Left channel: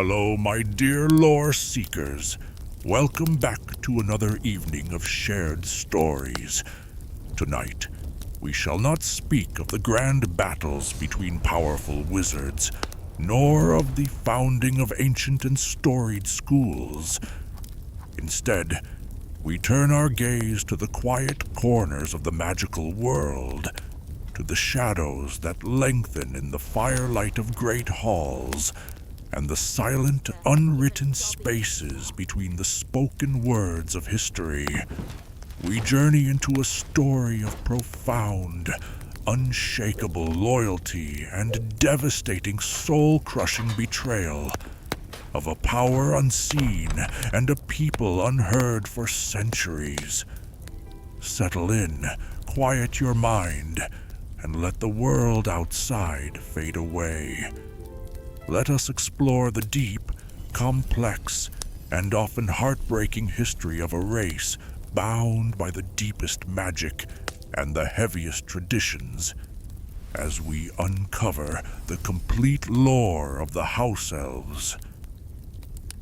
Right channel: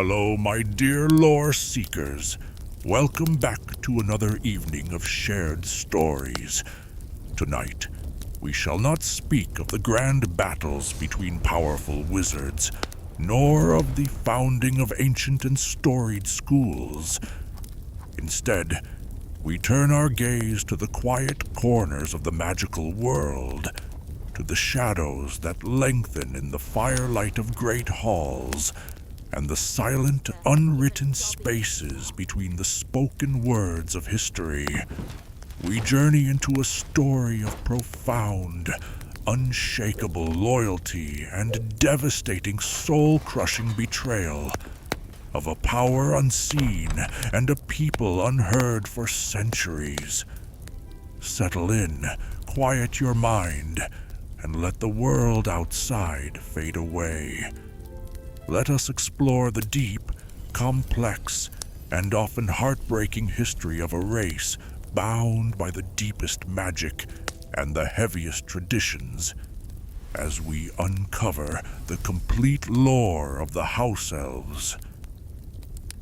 Hello, my dear lore seekers. Welcome back to another evening of shared stories. Tonight, we shall not speak of the grand battles between powerful wizards, nor of the founding of ancient and storied schools. Instead, we turn our gaze to the quiet corners of the magical world, to the shadows that lengthen in the firelight of great halls, and the silent, unwritten spaces between the spoken words of history. We journey into a story of profound, unshakable loyalty and devastating, soul-crushing betrayal, of a power unseen and a people unheard for centuries. Settle in, quiet your mind, and let the world outside fade away. Let us explore the deep, complex, and often heartbreaking history of a race bound by the deepest magic and the heaviest traditions, as we uncover the complete lore of the House-Elves.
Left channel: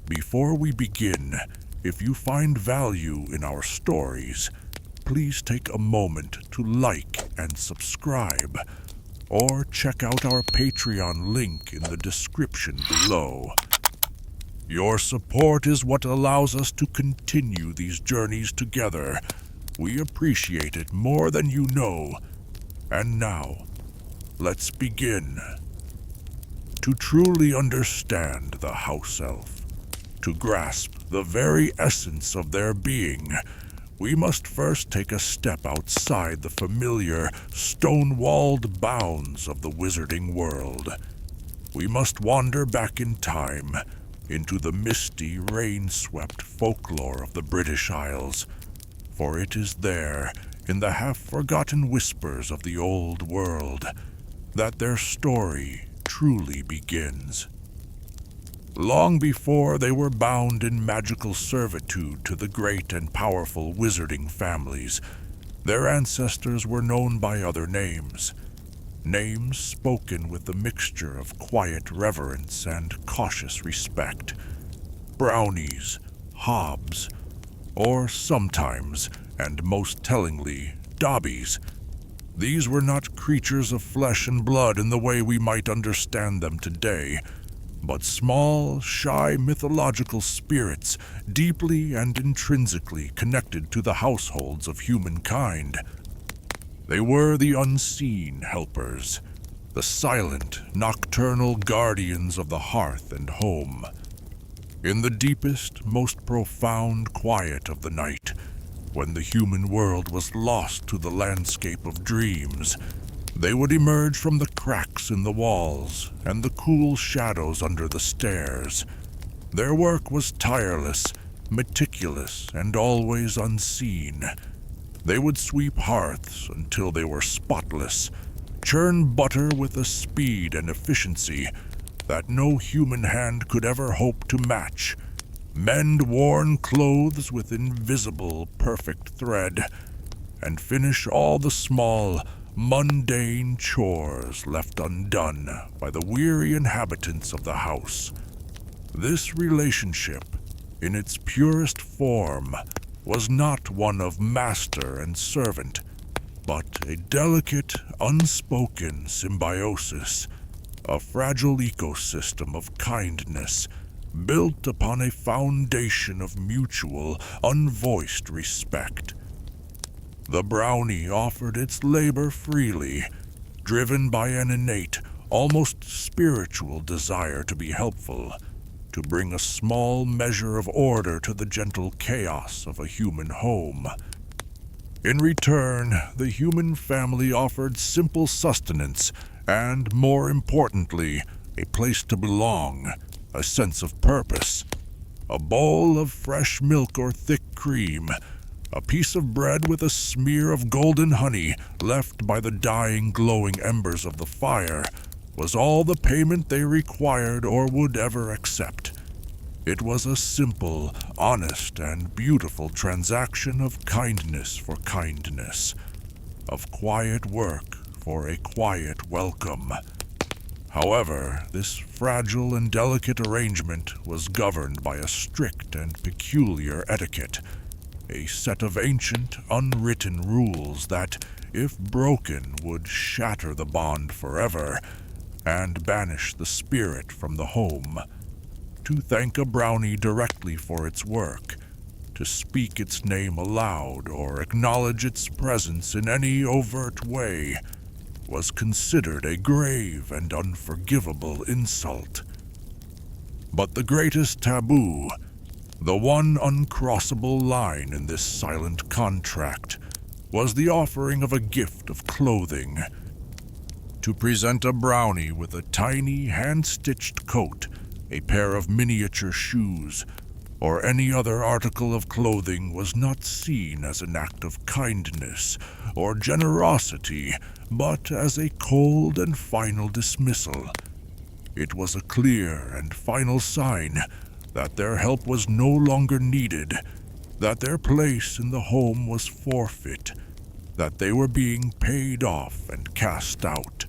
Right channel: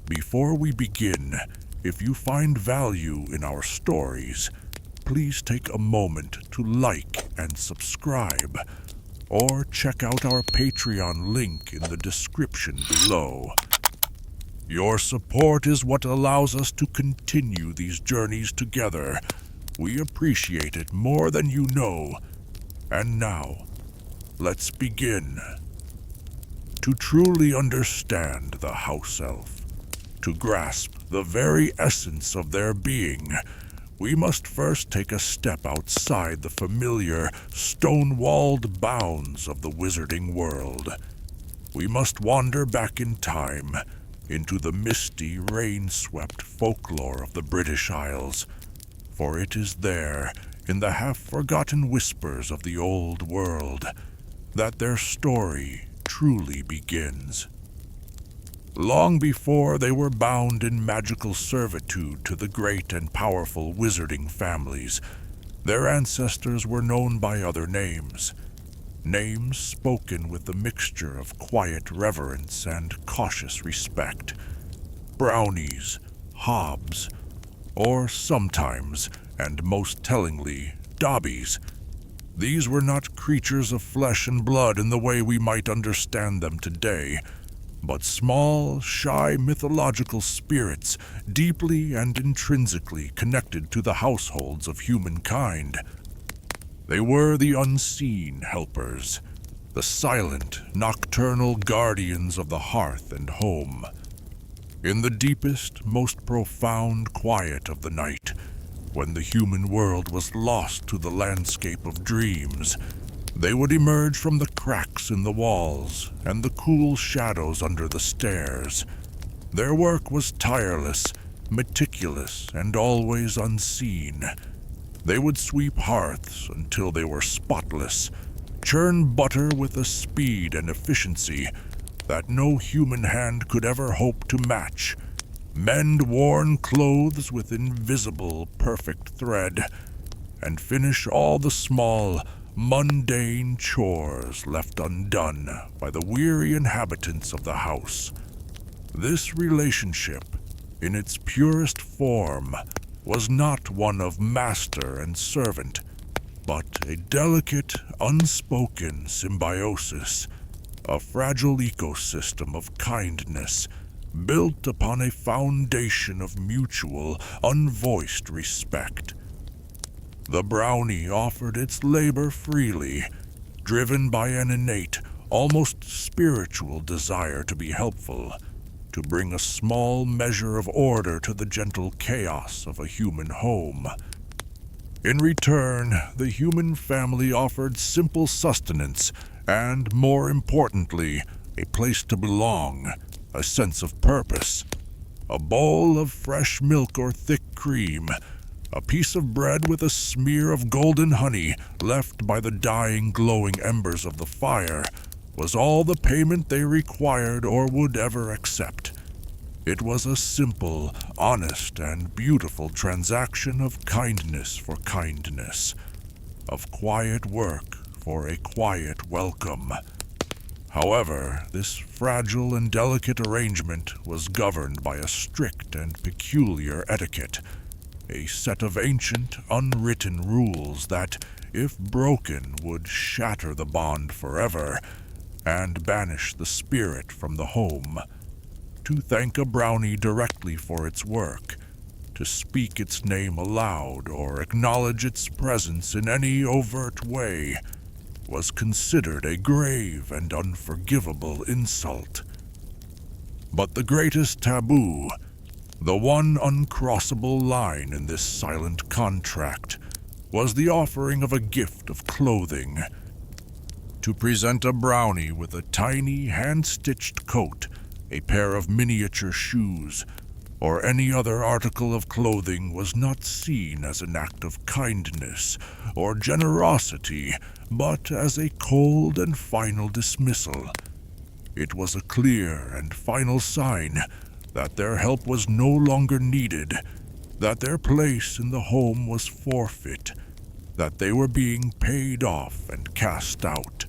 Before we begin, if you find value in our stories, please take a moment to like and subscribe, or check out our Patreon link in the description below. Your support is what allows us to continue these journeys together. We appreciate it more than you know. And now, let's begin. To truly understand the House-Elf, to grasp the very essence of their being, we must first take a step outside the familiar, stone-walled bounds of the wizarding world. We must wander back in time, into the misty, rain-swept folklore of the British Isles, for it is there, in the half-forgotten whispers of the old world, that their story truly begins. Long before they were bound in magical servitude to the great and powerful wizarding families, their ancestors were known by other names. Names spoken with a mixture of quiet reverence and cautious respect. Brownies, Hobbs, or sometimes, and most tellingly, Dobbies. These were not creatures of flesh and blood in the way we might understand them today, but small, shy mythological spirits deeply and intrinsically connected to the households of humankind. They were the unseen helpers, the silent, nocturnal guardians of the hearth and home. In the deepest, most profound quiet of the night, when the human world was lost to the landscape of dreams, they would emerge from the cracks in the walls and the cool shadows under the stairs. Their work was tireless, meticulous, and always unseen. They would sweep hearths until they were spotless, churn butter with a speed and efficiency that no human hand could ever hope to match, mend worn clothes with invisible, perfect thread, and finish all the small, mundane chores left undone by the weary inhabitants of the house. This relationship, in its purest form, was not one of master and servant, but a delicate, unspoken symbiosis, a fragile ecosystem of kindness, built upon a foundation of mutual, unvoiced respect. The brownie offered its labor freely, driven by an innate, almost spiritual desire to be helpful, to bring a small measure of order to the gentle chaos of a human home. In return, the human family offered simple sustenance and, more importantly, a place to belong, a sense of purpose. A bowl of fresh milk or thick cream, a piece of bread with a smear of golden honey left by the dying, glowing embers of the fire was all the payment they required or would ever accept. It was a simple, honest, and beautiful transaction of kindness for kindness, of quiet work for a quiet welcome. However, this fragile and delicate arrangement was governed by a strict and peculiar etiquette, a set of ancient, unwritten rules that, if broken, would shatter the bond forever and banish the spirit from the home. To thank a brownie directly for its work, to speak its name aloud or acknowledge its presence in any overt way, was considered a grave and unforgivable insult. But the greatest taboo, the one uncrossable line in this silent contract, was the offering of a gift of clothing. To present a brownie with a tiny hand-stitched coat, a pair of miniature shoes, or any other article of clothing was not seen as an act of kindness or generosity, but as a cold and final dismissal. It was a clear and final sign that their help was no longer needed, that their place in the home was forfeit, that they were being paid off and cast out.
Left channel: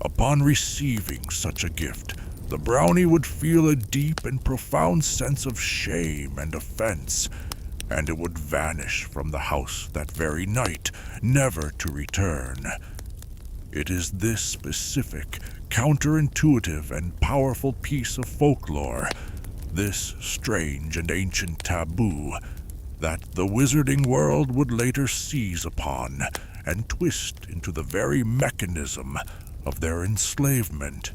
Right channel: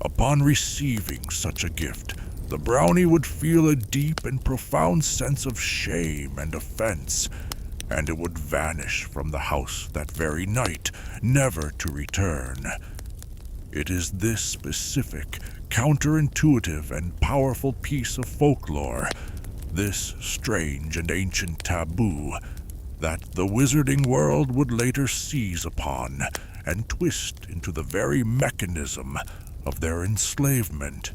Upon receiving such a gift, the brownie would feel a deep and profound sense of shame and offense, and it would vanish from the house that very night, never to return. It is this specific, counterintuitive, and powerful piece of folklore, this strange and ancient taboo, that the wizarding world would later seize upon and twist into the very mechanism of their enslavement.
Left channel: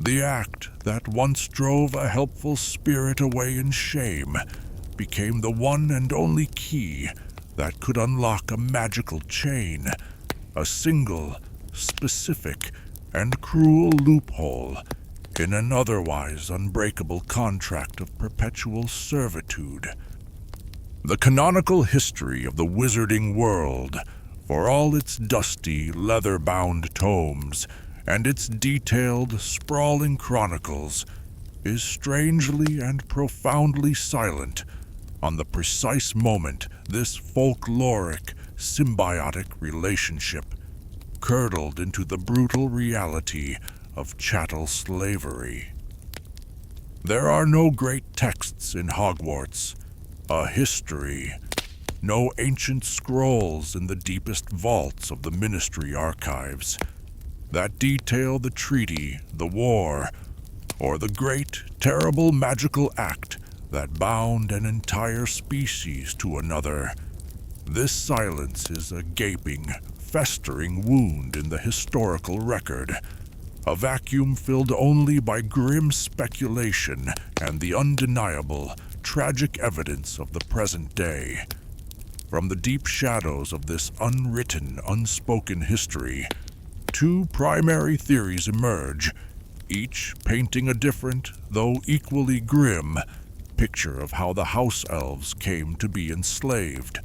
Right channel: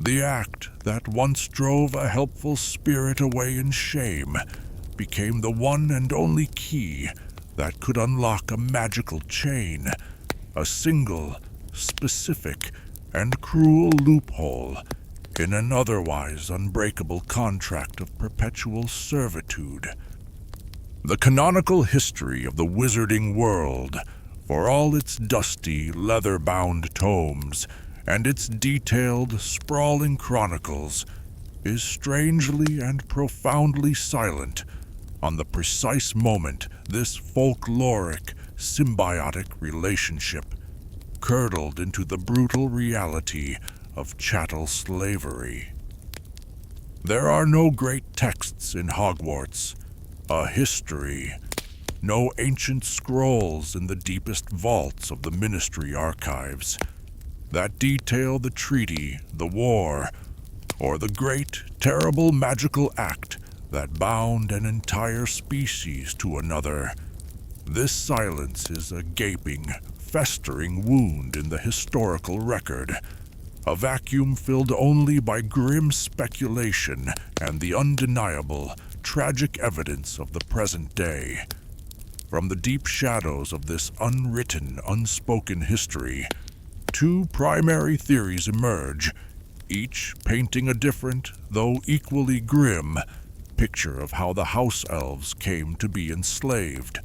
The act that once drove a helpful spirit away in shame became the one and only key that could unlock a magical chain, a single, specific, and cruel loophole in an otherwise unbreakable contract of perpetual servitude. The canonical history of the wizarding world, for all its dusty, leather-bound tomes, and its detailed, sprawling chronicles, is strangely and profoundly silent on the precise moment this folkloric, symbiotic relationship curdled into the brutal reality of chattel slavery. There are no great texts in Hogwarts, a history, no ancient scrolls in the deepest vaults of the Ministry archives that detail the treaty, the war, or the great, terrible magical act that bound an entire species to another. This silence is a gaping, festering wound in the historical record, a vacuum filled only by grim speculation and the undeniable, tragic evidence of the present day. From the deep shadows of this unwritten, unspoken history, two primary theories emerge, each painting a different, though equally grim, picture of how the House-Elves came to be enslaved.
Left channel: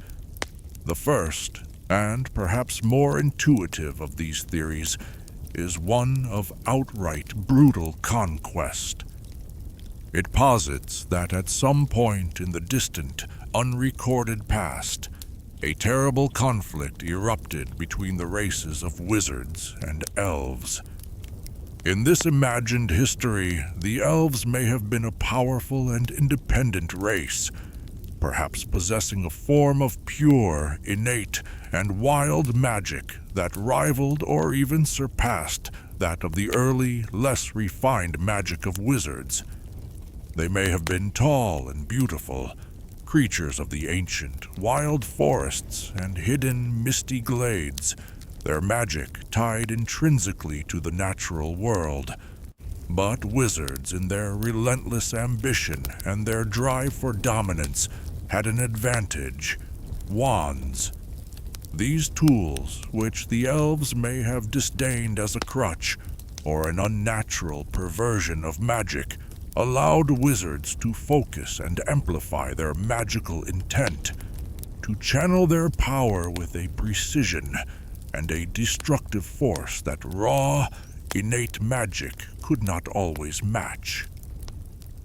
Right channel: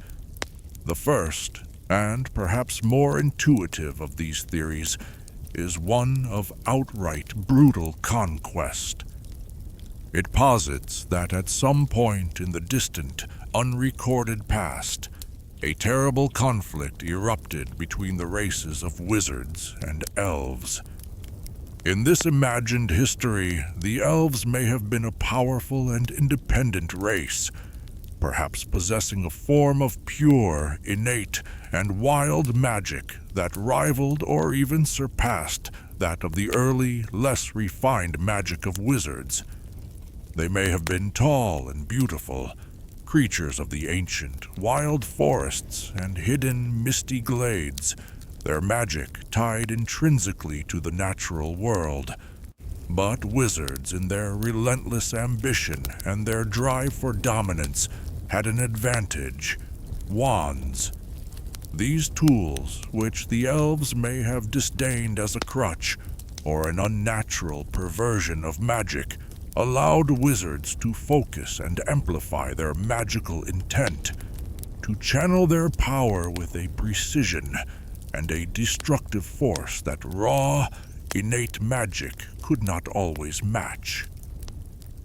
The first, and perhaps more intuitive of these theories, is one of outright brutal conquest. It posits that at some point in the distant, unrecorded past, a terrible conflict erupted between the races of wizards and elves. In this imagined history, the elves may have been a powerful and independent race, perhaps possessing a form of pure, innate, and wild magic that rivaled or even surpassed that of the early, less refined magic of wizards. They may have been tall and beautiful, creatures of the ancient, wild forests and hidden, misty glades, their magic tied intrinsically to the natural world. But wizards, in their relentless ambition and their drive for dominance, had an advantage: wands. These tools, which the elves may have disdained as a crutch or an unnatural perversion of magic, allowed wizards to focus and amplify their magical intent, to channel their power with a precision and a destructive force that raw, innate magic could not always match.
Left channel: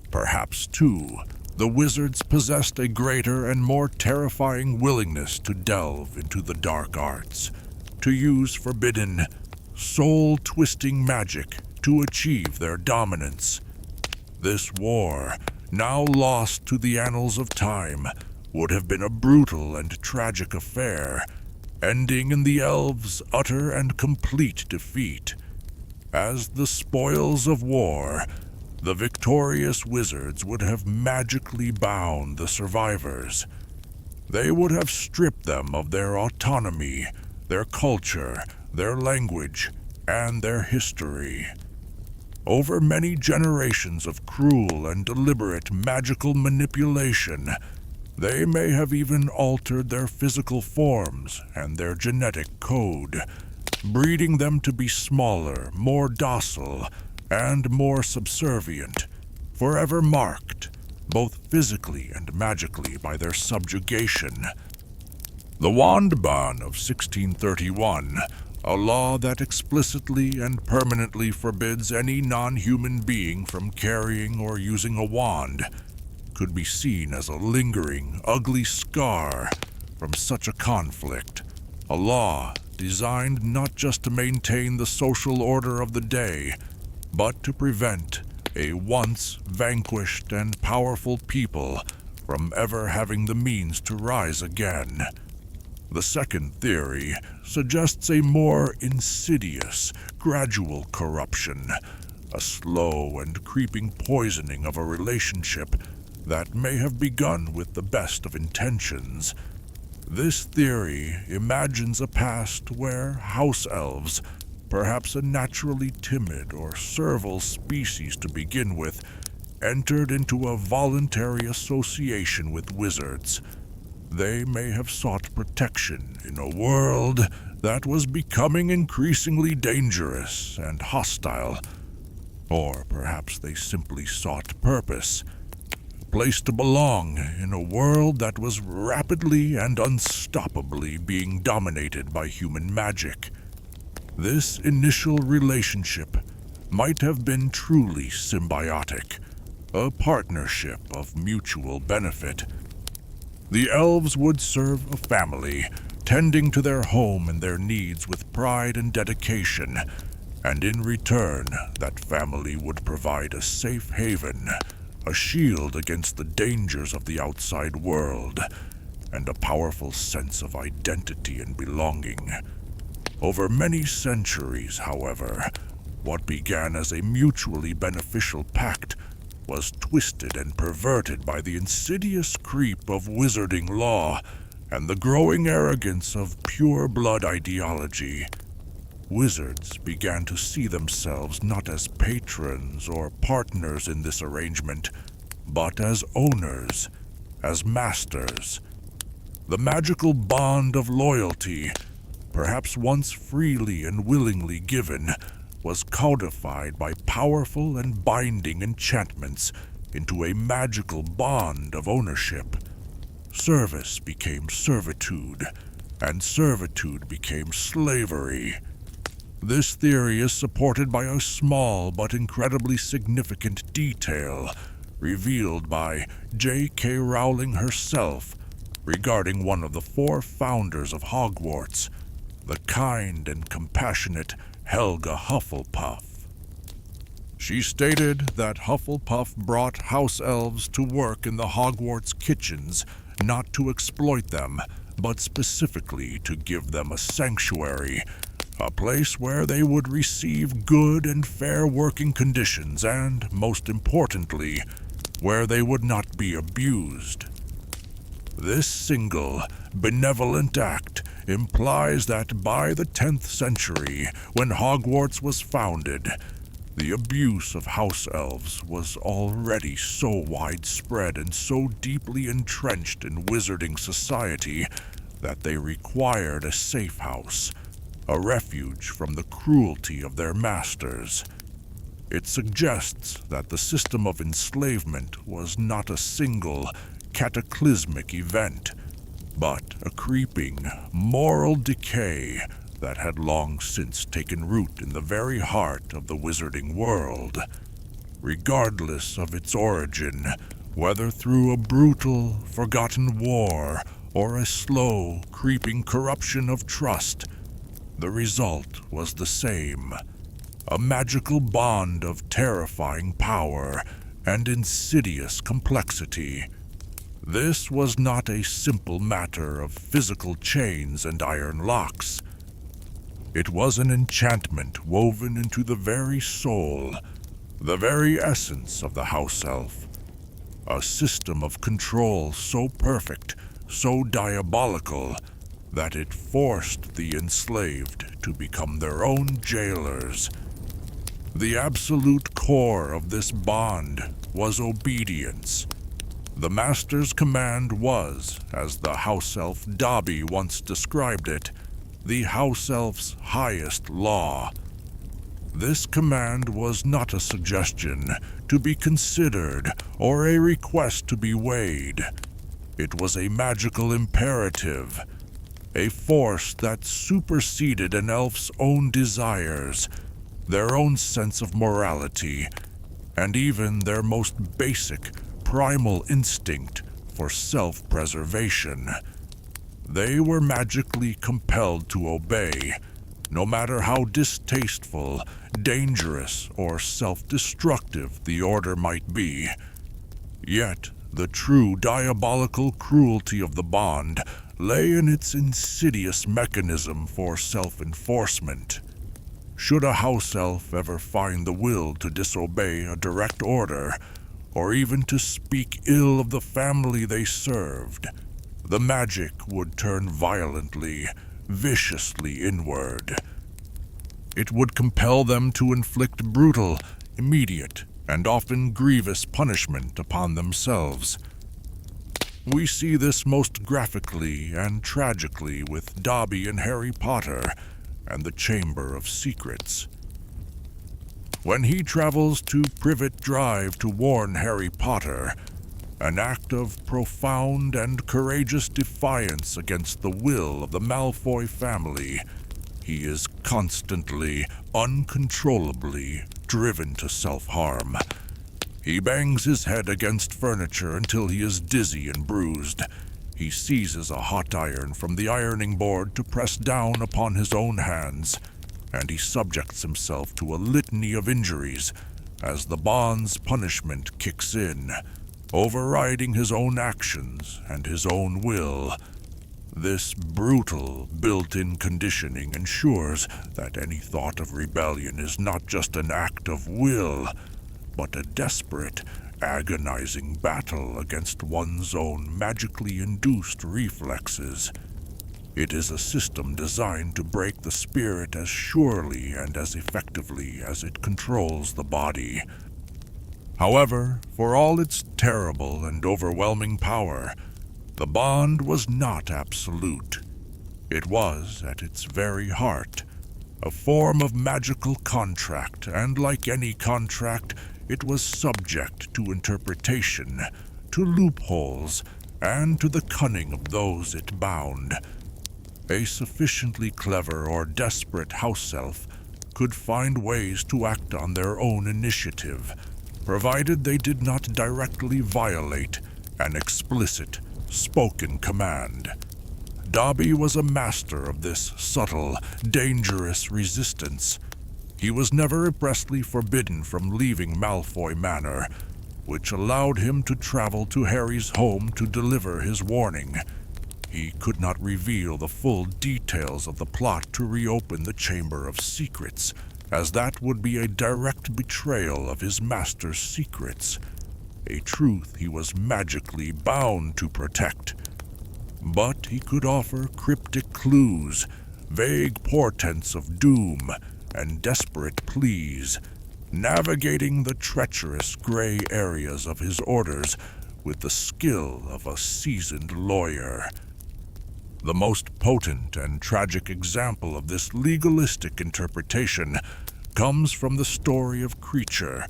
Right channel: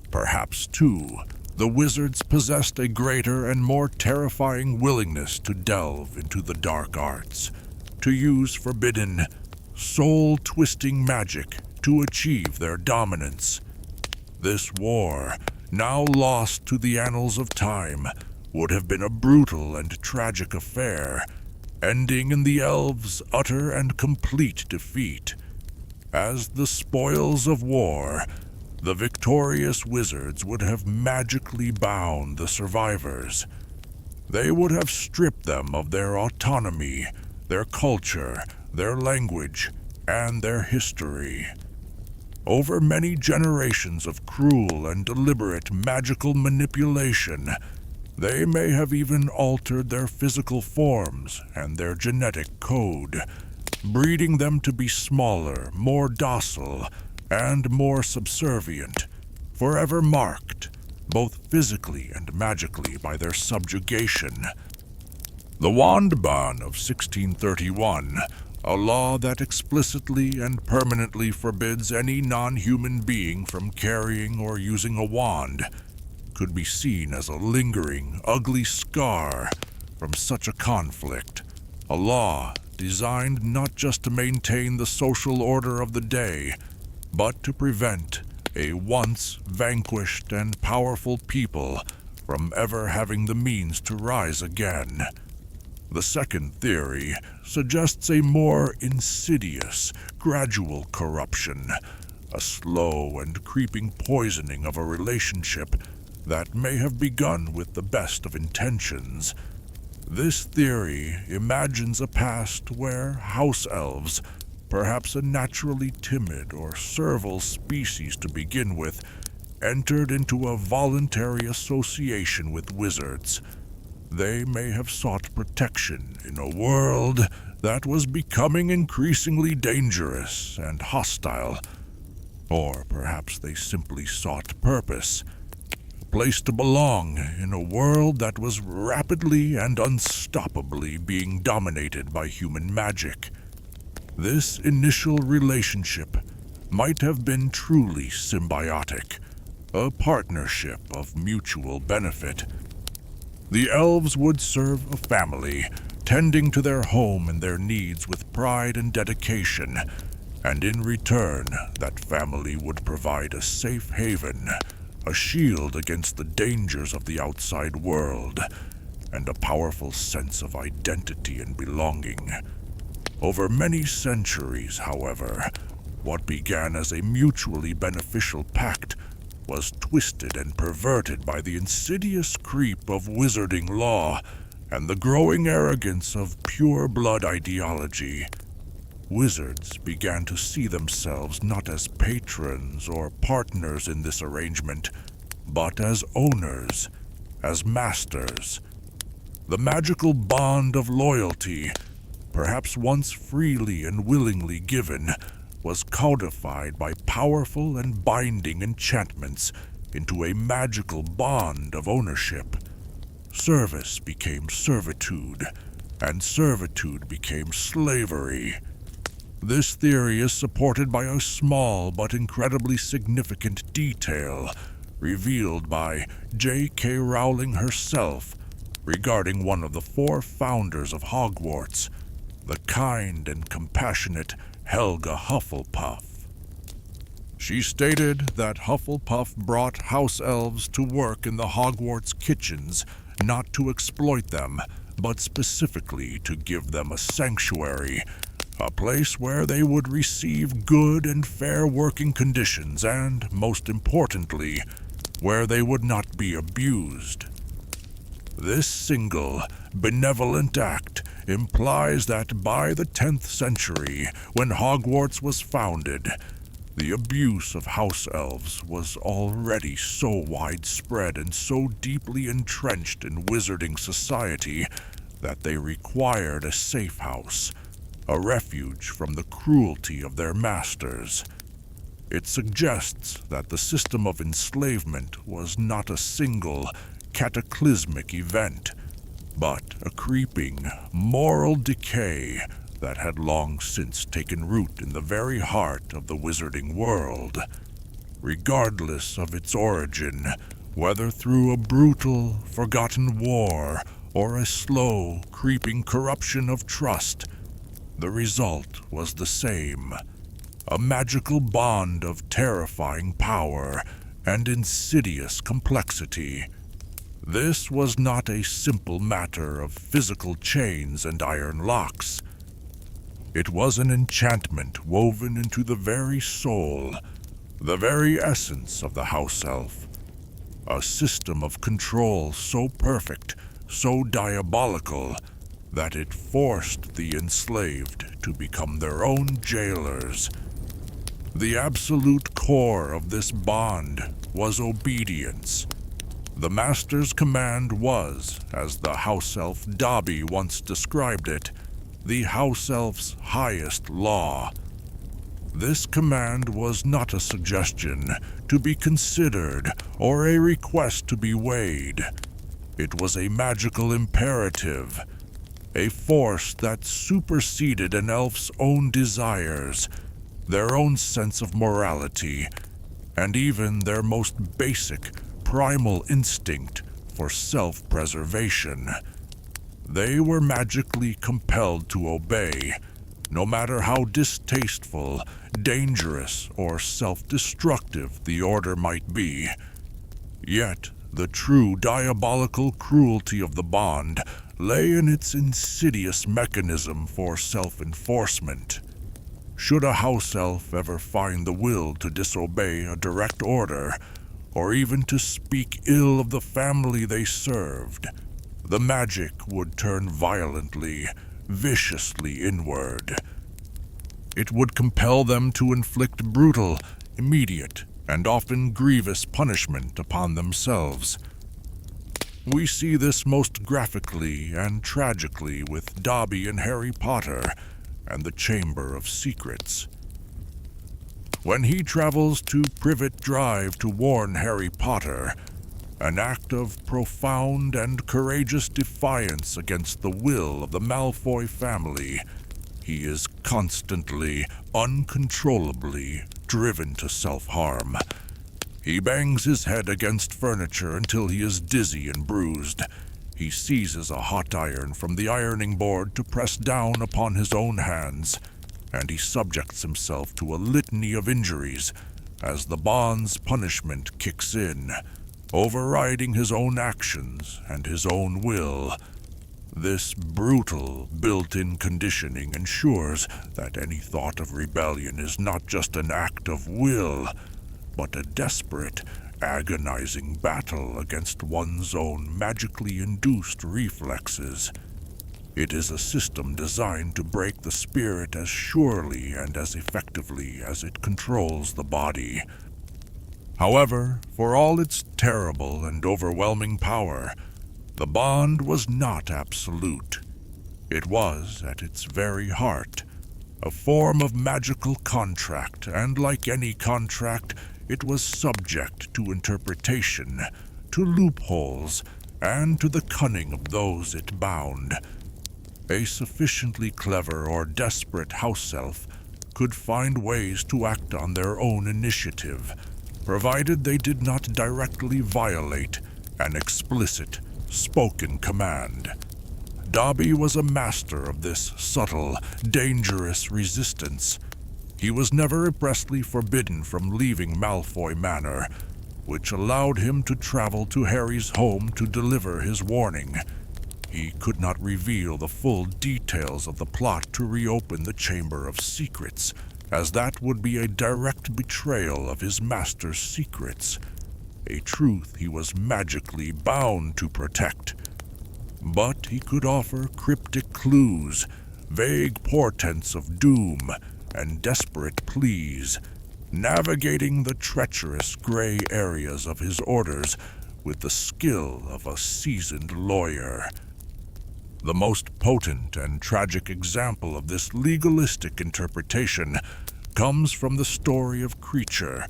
Perhaps, too, the wizards possessed a greater and more terrifying willingness to delve into the dark arts, to use forbidden, soul-twisting magic to achieve their dominance. This war, now lost to the annals of time, would have been a brutal and tragic affair, ending in the elves' utter and complete defeat. As the spoils of war, the victorious wizards would have magically bound the survivors. They would have stripped them of their autonomy, their culture, their language, and their history. Over many generations of cruel and deliberate magical manipulation, they may have even altered their physical forms and their genetic code, breeding them to be smaller, more docile, and more subservient, forever marked, both physically and magically, by their subjugation. The Wand Ban of 1631, a law that explicitly and permanently forbids any non-human being from carrying or using a wand, could be seen as a lingering, ugly scar from such a conflict, a law designed not just to maintain the social order of the day, but to prevent a once vanquished and powerful people from ever having the means to rise again. The second theory suggests a more insidious, gradual corruption, a slow and creeping poisoning of a relationship that may have begun with the best of intentions. This theory imagines a past where House-Elves, perhaps a naturally timid or servile species to begin with, entered into a voluntary association with wizards. They may have sought protection in a world that was becoming increasingly dangerous and hostile. Or perhaps they simply sought purpose, a place to belong in a world that was rapidly and unstoppably being dominated by human magic. This initial relationship might have been truly symbiotic, a partnership of mutual benefit. The elves would serve a family, tending to their home and their needs with pride and dedication, and in return, that family would provide a safe haven, a shield against the dangers of the outside world, and a powerful sense of identity and belonging. Over many centuries, however, what began as a mutually beneficial pact was twisted and perverted by the insidious creep of wizarding law and the growing arrogance of pure-blood ideology. Wizards began to see themselves not as patrons or partners in this arrangement, but as owners, as masters. The magical bond of loyalty, perhaps once freely and willingly given, was codified by powerful and binding enchantments into a magical bond of ownership. Service became servitude, and servitude became slavery. This theory is supported by a small but incredibly significant detail revealed by J.K. Rowling herself regarding one of the 4 founders of Hogwarts, the kind and compassionate Helga Hufflepuff. She stated that Hufflepuff brought House-Elves to work in the Hogwarts kitchens not to exploit them, but specifically to give them a sanctuary, a place where they would receive good and fair working conditions and, most importantly, where they would not be abused. This single, benevolent act implies that by the 10th century, when Hogwarts was founded, the abuse of House-Elves was already so widespread and so deeply entrenched in wizarding society that they required a safe house, a refuge from the cruelty of their masters. It suggests that the system of enslavement was not a single, cataclysmic event, but a creeping, moral decay that had long since taken root in the very heart of the wizarding world. Regardless of its origin, whether through a brutal, forgotten war or a slow, creeping corruption of trust, The result was the same, a magical bond of terrifying power and insidious complexity. This was not a simple matter of physical chains and iron locks. It was an enchantment woven into the very soul, the very essence of the house-elf. A system of control so perfect, so diabolical, that it forced the enslaved to become their own jailers. The absolute core of this bond was obedience. The master's command was, as the house-elf Dobby once described it, the house-elf's highest law. This command was not a suggestion to be considered or a request to be weighed. It was a magical imperative, a force that superseded an elf's own desires, their own sense of morality, and even their most basic, primal instinct for self-preservation. They were magically compelled to obey, no matter how distasteful, dangerous, or self-destructive the order might be. Yet, the true diabolical cruelty of the bond lay in its insidious mechanism for self-enforcement. Should a house-elf ever find the will to disobey a direct order, or even to speak ill of the family they served, the magic would turn violently, viciously inward. It would compel them to inflict brutal, immediate, and often grievous punishment upon themselves. We see this most graphically and tragically with Dobby and Harry Potter and the Chamber of Secrets. When he travels to Privet Drive to warn Harry Potter, an act of profound and courageous defiance against the will of the Malfoy family, he is constantly, uncontrollably driven to self-harm. He bangs his head against furniture until he is dizzy and bruised. He seizes a hot iron from the ironing board to press down upon his own hands, and he subjects himself to a litany of injuries as the bond's punishment kicks in, overriding his own actions and his own will. This brutal, built-in conditioning ensures that any thought of rebellion is not just an act of will, but a desperate, agonizing battle against one's own magically induced reflexes. It is a system designed to break the spirit as surely and as effectively as it controls the body. However, for all its terrible and overwhelming power, the bond was not absolute. It was, at its very heart, a form of magical contract, and like any contract, it was subject to interpretation, to loopholes, and to the cunning of those it bound. A sufficiently clever or desperate house-elf could find ways to act on their own initiative, provided they did not directly violate an explicit, spoken command. Dobby was a master of this subtle, dangerous resistance. He was never expressly forbidden from leaving Malfoy Manor, which allowed him to travel to Harry's home to deliver his warning. He could not reveal the full details of the plot to reopen the Chamber of Secrets, as that would be a direct betrayal of his master's secrets, a truth he was magically bound to protect. But he could offer cryptic clues, vague portents of doom, and desperate pleas, navigating the treacherous gray areas of his orders with the skill of a seasoned lawyer. The most potent and tragic example of this legalistic interpretation comes from the story of Kreacher,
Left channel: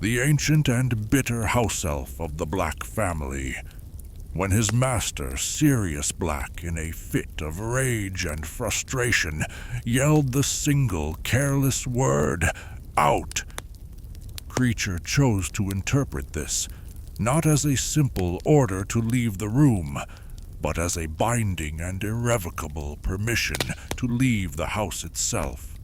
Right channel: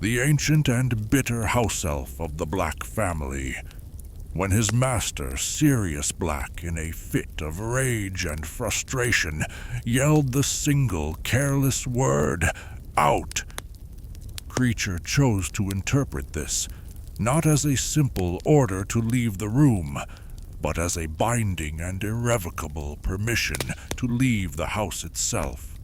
the ancient and bitter house-elf of the Black family. When his master, Sirius Black, in a fit of rage and frustration, yelled the single careless word, "Out!" Kreacher chose to interpret this, not as a simple order to leave the room, but as a binding and irrevocable permission to leave the house itself.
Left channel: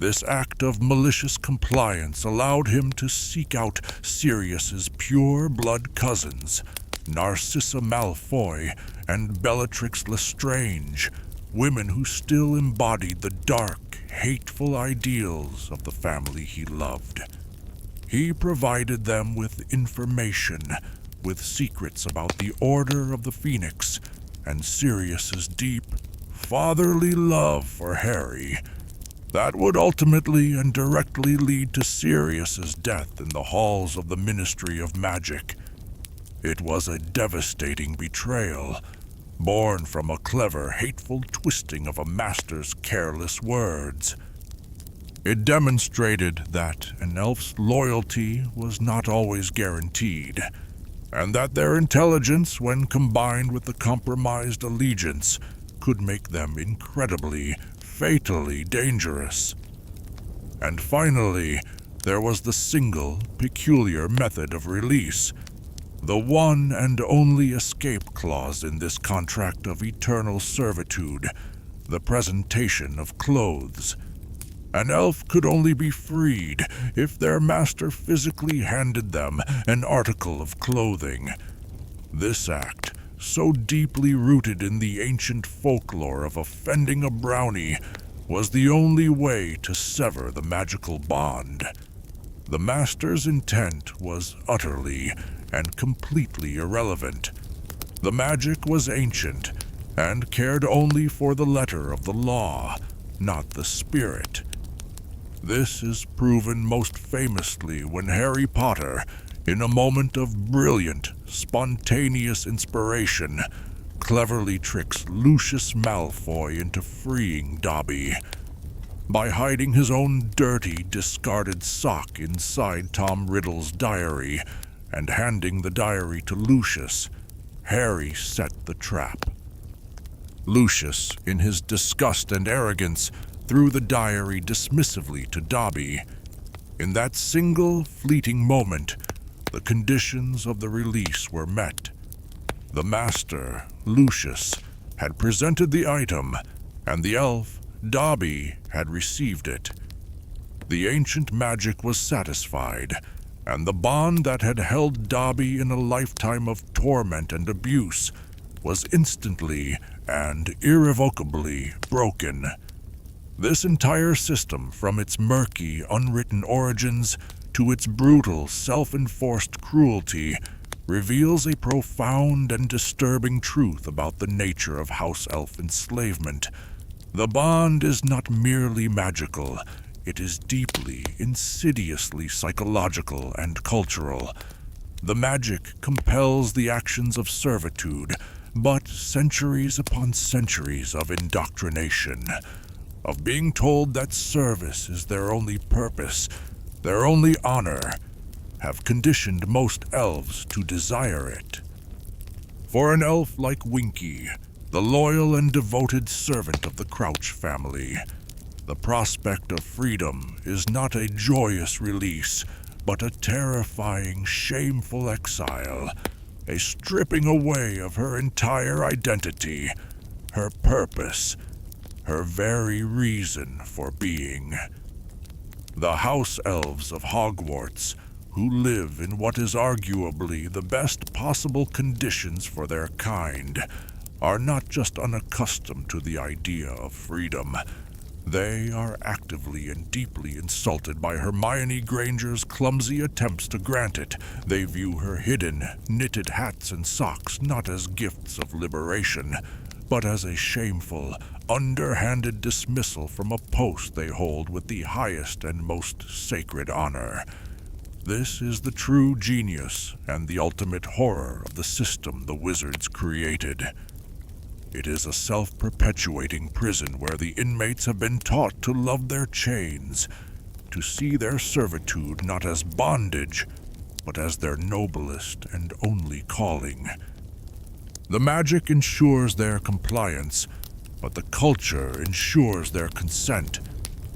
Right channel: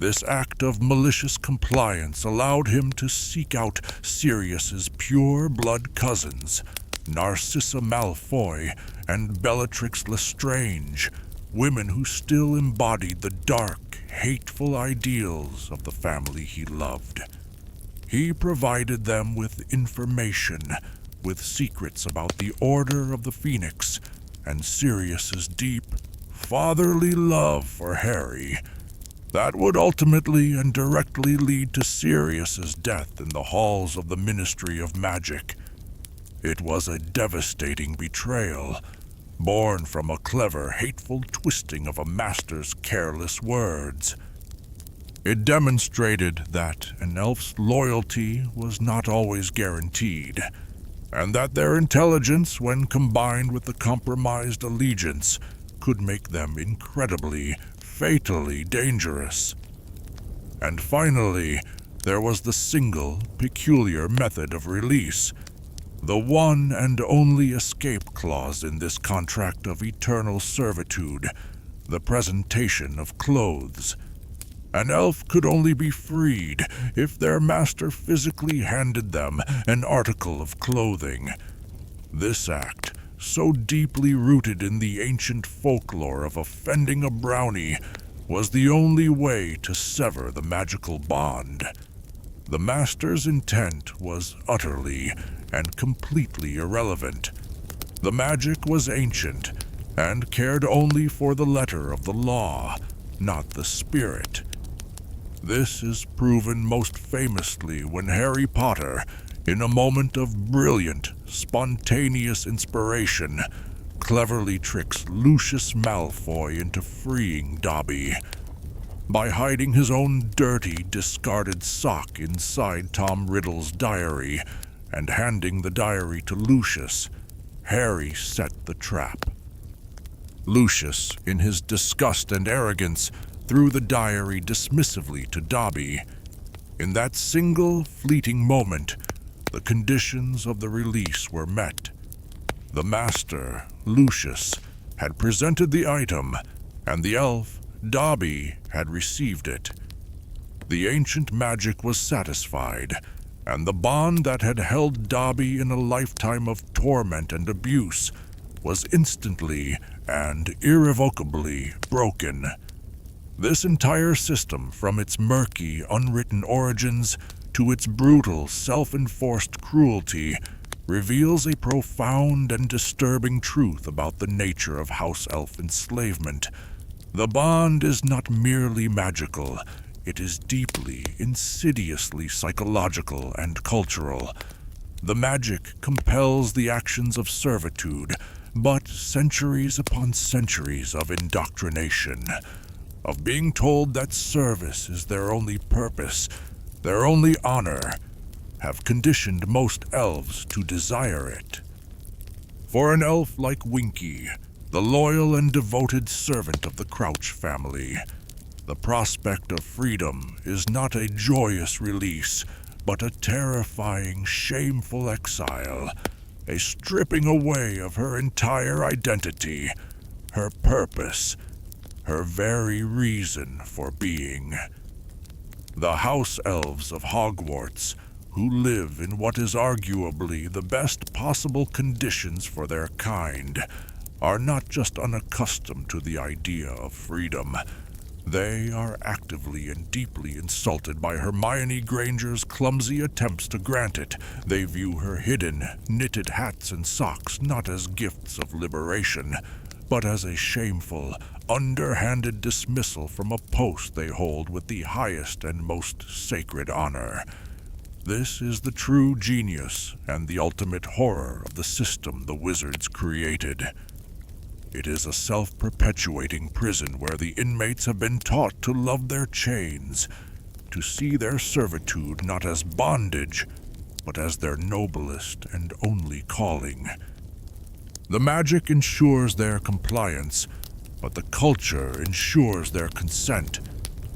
This act of malicious compliance allowed him to seek out Sirius's pure-blood cousins, Narcissa Malfoy and Bellatrix Lestrange, women who still embodied the dark, hateful ideals of the family he loved. He provided them with information, with secrets about the Order of the Phoenix and Sirius's deep, fatherly love for Harry. That would ultimately and directly lead to Sirius's death in the halls of the Ministry of Magic. It was a devastating betrayal, born from a clever, hateful twisting of a master's careless words. It demonstrated that an elf's loyalty was not always guaranteed, and that their intelligence, when combined with the compromised allegiance, could make them incredibly, fatally dangerous. And finally, there was the single, peculiar method of release, the one and only escape clause in this contract of eternal servitude, the presentation of clothes. An elf could only be freed if their master physically handed them an article of clothing. This act, so deeply rooted in the ancient folklore of offending a brownie, was the only way to sever the magical bond. The master's intent was utterly and completely irrelevant. The magic was ancient and cared only for the letter of the law, not the spirit. This is proven most famously when Harry Potter, in a moment of brilliant, spontaneous inspiration, cleverly tricks Lucius Malfoy into freeing Dobby. By hiding his own dirty, discarded sock inside Tom Riddle's diary and handing the diary to Lucius, Harry set the trap. Lucius, in his disgust and arrogance, threw the diary dismissively to Dobby. In that single, fleeting moment, the conditions of the release were met. The master, Lucius, had presented the item, and the elf, Dobby, had received it. The ancient magic was satisfied, and the bond that had held Dobby in a lifetime of torment and abuse was instantly and irrevocably broken. This entire system, from its murky, unwritten origins to its brutal, self-enforced cruelty, reveals a profound and disturbing truth about the nature of House-Elf enslavement. The bond is not merely magical, it is deeply, insidiously psychological and cultural. The magic compels the actions of servitude, but centuries upon centuries of indoctrination, of being told that service is their only purpose, their only honor, have conditioned most elves to desire it. For an elf like Winky, the loyal and devoted servant of the Crouch family, the prospect of freedom is not a joyous release, but a terrifying, shameful exile, a stripping away of her entire identity, her purpose, her very reason for being. The House-Elves of Hogwarts, who live in what is arguably the best possible conditions for their kind, are not just unaccustomed to the idea of freedom. They are actively and deeply insulted by Hermione Granger's clumsy attempts to grant it. They view her hidden, knitted hats and socks not as gifts of liberation, but as a shameful, underhanded dismissal from a post they hold with the highest and most sacred honor. This is the true genius and the ultimate horror of the system the wizards created. It is a self-perpetuating prison where the inmates have been taught to love their chains, to see their servitude not as bondage, but as their noblest and only calling. The magic ensures their compliance, but the culture ensures their consent,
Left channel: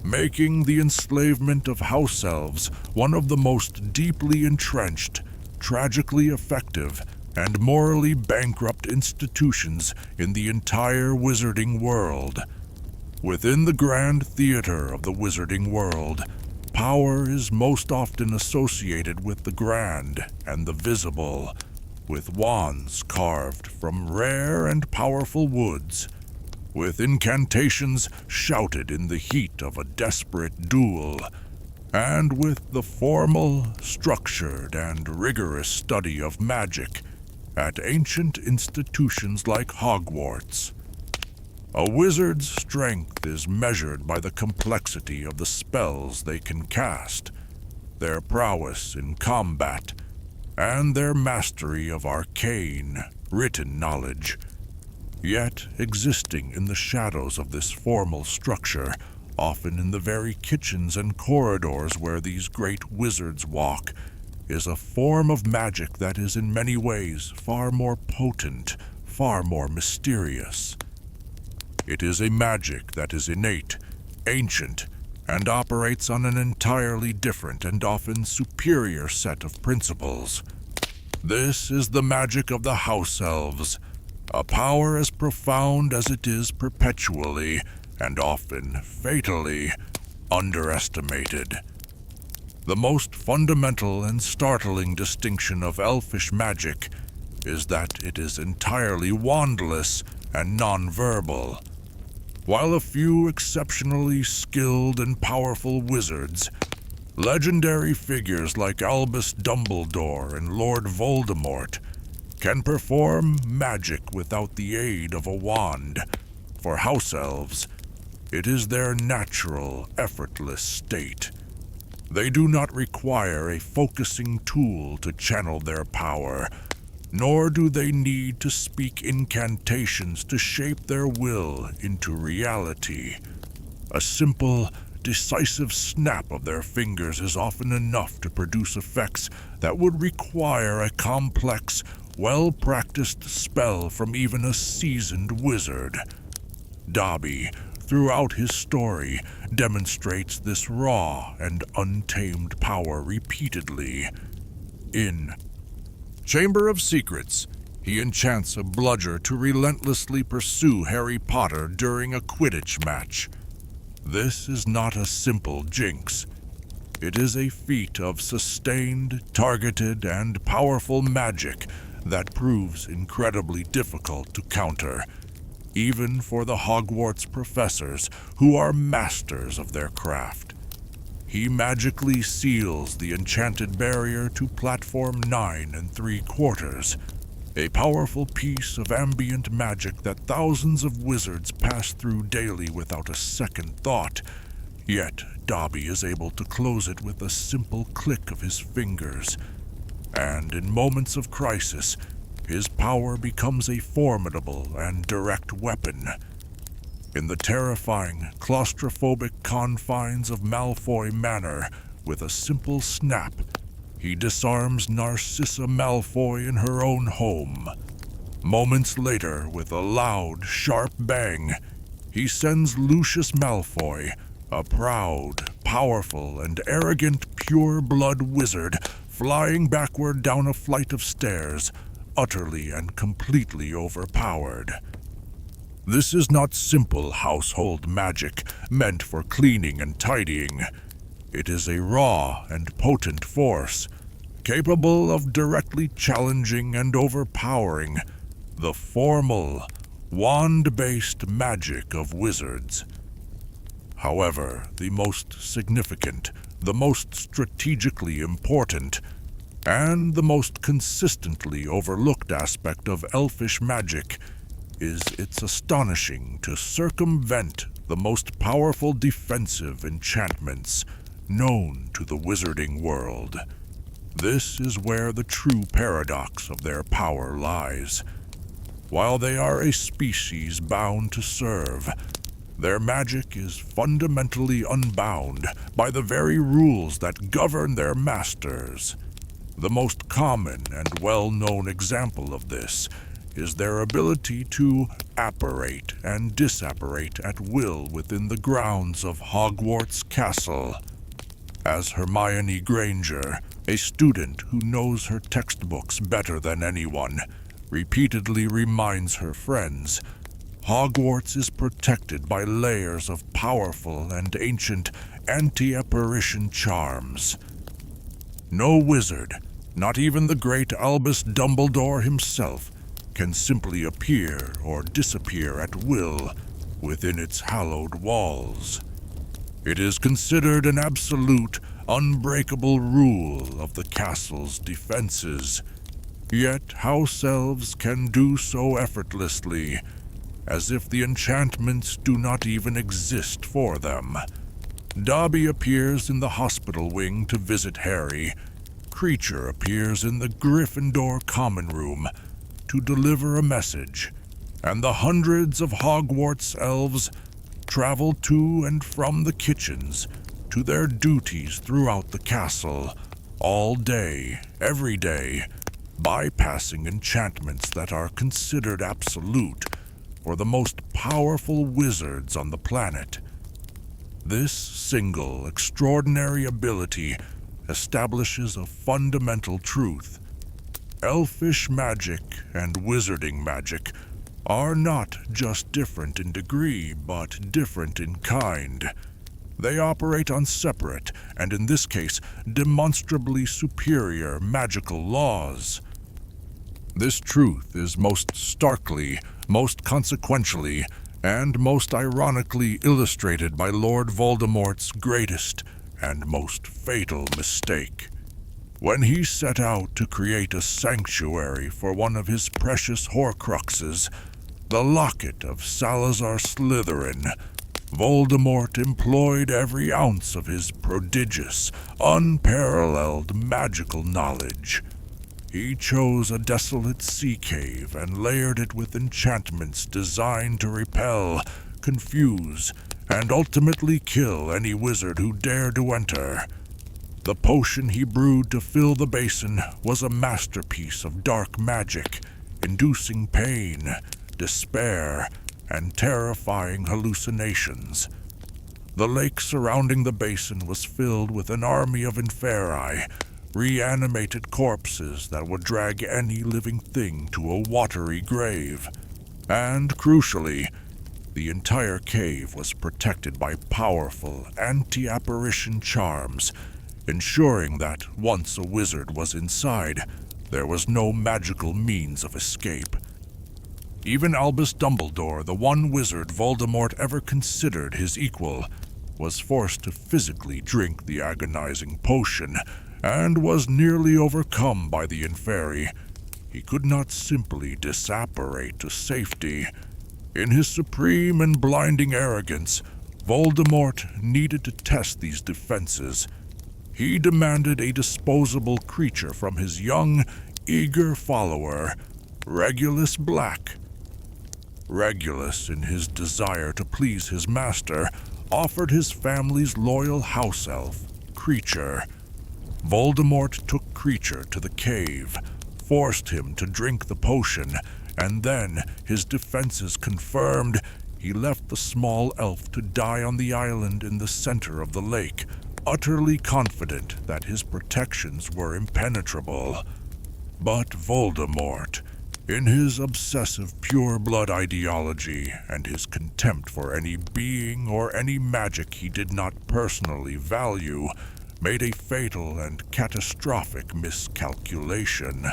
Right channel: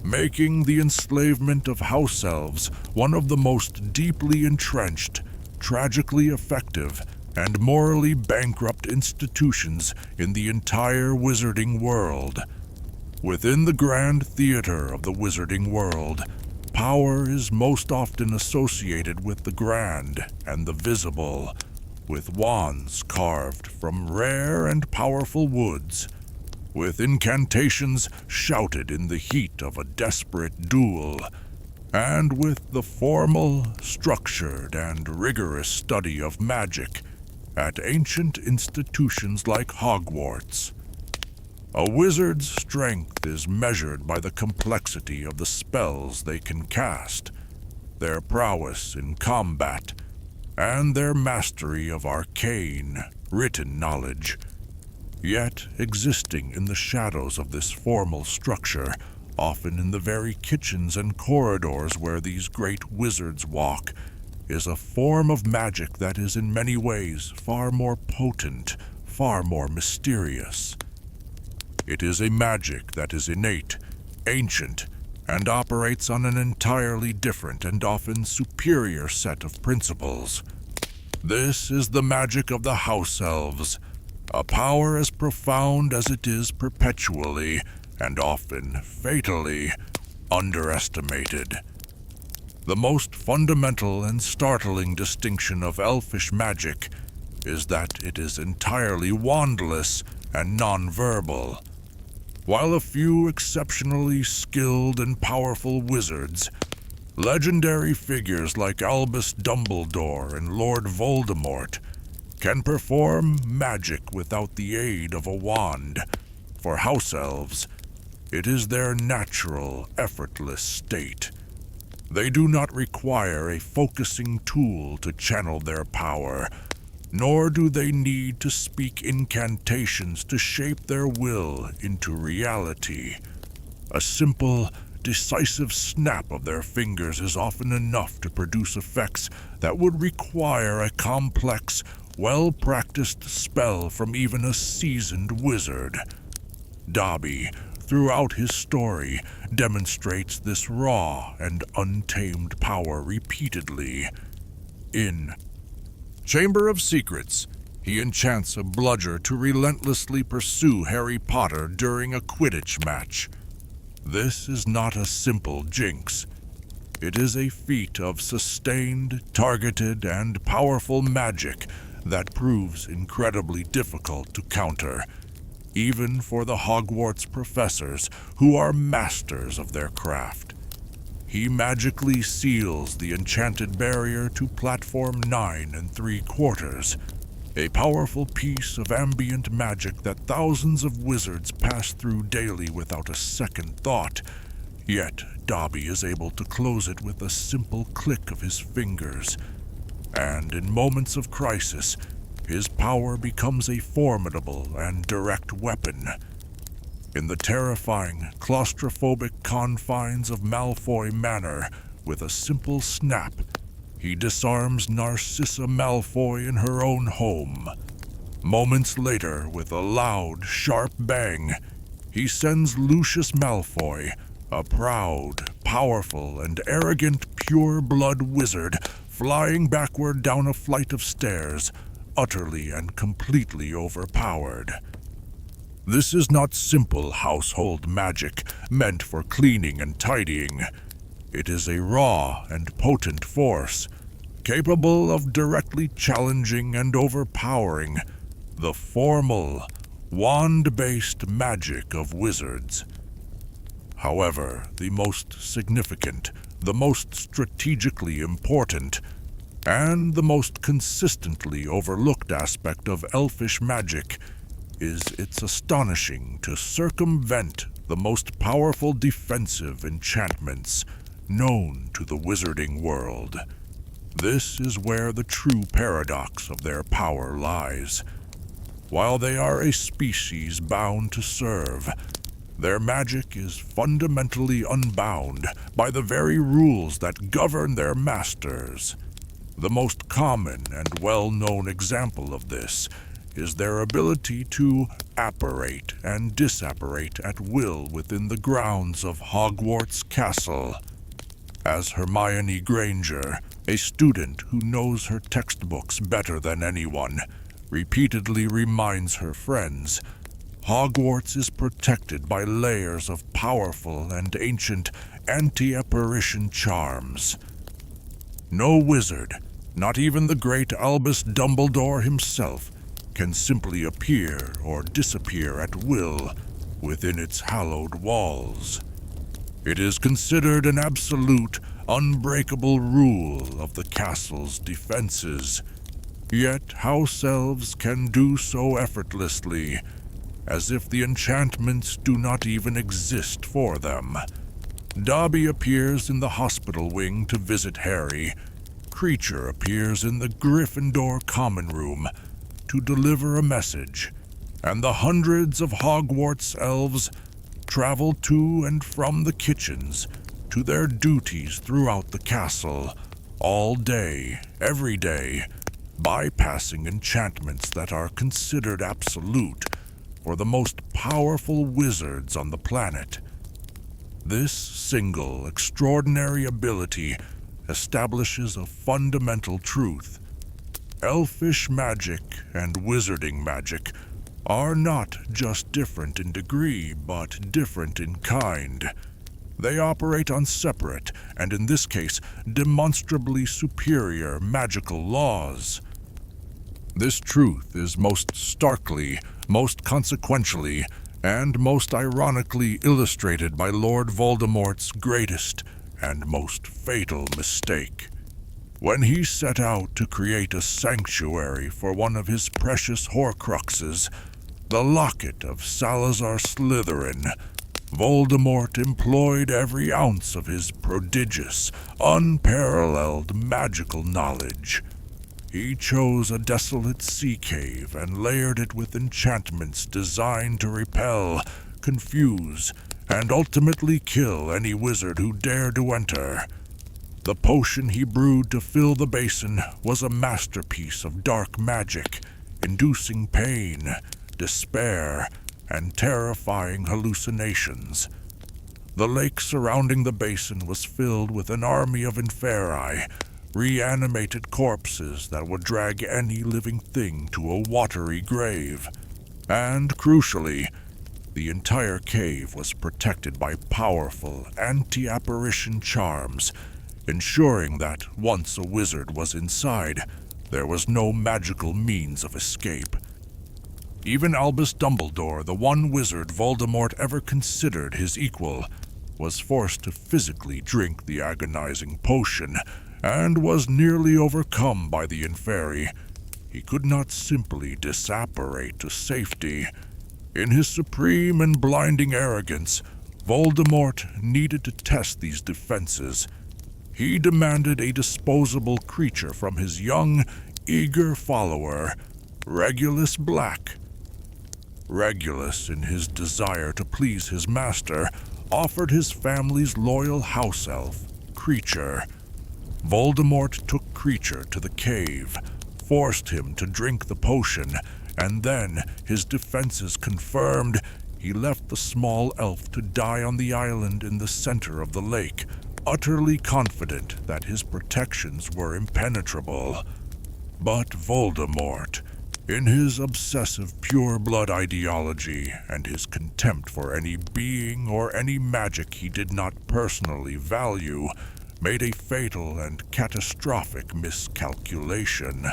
making the enslavement of House-Elves one of the most deeply entrenched, tragically effective, and morally bankrupt institutions in the entire wizarding world. Within the grand theater of the wizarding world, power is most often associated with the grand and the visible, with wands carved from rare and powerful woods, with incantations shouted in the heat of a desperate duel, and with the formal, structured, and rigorous study of magic at ancient institutions like Hogwarts. A wizard's strength is measured by the complexity of the spells they can cast, their prowess in combat, and their mastery of arcane, written knowledge. Yet, existing in the shadows of this formal structure, often in the very kitchens and corridors where these great wizards walk, is a form of magic that is in many ways far more potent, far more mysterious. It is a magic that is innate, ancient, and operates on an entirely different and often superior set of principles. This is the magic of the House-Elves, a power as profound as it is perpetually, and often fatally, underestimated. The most fundamental and startling distinction of elfish magic is that it is entirely wandless and non-verbal. While a few exceptionally skilled and powerful wizards, legendary figures like Albus Dumbledore and Lord Voldemort, can perform magic without the aid of a wand, for House-Elves, it is their natural, effortless state. They do not require a focusing tool to channel their power, nor do they need to speak incantations to shape their will into reality. A simple, decisive snap of their fingers is often enough to produce effects that would require a complex, well-practiced spell from even a seasoned wizard. Dobby, throughout his story, demonstrates this raw and untamed power repeatedly. In Chamber of Secrets, he enchants a bludger to relentlessly pursue Harry Potter during a Quidditch match. This is not a simple jinx. It is a feat of sustained, targeted, and powerful magic that proves incredibly difficult to counter, even for the Hogwarts professors who are masters of their craft. He magically seals the enchanted barrier to platform 9 3/4, a powerful piece of ambient magic that thousands of wizards pass through daily without a second thought. Yet Dobby is able to close it with a simple click of his fingers, and in moments of crisis, his power becomes a formidable and direct weapon. In the terrifying, claustrophobic confines of Malfoy Manor, with a simple snap, he disarms Narcissa Malfoy in her own home. Moments later, with a loud, sharp bang, he sends Lucius Malfoy, a proud, powerful, and arrogant pure-blood wizard, flying backward down a flight of stairs, utterly and completely overpowered. This is not simple household magic meant for cleaning and tidying. It is a raw and potent force, capable of directly challenging and overpowering the formal, wand-based magic of wizards. However, the most significant, the most strategically important, and the most consistently overlooked aspect of elfish magic is its astonishing to circumvent the most powerful defensive enchantments known to the wizarding world. This is where the true paradox of their power lies. While they are a species bound to serve, their magic is fundamentally unbound by the very rules that govern their masters. The most common and well-known example of this is their ability to apparate and disapparate at will within the grounds of Hogwarts Castle. As Hermione Granger, A student who knows her textbooks better than anyone repeatedly reminds her friends Hogwarts is protected by layers of powerful and ancient anti-apparition charms. No wizard, not even the great Albus Dumbledore himself, can simply appear or disappear at will within its hallowed walls. It is considered an absolute, unbreakable rule of the castle's defenses. Yet House-Elves can do so effortlessly, as if the enchantments do not even exist for them. Dobby appears in the hospital wing to visit Harry. Kreacher appears in the Gryffindor common room to deliver a message, and the hundreds of Hogwarts elves travel to and from the kitchens to their duties throughout the castle, all day, every day, bypassing enchantments that are considered absolute for the most powerful wizards on the planet. This single, extraordinary ability establishes a fundamental truth. Elfish magic and wizarding magic are not just different in degree, but different in kind. They operate on separate, and in this case, demonstrably superior magical laws. This truth is most starkly, most consequentially, and most ironically illustrated by Lord Voldemort's greatest and most fatal mistake. When he set out to create a sanctuary for one of his precious Horcruxes, the locket of Salazar Slytherin, Voldemort employed every ounce of his prodigious, unparalleled magical knowledge. He chose a desolate sea cave and layered it with enchantments designed to repel, confuse, and ultimately kill any wizard who dared to enter. The potion he brewed to fill the basin was a masterpiece of dark magic, inducing pain, despair, and terrifying hallucinations. The lake surrounding the basin was filled with an army of inferi, reanimated corpses that would drag any living thing to a watery grave. And, crucially, the entire cave was protected by powerful anti-apparition charms, ensuring that once a wizard was inside, there was no magical means of escape. Even Albus Dumbledore, the one wizard Voldemort ever considered his equal, was forced to physically drink the agonizing potion, and was nearly overcome by the inferi. He could not simply disapparate to safety. In his supreme and blinding arrogance, Voldemort needed to test these defenses. He demanded a disposable creature from his young, eager follower, Regulus Black. Regulus, in his desire to please his master, offered his family's loyal house-elf, Kreacher. Voldemort took Kreacher to the cave, forced him to drink the potion, and then, his defenses confirmed, he left the small elf to die on the island in the center of the lake, utterly confident that his protections were impenetrable. But Voldemort, in his obsessive pure-blood ideology and his contempt for any being or any magic he did not personally value, made a fatal and catastrophic miscalculation.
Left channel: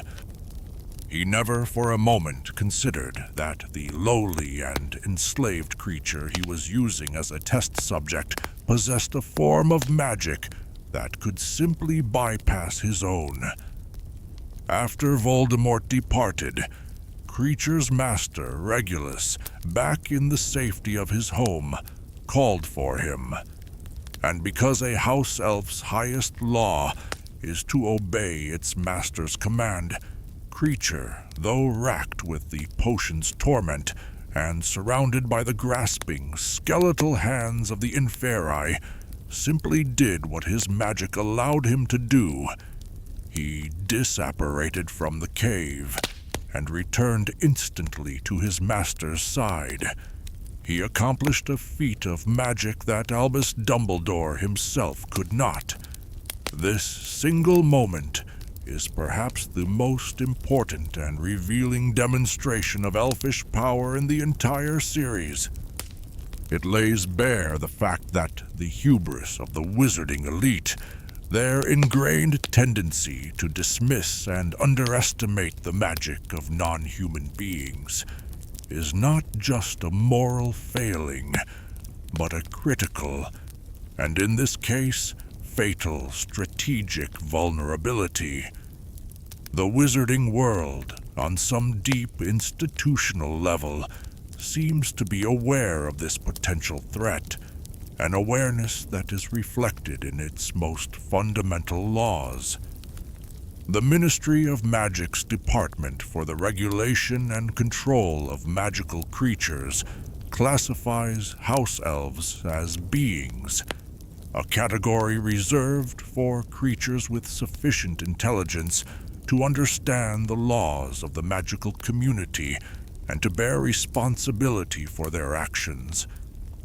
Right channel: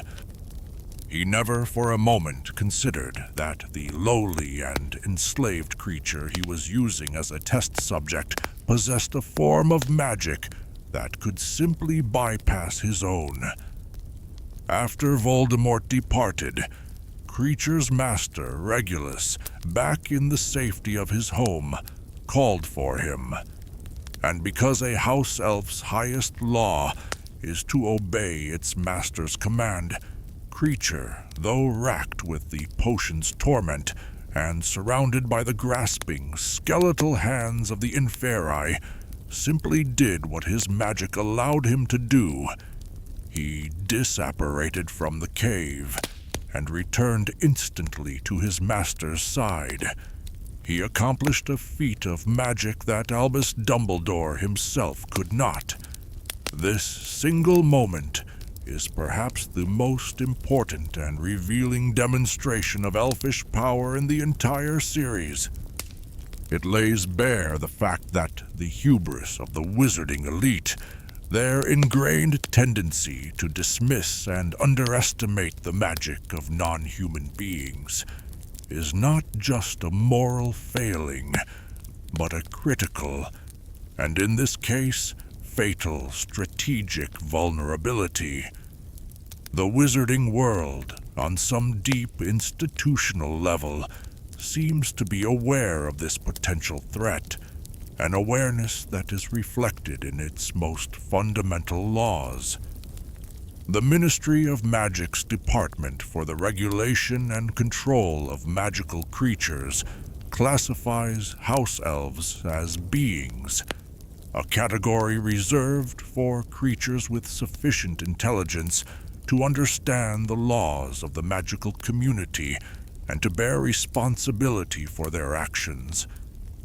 He never for a moment considered that the lowly and enslaved creature he was using as a test subject possessed a form of magic that could simply bypass his own. After Voldemort departed, Kreacher's master, Regulus, back in the safety of his home, called for him. And because a house elf's highest law is to obey its master's command, Kreacher, though racked with the potion's torment and surrounded by the grasping, skeletal hands of the inferi, simply did what his magic allowed him to do. He disapparated from the cave and returned instantly to his master's side. He accomplished a feat of magic that Albus Dumbledore himself could not. This single moment is perhaps the most important and revealing demonstration of elfish power in the entire series. It lays bare the fact that the hubris of the wizarding elite, their ingrained tendency to dismiss and underestimate the magic of non-human beings, is not just a moral failing, but a critical, and in this case, fatal strategic vulnerability. The wizarding world, on some deep institutional level, seems to be aware of this potential threat, an awareness that is reflected in its most fundamental laws. The Ministry of Magic's Department for the Regulation and Control of Magical Creatures classifies House-Elves as beings, a category reserved for creatures with sufficient intelligence to understand the laws of the magical community and to bear responsibility for their actions.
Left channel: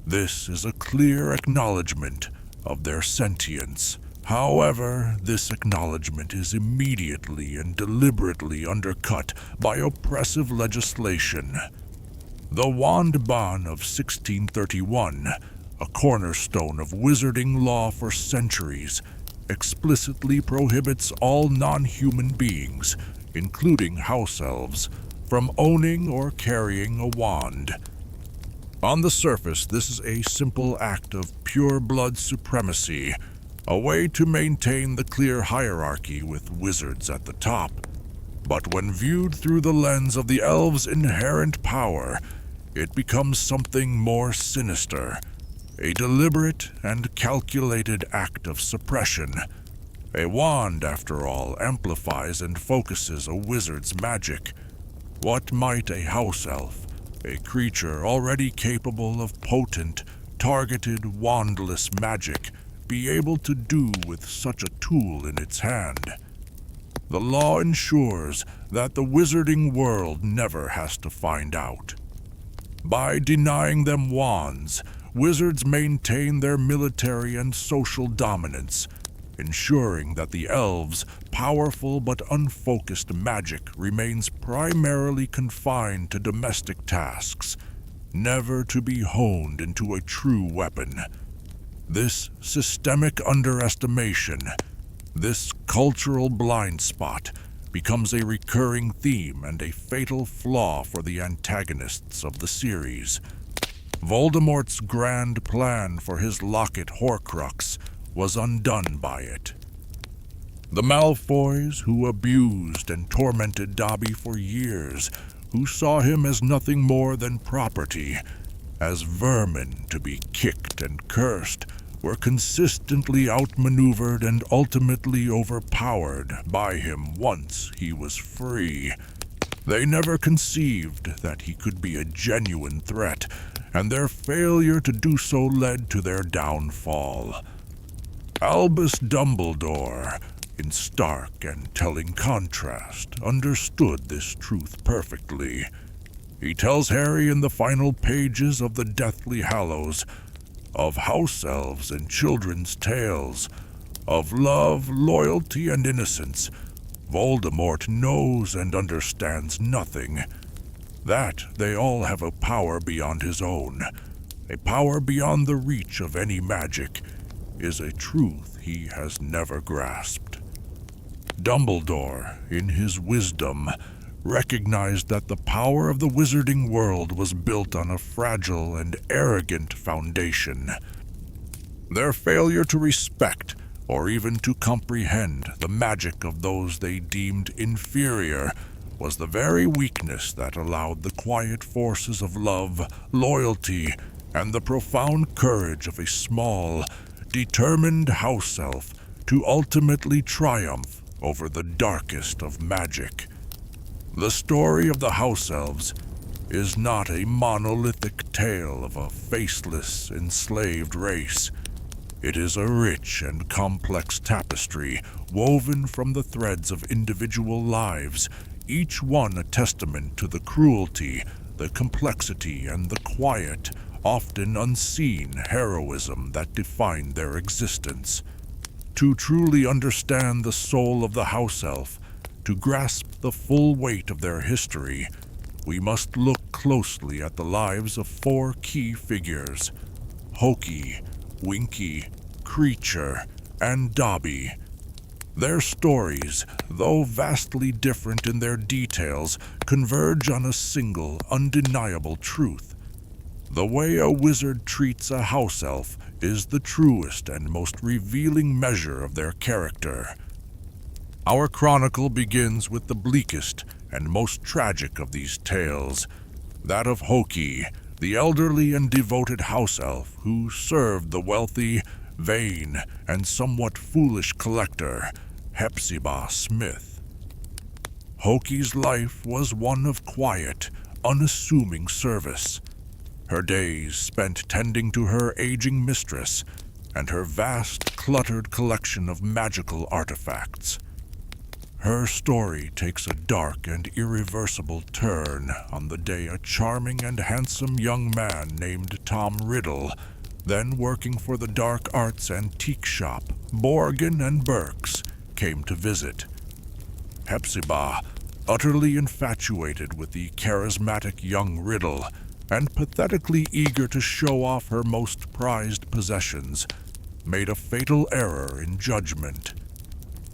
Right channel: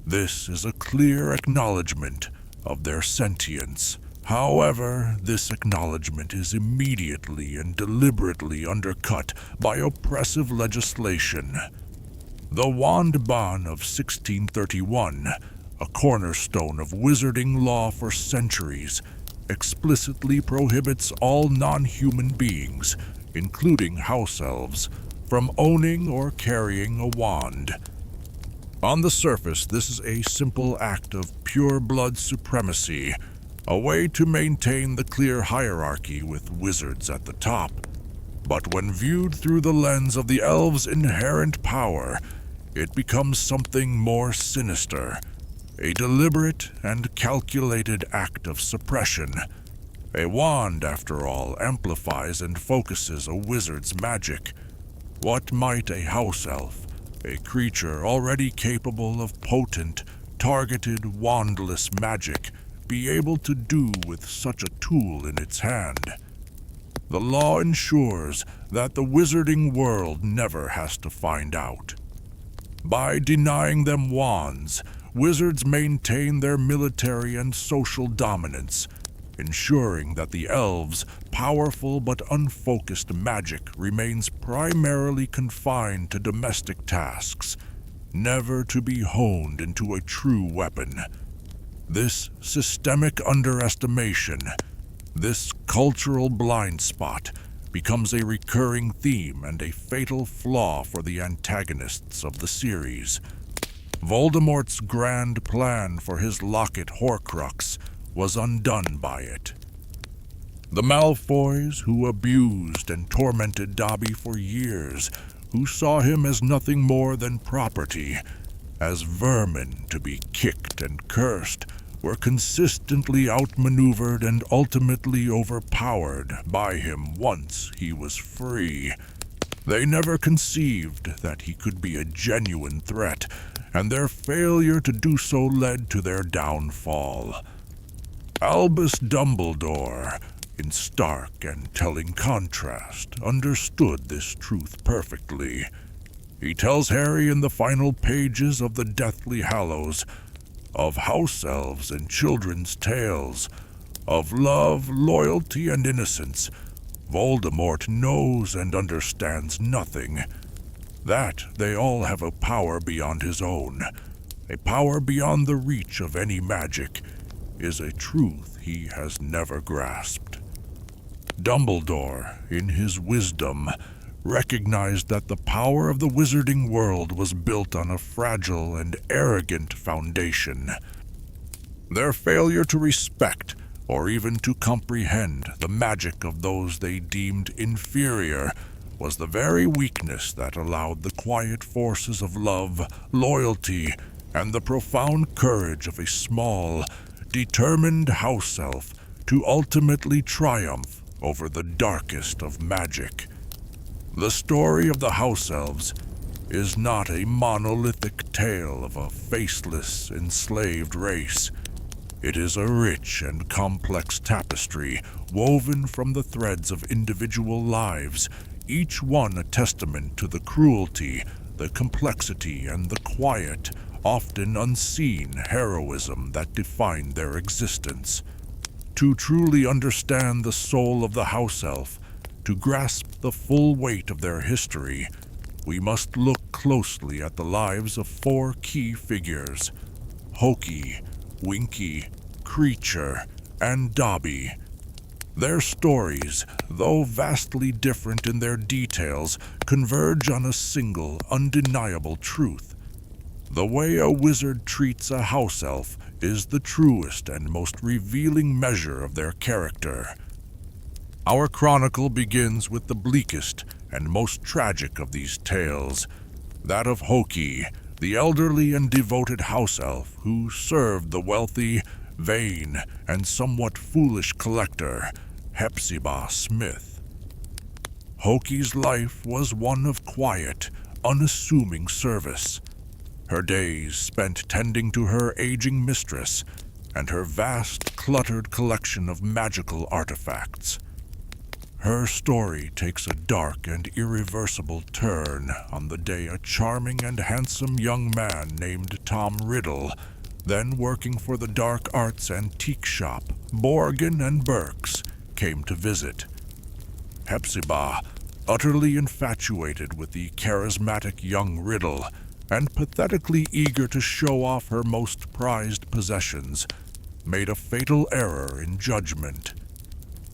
This is a clear acknowledgement of their sentience. However, this acknowledgement is immediately and deliberately undercut by oppressive legislation. The Wand Ban of 1631, a cornerstone of wizarding law for centuries, explicitly prohibits all non-human beings, including house-elves, from owning or carrying a wand. On the surface, this is a simple act of pure-blood supremacy, a way to maintain the clear hierarchy with wizards at the top. But when viewed through the lens of the elves' inherent power, it becomes something more sinister, a deliberate and calculated act of suppression. A wand, after all, amplifies and focuses a wizard's magic. What might a house elf, a creature already capable of potent, targeted, wandless magic, be able to do with such a tool in its hand? The law ensures that the wizarding world never has to find out. By denying them wands, wizards maintain their military and social dominance, ensuring that the elves' powerful but unfocused magic remains primarily confined to domestic tasks, never to be honed into a true weapon. This systemic underestimation, this cultural blind spot, becomes a recurring theme and a fatal flaw for the antagonists of the series. Voldemort's grand plan for his locket Horcrux was undone by it. The Malfoys, who abused and tormented Dobby for years, who saw him as nothing more than property, as vermin to be kicked and cursed, were consistently outmaneuvered and ultimately overpowered by him once he was free. They never conceived that he could be a genuine threat, and their failure to do so led to their downfall. Albus Dumbledore, in stark and telling contrast, understood this truth perfectly. He tells Harry in the final pages of the Deathly Hallows of house-elves and children's tales, of love, loyalty, and innocence, Voldemort knows and understands nothing. That they all have a power beyond his own, a power beyond the reach of any magic, is a truth he has never grasped. Dumbledore, in his wisdom, recognized that the power of the wizarding world was built on a fragile and arrogant foundation. Their failure to respect or even to comprehend the magic of those they deemed inferior was the very weakness that allowed the quiet forces of love, loyalty, and the profound courage of a small, determined house elf to ultimately triumph over the darkest of magic. The story of the House-Elves is not a monolithic tale of a faceless, enslaved race. It is a rich and complex tapestry woven from the threads of individual lives, each one a testament to the cruelty, the complexity, and the quiet, often unseen heroism that defined their existence. To truly understand the soul of the house-elf, to grasp the full weight of their history, we must look closely at the lives of 4 key figures: Hokey, Winky, Kreacher, and Dobby. Their stories, though vastly different in their details, converge on a single, undeniable truth. The way a wizard treats a house-elf is the truest and most revealing measure of their character. Our chronicle begins with the bleakest and most tragic of these tales, that of Hokey, the elderly and devoted house-elf who served the wealthy, vain, and somewhat foolish collector, S.P.E.W. Smith. Hokey's life was one of quiet, unassuming service. Her days spent tending to her aging mistress and her vast, cluttered collection of magical artifacts. Her story takes a dark and irreversible turn on the day a charming and handsome young man named Tom Riddle, then working for the dark arts antique shop, Morgan and Burke's, came to visit. S.P.E.W., utterly infatuated with the charismatic young Riddle, and pathetically eager to show off her most prized possessions, made a fatal error in judgment.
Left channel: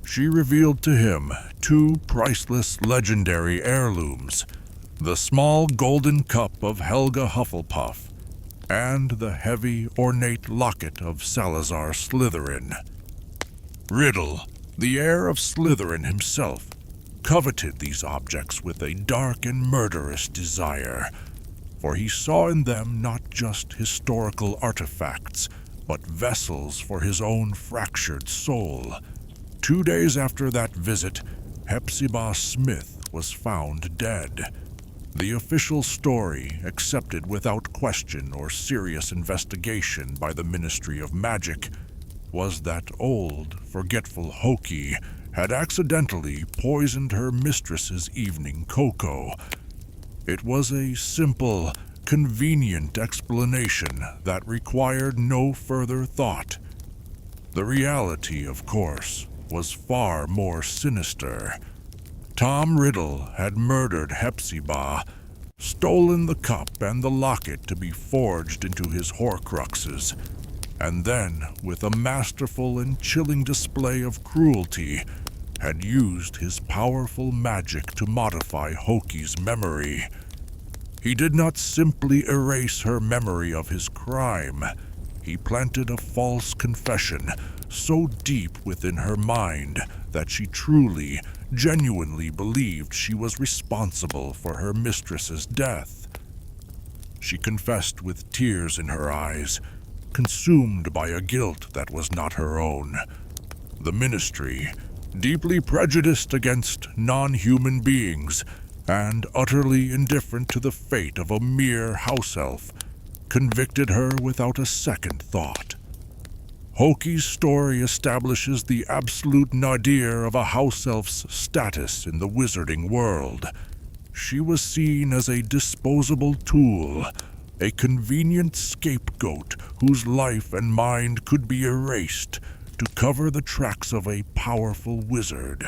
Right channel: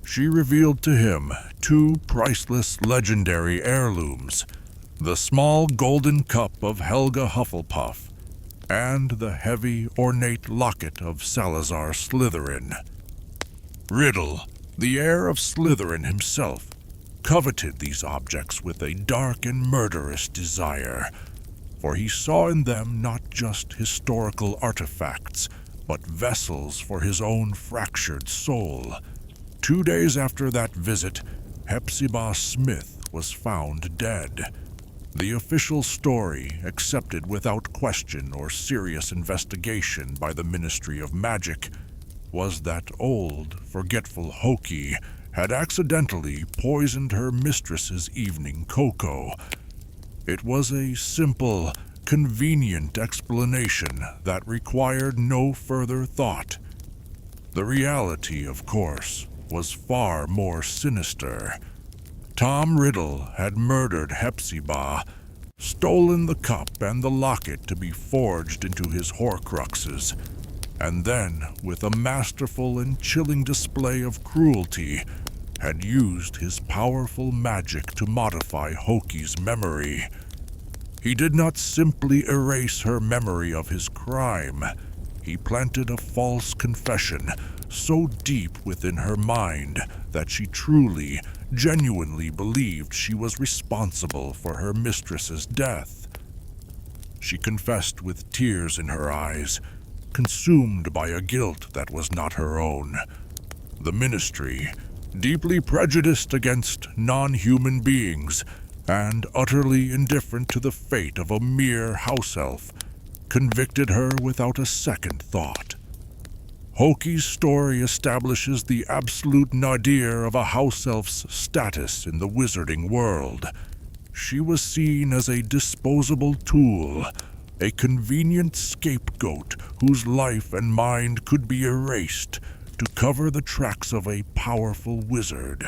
She revealed to him 2 priceless legendary heirlooms, the small golden cup of Helga Hufflepuff, and the heavy, ornate locket of Salazar Slytherin. Riddle, the heir of Slytherin himself, coveted these objects with a dark and murderous desire, for he saw in them not just historical artifacts, but vessels for his own fractured soul. 2 days after that visit, S.P.E.W. Smith was found dead. The official story, accepted without question or serious investigation by the Ministry of Magic, was that old, forgetful Hokey had accidentally poisoned her mistress's evening cocoa. It was a simple, convenient explanation that required no further thought. The reality, of course, was far more sinister. Tom Riddle had murdered S.P.E.W., stolen the cup and the locket to be forged into his Horcruxes, and then, with a masterful and chilling display of cruelty, had used his powerful magic to modify Hokey's memory. He did not simply erase her memory of his crime. He planted a false confession so deep within her mind that she truly, genuinely believed she was responsible for her mistress's death. She confessed with tears in her eyes, consumed by a guilt that was not her own. The Ministry, deeply prejudiced against non-human beings and utterly indifferent to the fate of a mere house-elf, convicted her without a second thought. Hokey's story establishes the absolute nadir of a house-elf's status in the wizarding world. She was seen as a disposable tool, a convenient scapegoat whose life and mind could be erased to cover the tracks of a powerful wizard.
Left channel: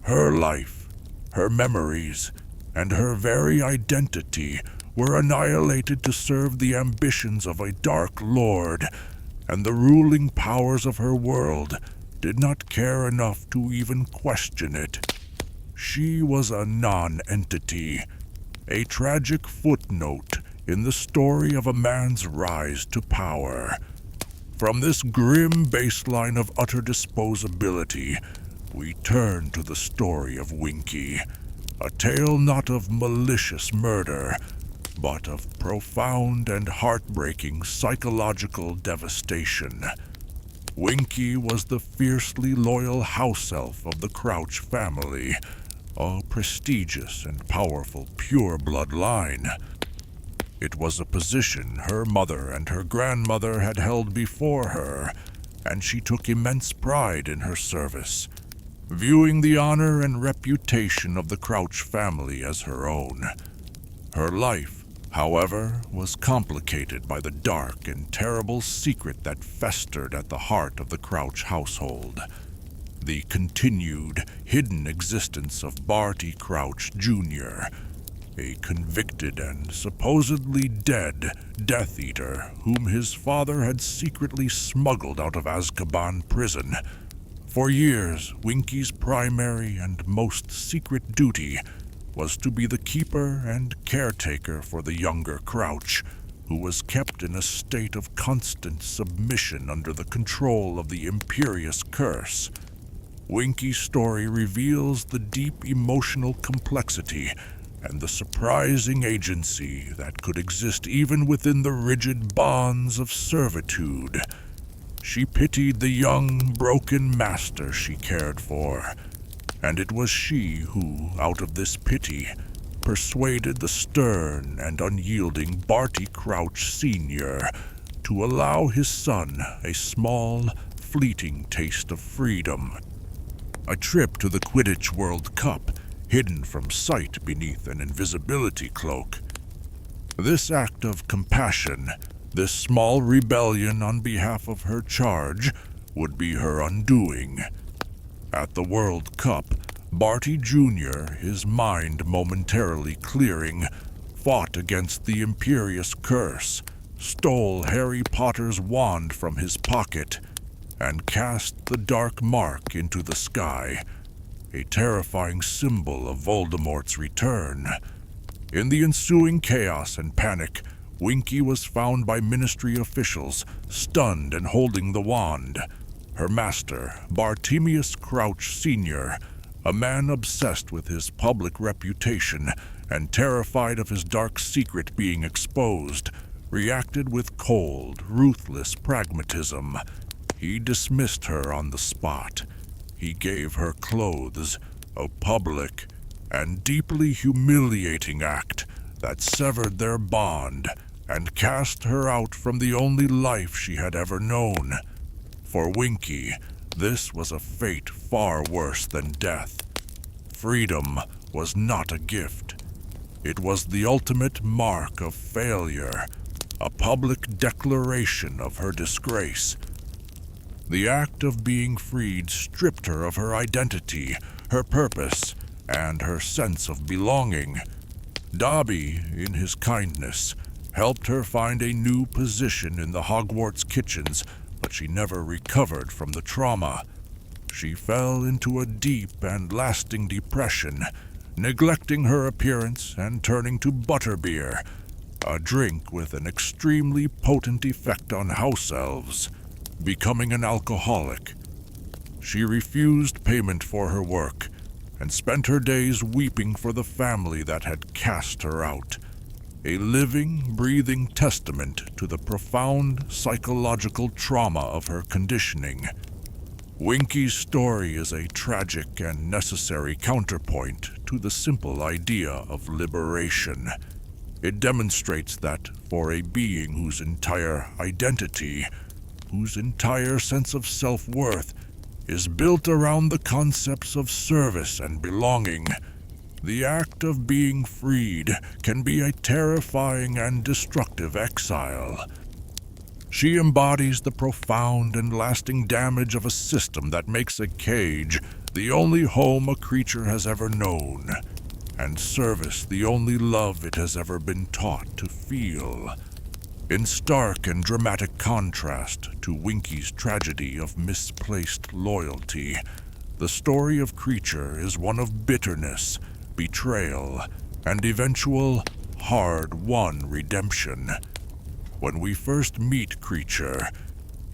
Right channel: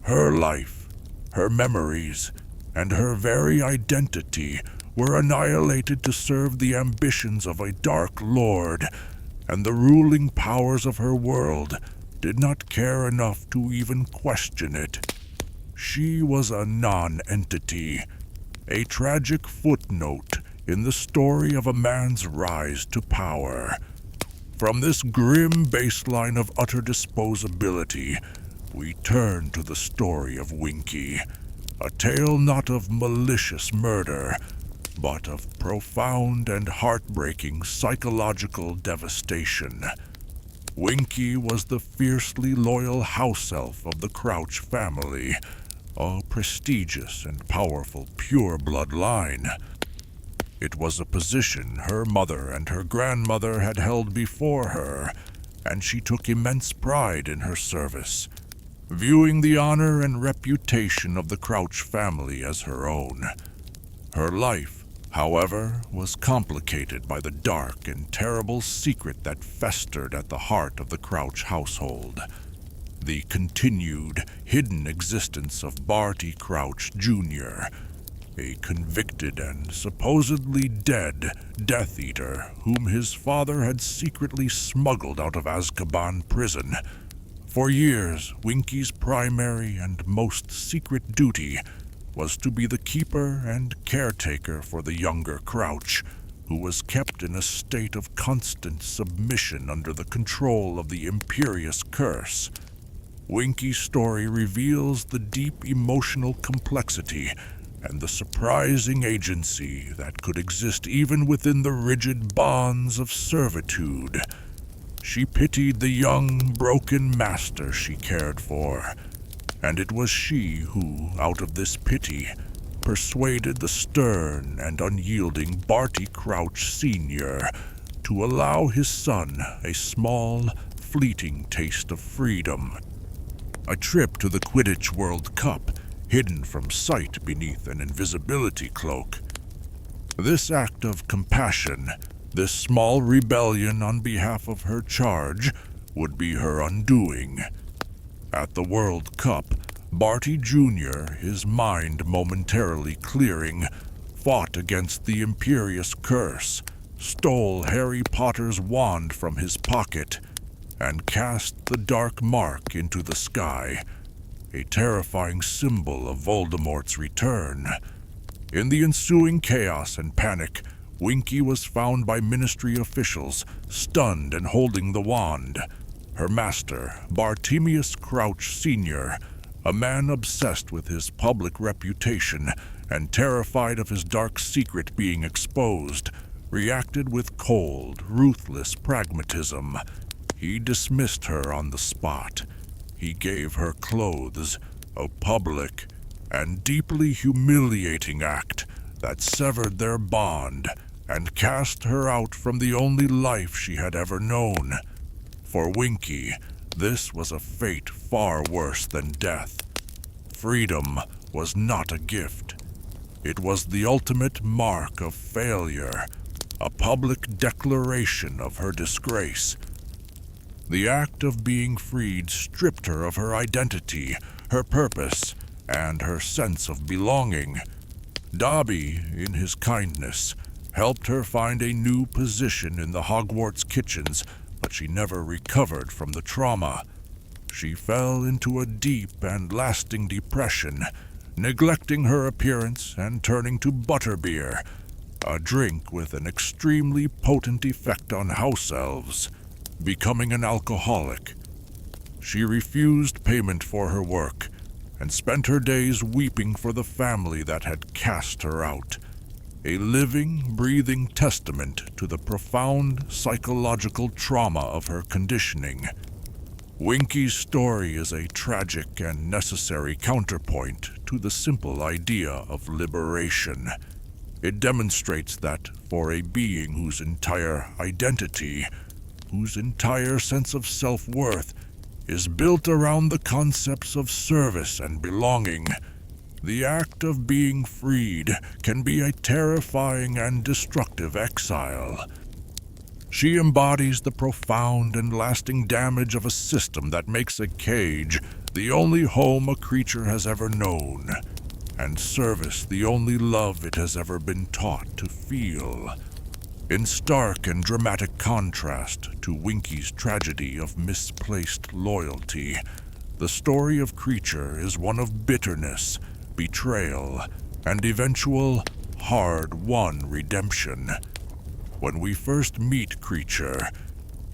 Her life, her memories, and her very identity were annihilated to serve the ambitions of a dark lord, and the ruling powers of her world did not care enough to even question it. She was a non-entity, a tragic footnote in the story of a man's rise to power. From this grim baseline of utter disposability, we turn to the story of Winky, a tale not of malicious murder, but of profound and heartbreaking psychological devastation. Winky was the fiercely loyal house-elf of the Crouch family, a prestigious and powerful pure-blood line. It was a position her mother and her grandmother had held before her, and she took immense pride in her service, viewing the honor and reputation of the Crouch family as her own. Her life however, was complicated by the dark and terrible secret that festered at the heart of the Crouch household. The continued, hidden existence of Barty Crouch Jr., a convicted and supposedly dead Death Eater whom his father had secretly smuggled out of Azkaban prison. For years, Winky's primary and most secret duty was to be the keeper and caretaker for the younger Crouch, who was kept in a state of constant submission under the control of the imperious curse. Winky's story reveals the deep emotional complexity and the surprising agency that could exist even within the rigid bonds of servitude. She pitied the young, broken master she cared for, and it was she who, out of this pity, persuaded the stern and unyielding Barty Crouch Sr. to allow his son a small, fleeting taste of freedom. A trip to the Quidditch World Cup, hidden from sight beneath an invisibility cloak. This act of compassion, this small rebellion on behalf of her charge, would be her undoing. At the World Cup, Barty Jr., his mind momentarily clearing, fought against the imperious curse, stole Harry Potter's wand from his pocket, and cast the dark mark into the sky, a terrifying symbol of Voldemort's return. In the ensuing chaos and panic, Winky was found by Ministry officials, stunned and holding the wand. Her master, Bartemius Crouch Sr., a man obsessed with his public reputation and terrified of his dark secret being exposed, reacted with cold, ruthless pragmatism. He dismissed her on the spot. He gave her clothes, a public and deeply humiliating act that severed their bond and cast her out from the only life she had ever known. For Winky, this was a fate far worse than death. Freedom was not a gift. It was the ultimate mark of failure, a public declaration of her disgrace. The act of being freed stripped her of her identity, her purpose, and her sense of belonging. Dobby, in his kindness, helped her find a new position in the Hogwarts kitchens, but she never recovered from the trauma. She fell into a deep and lasting depression, neglecting her appearance and turning to butterbeer, a drink with an extremely potent effect on House-Elves. Becoming an alcoholic, she refused payment for her work and spent her days weeping for the family that had cast her out, a living, breathing testament to the profound psychological trauma of her conditioning. Winky's story is a tragic and necessary counterpoint to the simple idea of liberation. It demonstrates that for a being whose entire identity, whose entire sense of self-worth is built around the concepts of service and belonging, the act of being freed can be a terrifying and destructive exile. She embodies the profound and lasting damage of a system that makes a cage the only home a creature has ever known, and service the only love it has ever been taught to feel. In stark and dramatic contrast to Winky's tragedy of misplaced loyalty, the story of Kreacher is one of bitterness, betrayal, and eventual, hard-won redemption. When we first meet Kreacher,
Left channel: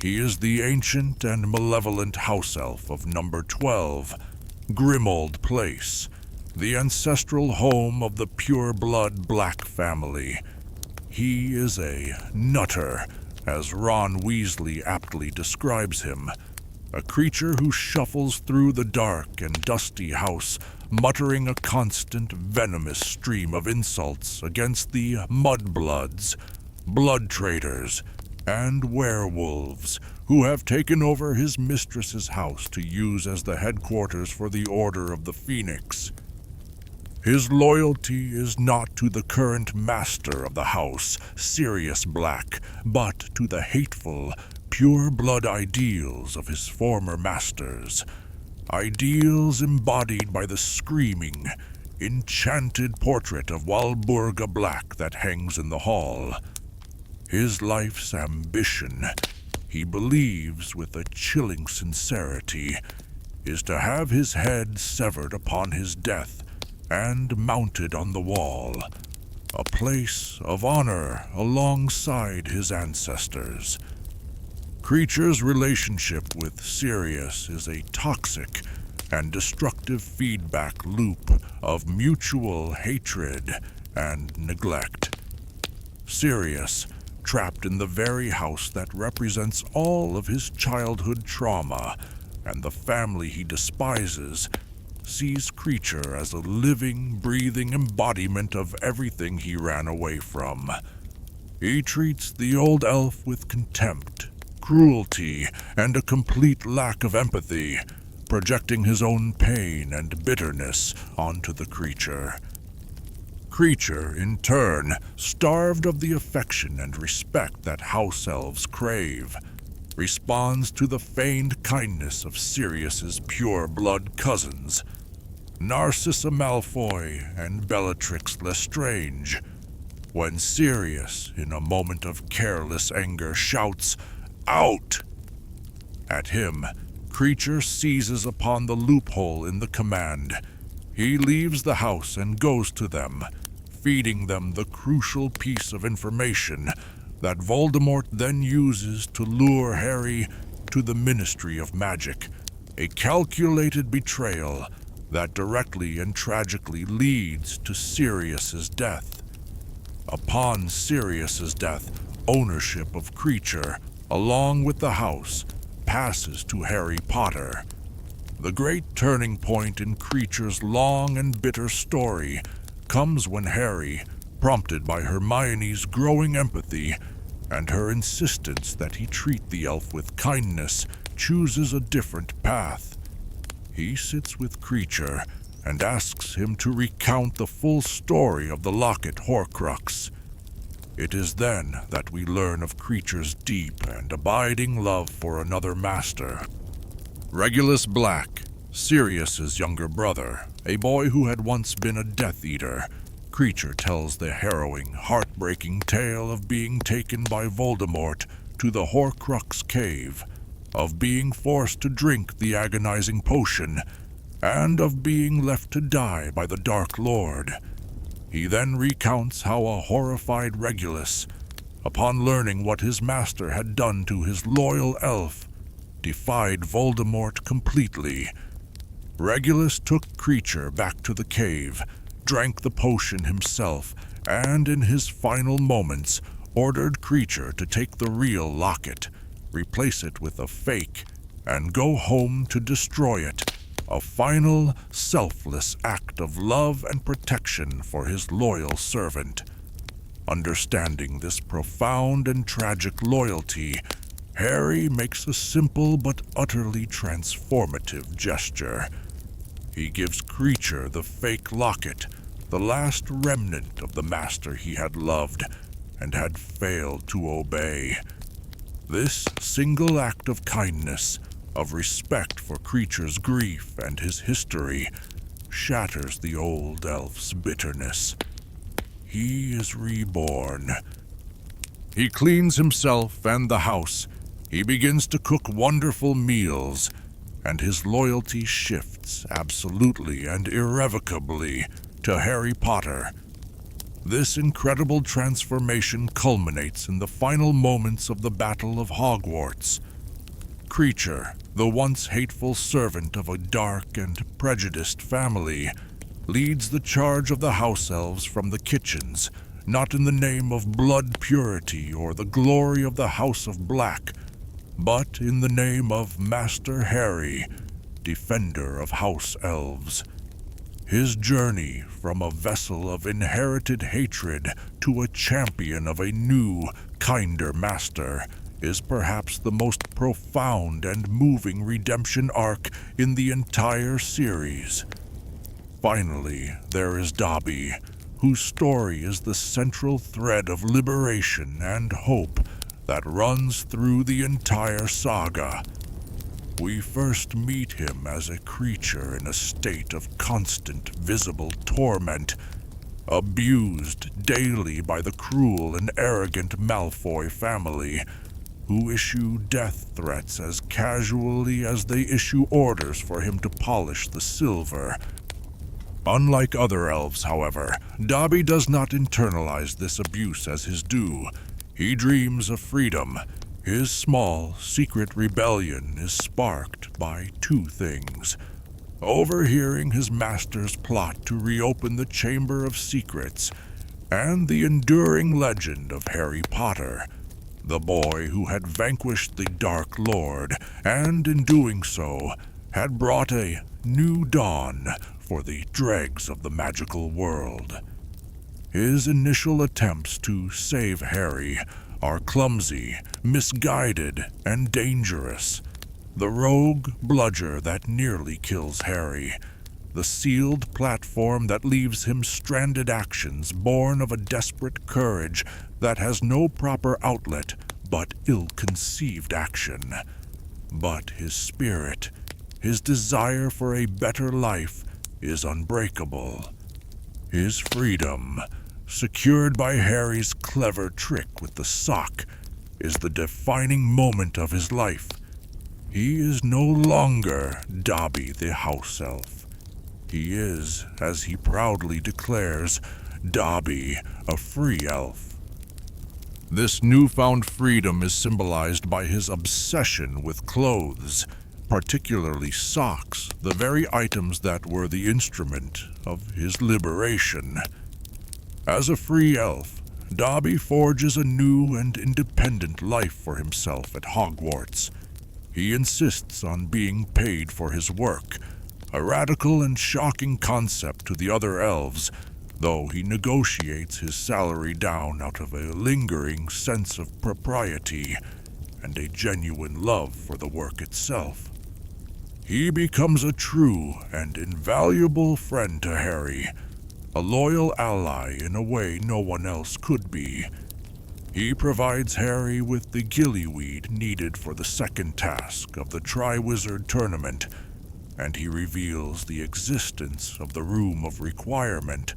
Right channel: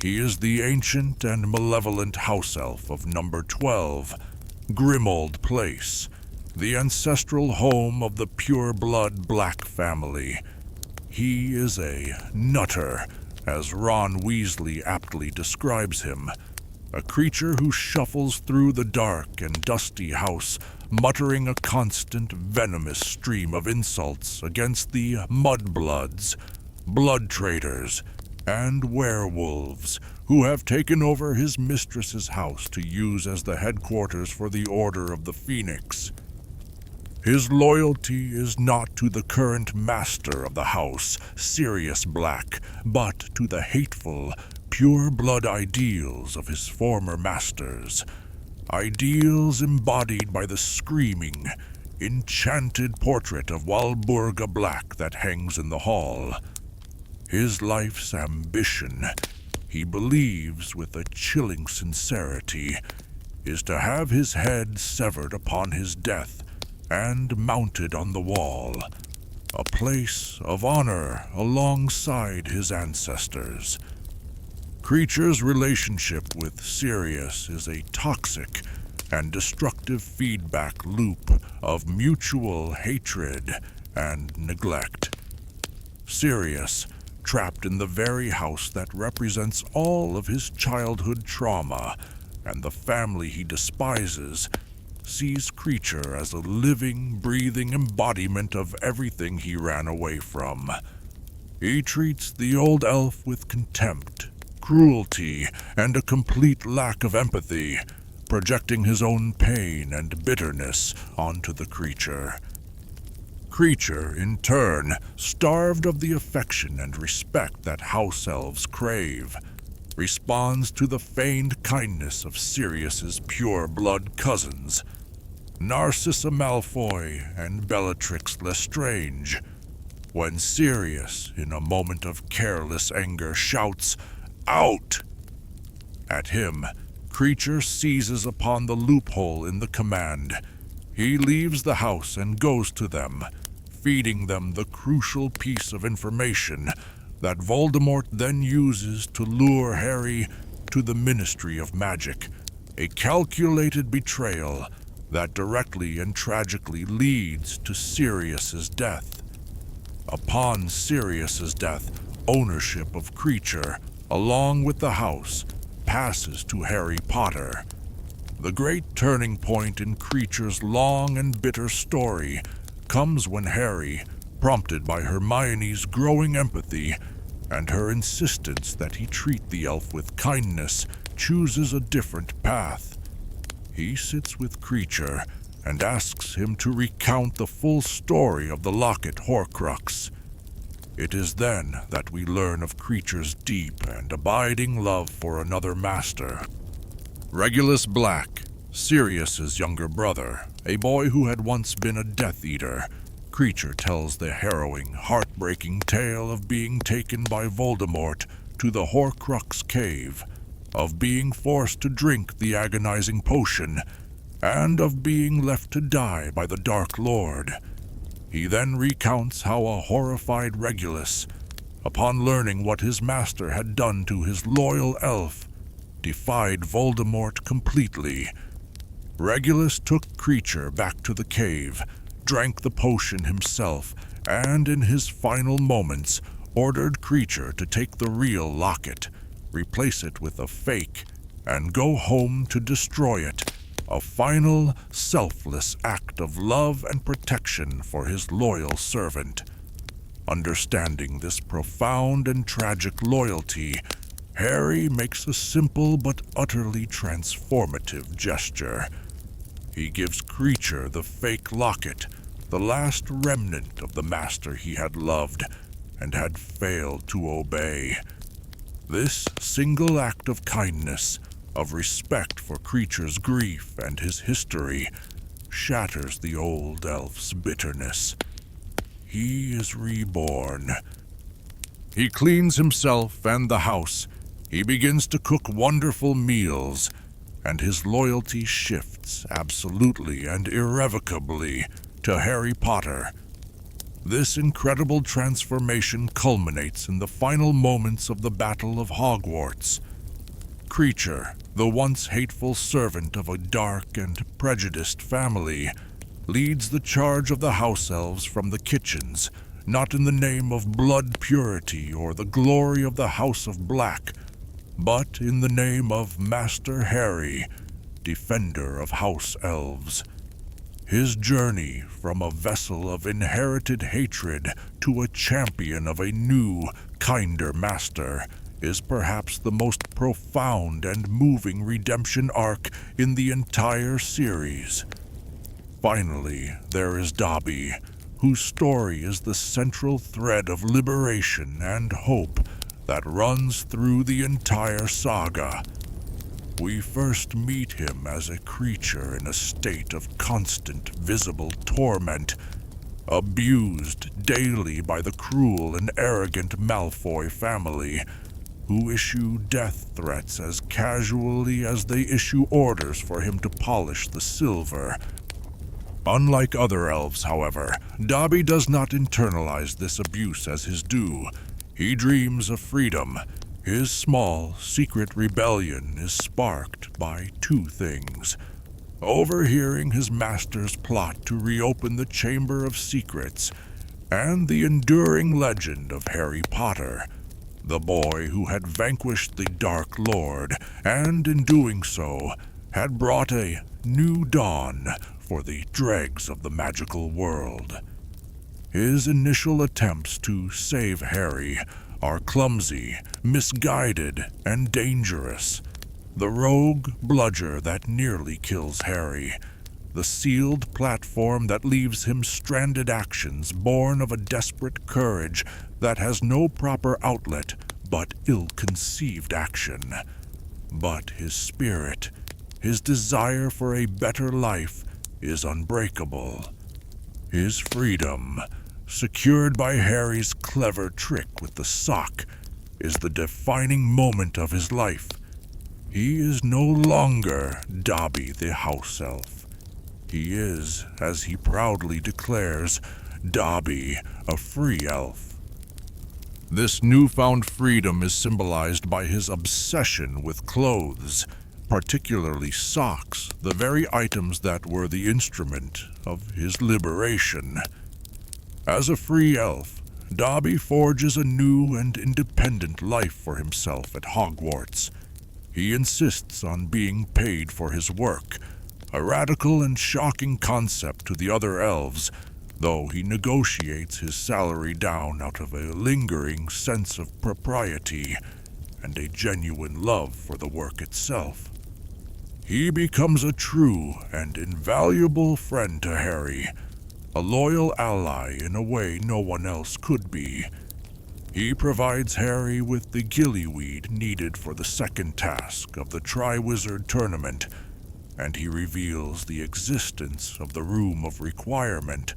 he is the ancient and malevolent house-elf of number 12, Grimmauld Place, the ancestral home of the pure-blood Black family. He is a nutter, as Ron Weasley aptly describes him, a creature who shuffles through the dark and dusty house, muttering a constant venomous stream of insults against the mudbloods, blood traders, and werewolves who have taken over his mistress's house to use as the headquarters for the Order of the Phoenix. His loyalty is not to the current master of the house, Sirius Black, but to the hateful, pure-blood ideals of his former masters. Ideals embodied by the screaming, enchanted portrait of Walburga Black that hangs in the hall. His life's ambition, he believes with a chilling sincerity, is to have his head severed upon his death and mounted on the wall, a place of honor alongside his ancestors. Kreacher's relationship with Sirius is a toxic and destructive feedback loop of mutual hatred and neglect. Sirius, trapped in the very house that represents all of his childhood trauma and the family he despises, sees Kreacher as a living, breathing embodiment of everything he ran away from. He treats the old elf with contempt, cruelty, and a complete lack of empathy, projecting his own pain and bitterness onto the creature. Kreacher, in turn, starved of the affection and respect that House-Elves crave, responds to the feigned kindness of Sirius's pure-blood cousins, Narcissa Malfoy and Bellatrix Lestrange. When Sirius, in a moment of careless anger, shouts, "Out!" at him, Kreacher seizes upon the loophole in the command. He leaves the house and goes to them, feeding them the crucial piece of information that Voldemort then uses to lure Harry to the Ministry of Magic, a calculated betrayal that directly and tragically leads to Sirius's death. Upon Sirius's death, ownership of Kreacher, along with the house, passes to Harry Potter. The great turning point in Kreacher's long and bitter story comes when Harry, prompted by Hermione's growing empathy and her insistence that he treat the elf with kindness, chooses a different path. He sits with Kreacher and asks him to recount the full story of the Locket Horcrux. It is then that we learn of Kreacher's deep and abiding love for another master. Regulus Black, Sirius's younger brother, a boy who had once been a Death Eater, Kreacher tells the harrowing, heartbreaking tale of being taken by Voldemort to the Horcrux cave, of being forced to drink the agonizing potion, and of being left to die by the Dark Lord. He then recounts how a horrified Regulus, upon learning what his master had done to his loyal elf, defied Voldemort completely. Regulus took Kreacher back to the cave, drank the potion himself, and in his final moments ordered Kreacher to take the real locket, replace it with a fake, and go home to destroy it, a final, selfless act of love and protection for his loyal servant. Understanding this profound and tragic loyalty, Harry makes a simple but utterly transformative gesture. He gives Kreacher the fake locket, the last remnant of the master he had loved and had failed to obey. This single act of kindness, of respect for Kreacher's grief and his history, shatters the old elf's bitterness. He is reborn. He cleans himself and the house. He begins to cook wonderful meals, and his loyalty shifts absolutely and irrevocably to Harry Potter. This incredible transformation culminates in the final moments of the Battle of Hogwarts. Kreacher, the once hateful servant of a dark and prejudiced family, leads the charge of the House-Elves from the kitchens, not in the name of blood purity or the glory of the House of Black, but in the name of Master Harry, defender of House-Elves. His journey from a vessel of inherited hatred to a champion of a new, kinder master is perhaps the most profound and moving redemption arc in the entire series. Finally, there is Dobby, whose story is the central thread of liberation and hope that runs through the entire saga. We first meet him as a creature in a state of constant visible torment, abused daily by the cruel and arrogant Malfoy family, who issue death threats as casually as they issue orders for him to polish the silver. Unlike other elves, however, Dobby does not internalize this abuse as his due. He dreams of freedom. His small, secret rebellion is sparked by two things: overhearing his master's plot to reopen the Chamber of Secrets, and the enduring legend of Harry Potter, the boy who had vanquished the Dark Lord, and in doing so, had brought a new dawn for the dregs of the magical world. His initial attempts to save Harry are clumsy, misguided, and dangerous. The rogue bludger that nearly kills Harry, the sealed platform that leaves him stranded actions born of a desperate courage that has no proper outlet but ill-conceived action. But his spirit, his desire for a better life, is unbreakable. His freedom, secured by Harry's clever trick with the sock, is the defining moment of his life. He is no longer Dobby the House-Elf. He is, as he proudly declares, Dobby, a free elf. This newfound freedom is symbolized by his obsession with clothes, particularly socks, the very items that were the instrument of his liberation. As a free elf, Dobby forges a new and independent life for himself at Hogwarts. He insists on being paid for his work, a radical and shocking concept to the other elves, though he negotiates his salary down out of a lingering sense of propriety and a genuine love for the work itself. He becomes a true and invaluable friend to Harry, a loyal ally in a way no one else could be. He provides Harry with the gillyweed needed for the second task of the Triwizard Tournament, and he reveals the existence of the Room of Requirement,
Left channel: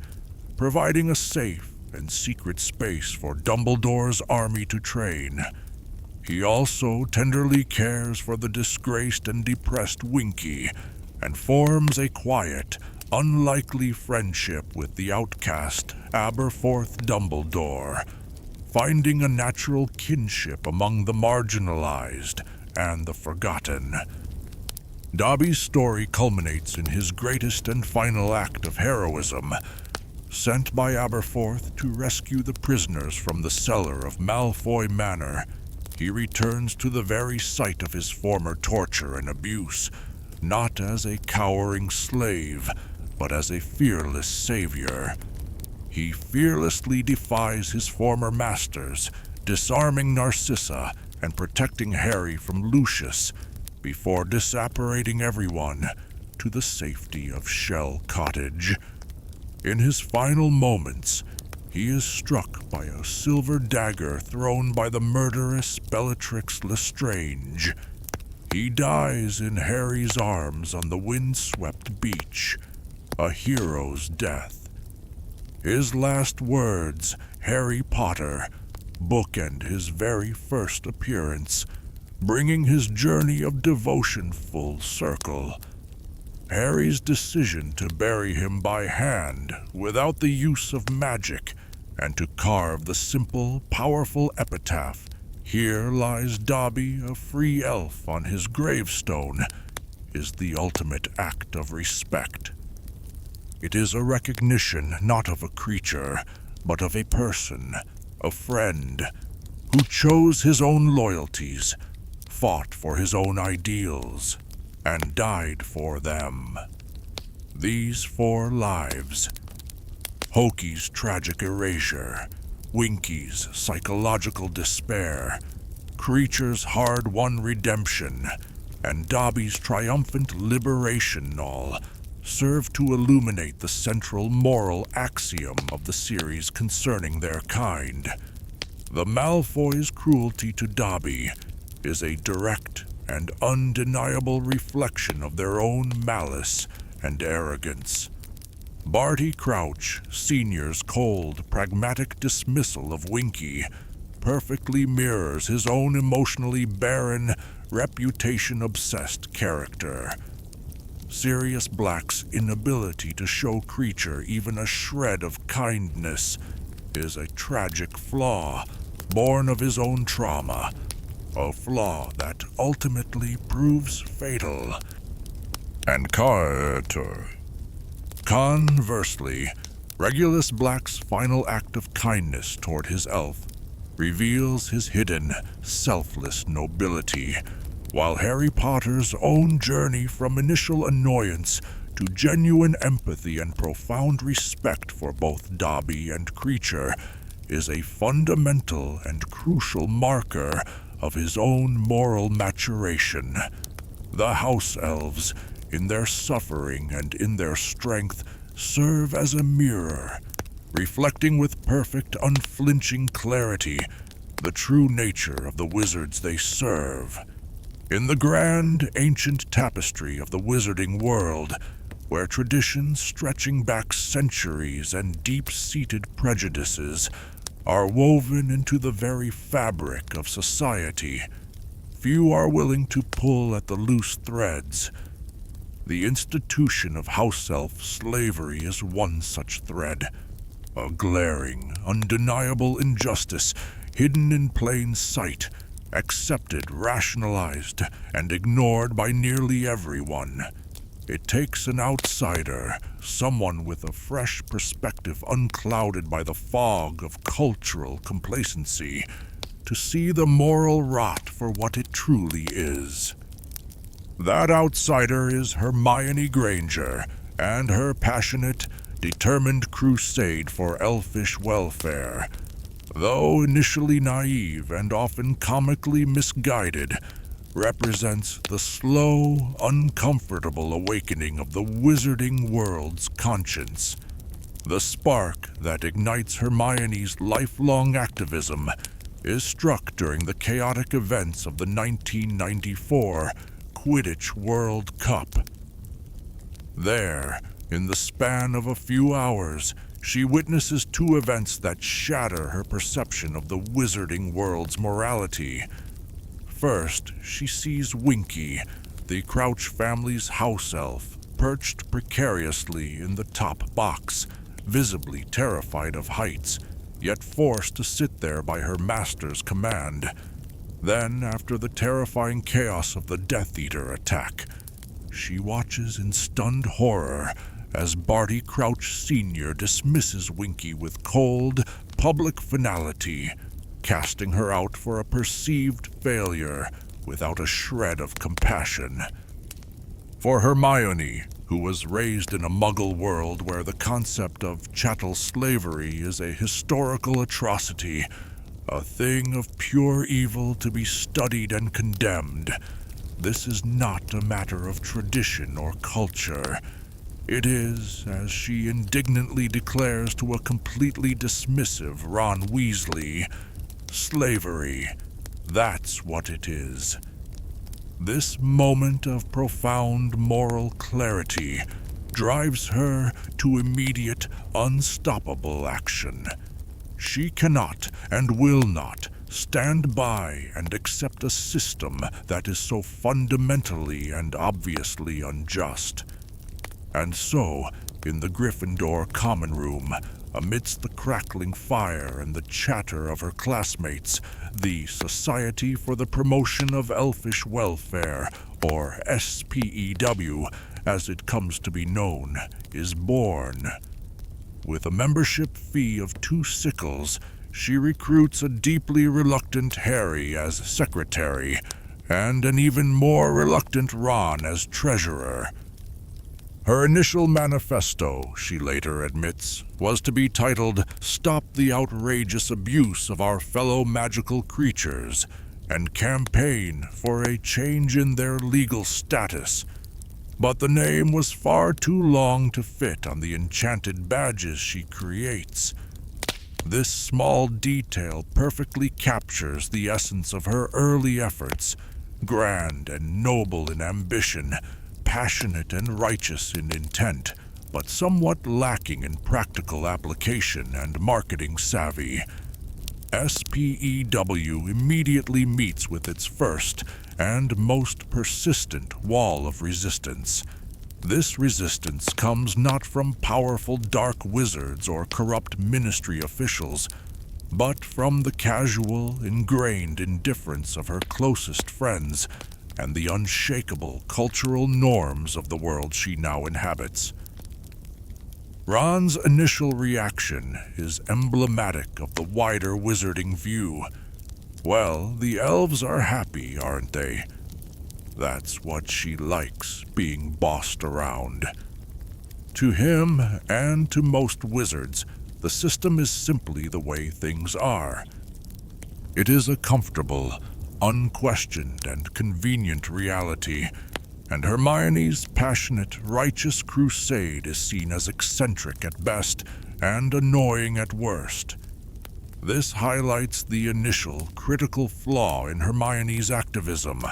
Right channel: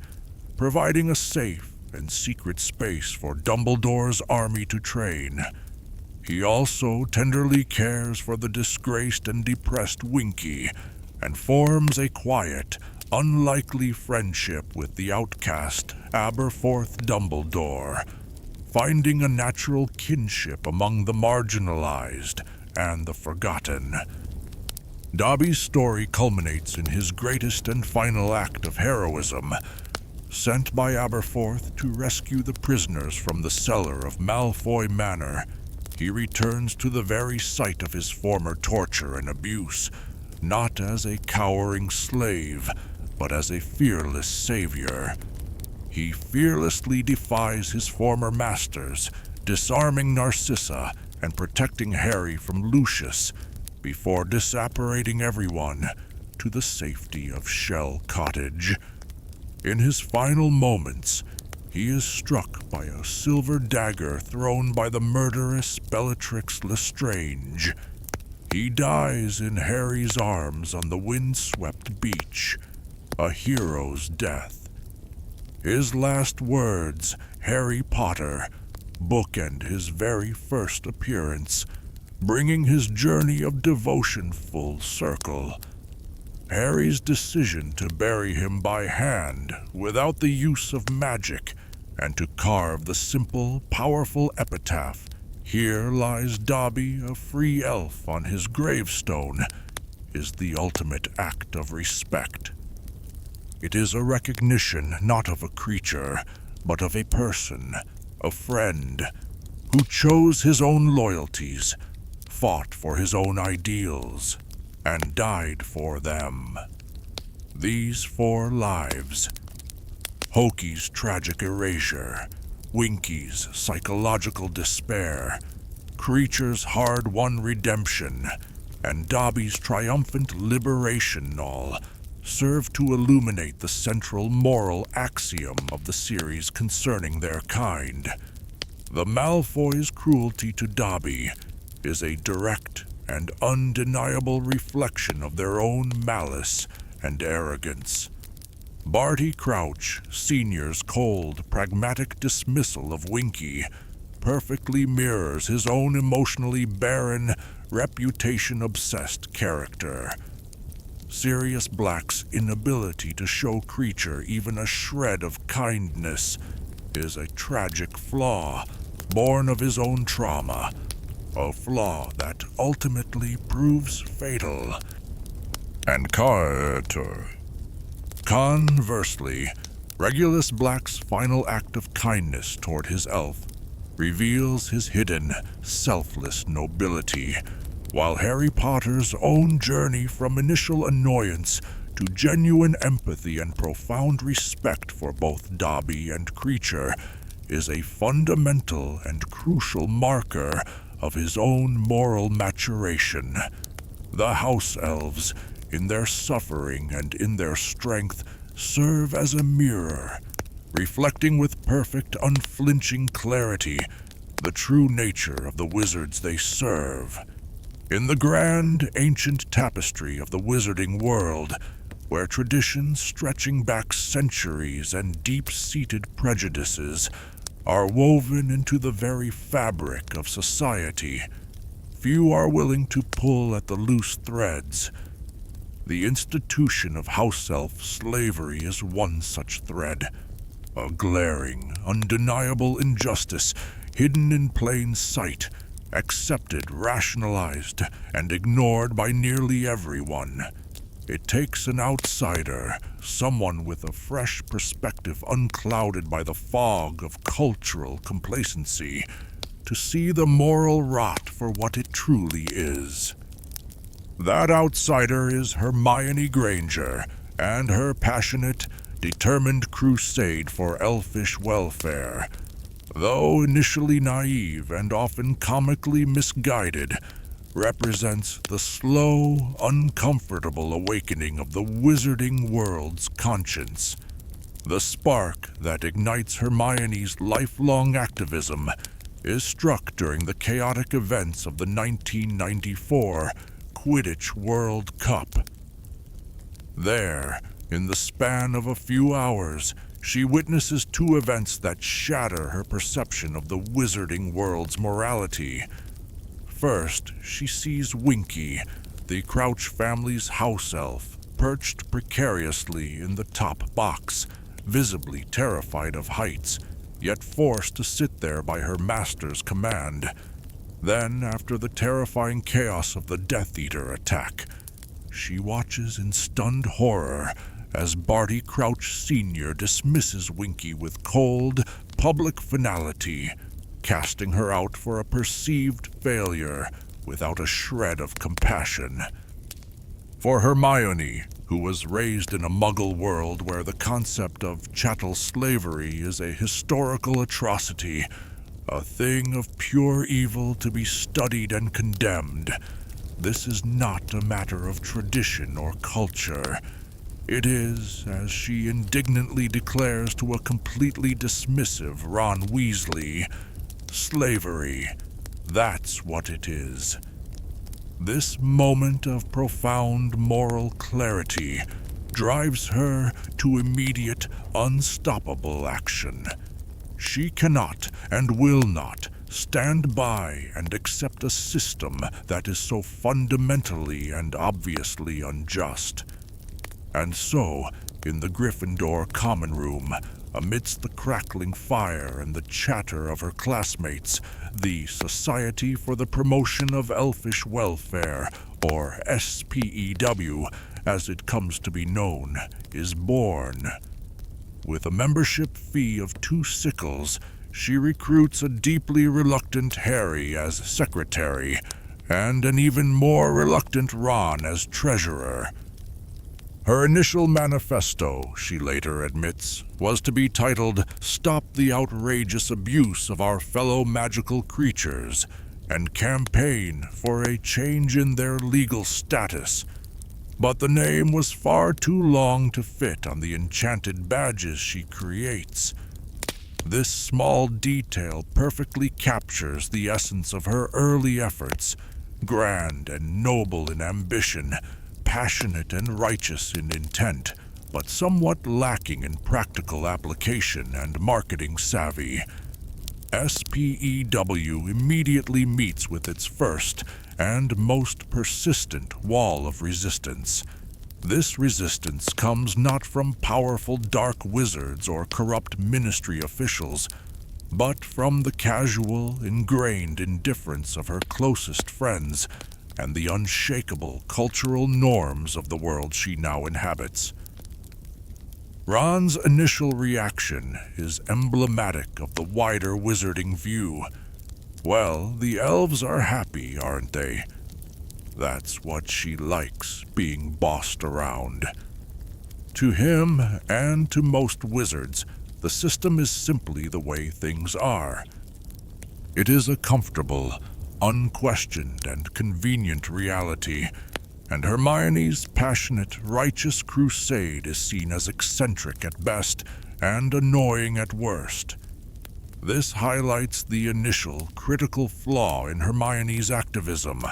providing a safe and secret space for Dumbledore's army to train. He also tenderly cares for the disgraced and depressed Winky, and forms a quiet, unlikely friendship with the outcast Aberforth Dumbledore, finding a natural kinship among the marginalized and the forgotten. Dobby's story culminates in his greatest and final act of heroism. Sent by Aberforth to rescue the prisoners from the cellar of Malfoy Manor, he returns to the very site of his former torture and abuse, not as a cowering slave, but as a fearless savior. He fearlessly defies his former masters, disarming Narcissa and protecting Harry from Lucius, before disapparating everyone to the safety of Shell Cottage. In his final moments, he is struck by a silver dagger thrown by the murderous Bellatrix Lestrange. He dies in Harry's arms on the wind-swept beach, a hero's death. His last words, Harry Potter, bookend his very first appearance, bringing his journey of devotion full circle. Harry's decision to bury him by hand without the use of magic and to carve the simple, powerful epitaph, "Here lies Dobby, a free elf," on his gravestone, is the ultimate act of respect. It is a recognition not of a creature, but of a person, a friend, who chose his own loyalties, fought for his own ideals, and died for them. These 4 lives: Hokey's tragic erasure, Winky's psychological despair, Kreacher's hard-won redemption, and Dobby's triumphant liberation all serve to illuminate the central moral axiom of the series concerning their kind. The Malfoys' cruelty to Dobby is a direct and undeniable reflection of their own malice and arrogance. Barty Crouch Sr.'s cold, pragmatic dismissal of Winky perfectly mirrors his own emotionally barren, reputation-obsessed character. Sirius Black's inability to show Kreacher even a shred of kindness is a tragic flaw born of his own trauma, a flaw that ultimately proves fatal. And conversely, Regulus Black's final act of kindness toward his elf reveals his hidden, selfless nobility, while Harry Potter's own journey from initial annoyance to genuine empathy and profound respect for both Dobby and Kreacher is a fundamental and crucial marker of his own moral maturation. The House-Elves, in their suffering and in their strength, serve as a mirror, reflecting with perfect, unflinching clarity the true nature of the wizards they serve. In the grand, ancient tapestry of the wizarding world, where traditions stretching back centuries and deep-seated prejudices are woven into the very fabric of society, few are willing to pull at the loose threads. The institution of house-elf slavery is one such thread, a glaring, undeniable injustice hidden in plain sight, accepted, rationalized, and ignored by nearly everyone. It takes an outsider, someone with a fresh perspective unclouded by the fog of cultural complacency, to see the moral rot for what it truly is. That outsider is Hermione Granger and her passionate, determined crusade for elfish welfare. Though initially naive and often comically misguided, represents the slow, uncomfortable awakening of the wizarding world's conscience. The spark that ignites Hermione's lifelong activism is struck during the chaotic events of the 1994 Quidditch World Cup. There, in the span of a few hours, she witnesses two events that shatter her perception of the wizarding world's morality. First, she sees Winky, the Crouch family's house elf, perched precariously in the top box, visibly terrified of heights, yet forced to sit there by her master's command. Then, after the terrifying chaos of the Death Eater attack, she watches in stunned horror as Barty Crouch Sr. dismisses Winky with cold, public finality, casting her out for a perceived failure without a shred of compassion. For Hermione, who was raised in a Muggle world where the concept of chattel slavery is a historical atrocity, a thing of pure evil to be studied and condemned, this is not a matter of tradition or culture. It is, as she indignantly declares to a completely dismissive Ron Weasley, slavery. That's what it is. This moment of profound moral clarity drives her to immediate, unstoppable action. She cannot and will not stand by and accept a system that is so fundamentally and obviously unjust. And so, in the Gryffindor common room, amidst the crackling fire and the chatter of her classmates, the Society for the Promotion of Elfish Welfare, or S.P.E.W, as it comes to be known, is born. With a membership fee of 2 sickles, she recruits a deeply reluctant Harry as secretary, and an even more reluctant Ron as treasurer. Her initial manifesto, she later admits, was to be titled "Stop the Outrageous Abuse of Our Fellow Magical Creatures" and campaign for a change in their legal status. but the name was far too long to fit on the enchanted badges she creates. This small detail perfectly captures the essence of her early efforts, grand and noble in ambition, passionate and righteous in intent, but somewhat lacking in practical application and marketing savvy. S.P.E.W. immediately meets with its first and most persistent wall of resistance. This resistance comes not from powerful dark wizards or corrupt ministry officials, but from the casual, ingrained indifference of her closest friends and the unshakable cultural norms of the world she now inhabits. Ron's initial reaction is emblematic of the wider wizarding view. Well, the elves are happy, aren't they? That's what she likes, being bossed around. To him, and to most wizards, the system is simply the way things are. It is a comfortable, unquestioned, and convenient reality, and Hermione's passionate, righteous crusade is seen as eccentric at best and annoying at worst. This highlights the initial, critical flaw in Hermione's activism.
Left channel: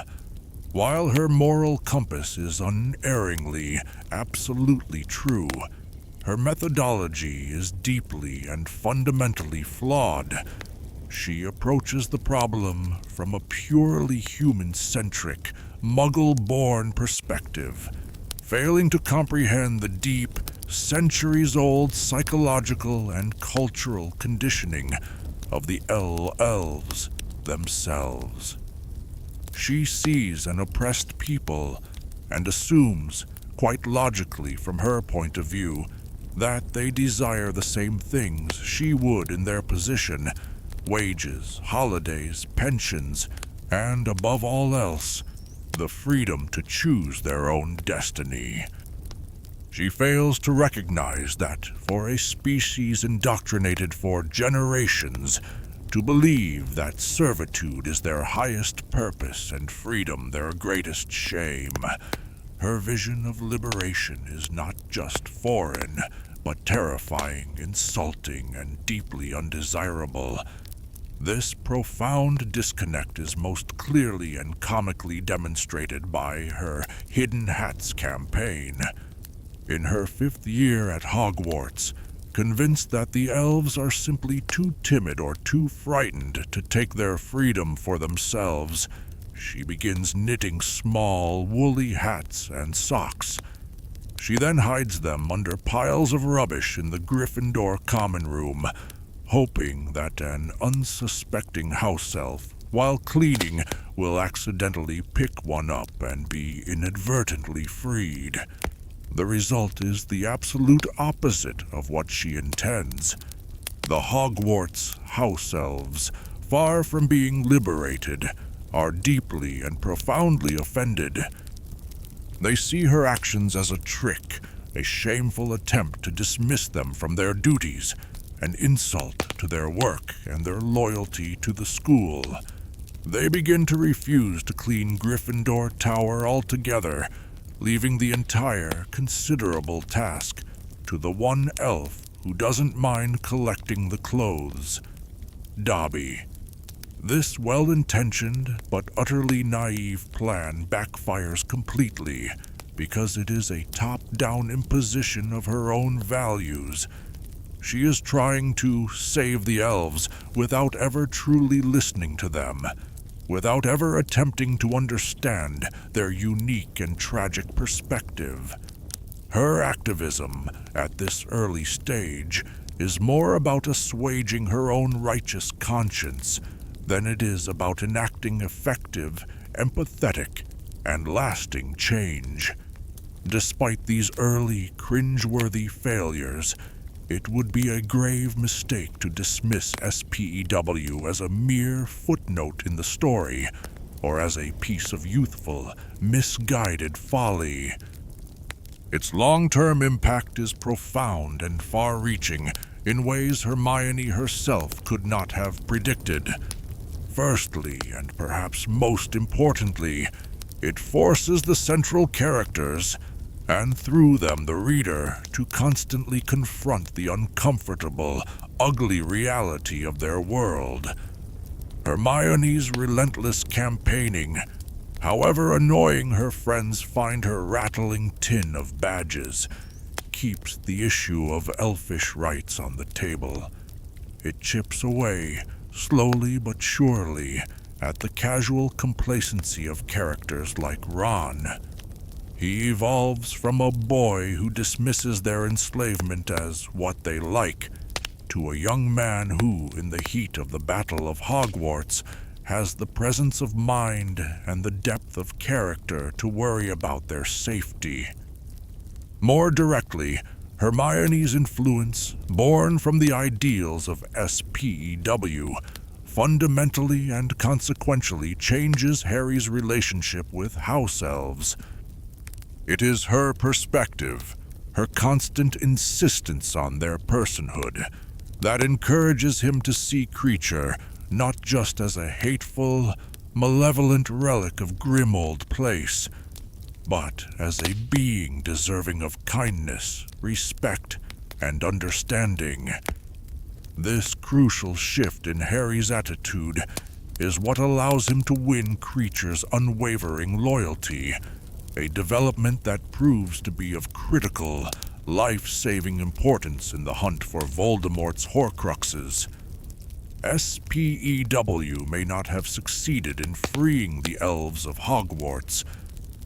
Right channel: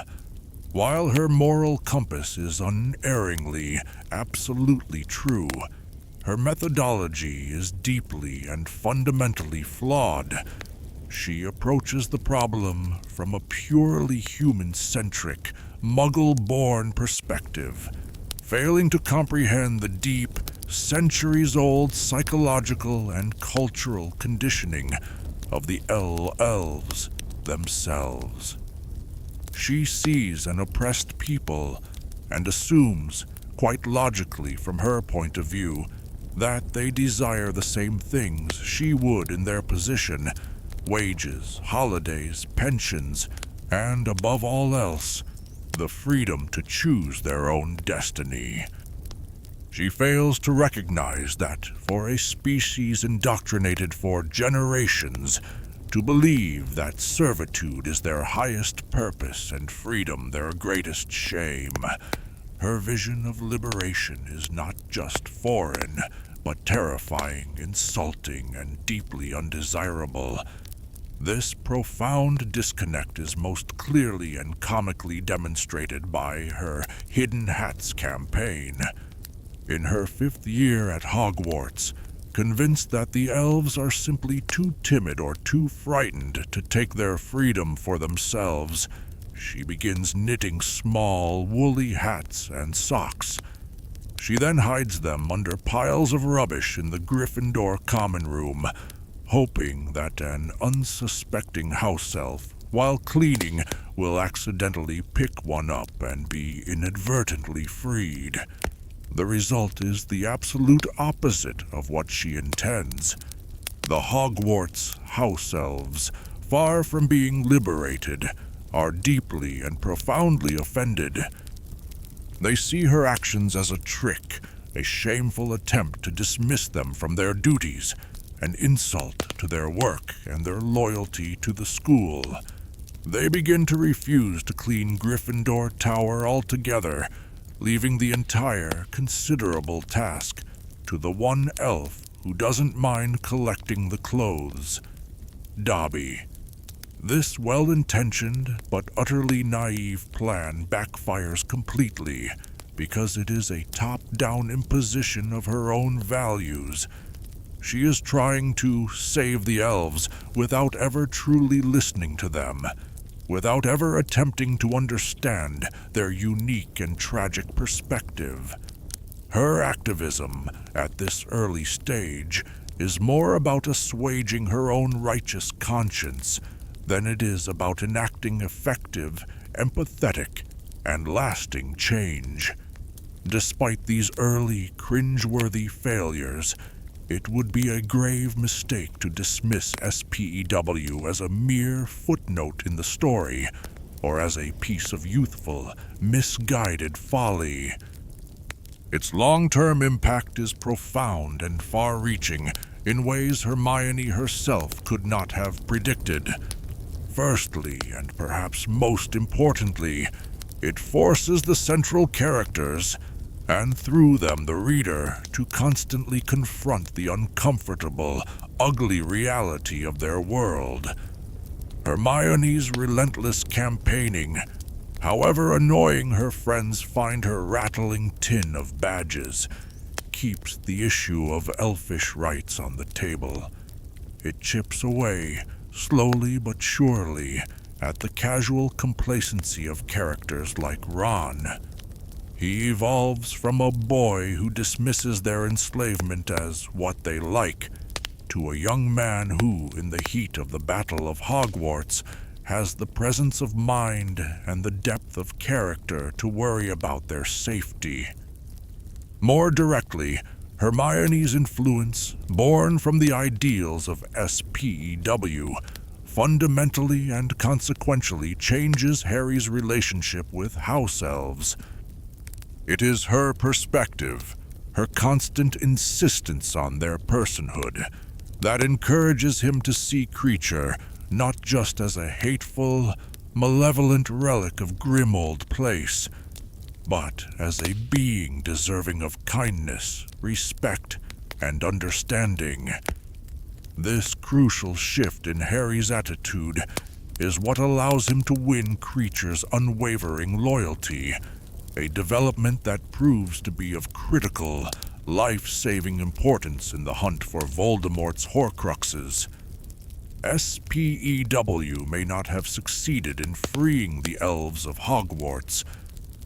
While her moral compass is unerringly, absolutely true, her methodology is deeply and fundamentally flawed. She approaches the problem from a purely human-centric, Muggle-born perspective, failing to comprehend the deep, centuries-old psychological and cultural conditioning of the elves themselves. She sees an oppressed people and assumes, quite logically from her point of view, that they desire the same things she would in their position: wages, holidays, pensions, and above all else, the freedom to choose their own destiny. She fails to recognize that for a species indoctrinated for generations to believe that servitude is their highest purpose and freedom their greatest shame, her vision of liberation is not just foreign, but terrifying, insulting, and deeply undesirable. This profound disconnect is most clearly and comically demonstrated by her Hidden Hats campaign. In her 5th year at Hogwarts, convinced that the elves are simply too timid or too frightened to take their freedom for themselves, she begins knitting small, woolly hats and socks. She then hides them under piles of rubbish in the Gryffindor common room, hoping that an unsuspecting house-elf, while cleaning, will accidentally pick one up and be inadvertently freed. The result is the absolute opposite of what she intends. The Hogwarts House-Elves, far from being liberated, are deeply and profoundly offended. They see her actions as a trick, a shameful attempt to dismiss them from their duties, an insult to their work and their loyalty to the school. They begin to refuse to clean Gryffindor Tower altogether, leaving the entire considerable task to the one elf who doesn't mind collecting the clothes, Dobby. This well-intentioned but utterly naive plan backfires completely because it is a top-down imposition of her own values. She is trying to save the elves without ever truly listening to them, without ever attempting to understand their unique and tragic perspective. Her activism at this early stage is more about assuaging her own righteous conscience than it is about enacting effective, empathetic, and lasting change. Despite these early, cringeworthy failures, it would be a grave mistake to dismiss S.P.E.W. as a mere footnote in the story, or as a piece of youthful, misguided folly. Its long-term impact is profound and far-reaching in ways Hermione herself could not have predicted. Firstly, and perhaps most importantly, it forces the central characters, and through them the reader to constantly confront the uncomfortable, ugly reality of their world. Hermione's relentless campaigning, however annoying her friends find her rattling tin of badges, keeps the issue of elfish rights on the table. It chips away, slowly but surely, at the casual complacency of characters like Ron. He evolves from a boy who dismisses their enslavement as what they like, to a young man who, in the heat of the Battle of Hogwarts, has the presence of mind and the depth of character to worry about their safety. More directly, Hermione's influence, born from the ideals of S.P.E.W., fundamentally and consequentially changes Harry's relationship with House-Elves. It is her perspective, her constant insistence on their personhood, that encourages him to see Kreacher not just as a hateful, malevolent relic of grim old place, but as a being deserving of kindness, respect, and understanding. This crucial shift in Harry's attitude is what allows him to win Kreacher's unwavering loyalty, a development that proves to be of critical, life-saving importance in the hunt for Voldemort's Horcruxes. S.P.E.W. may not have succeeded in freeing the elves of Hogwarts,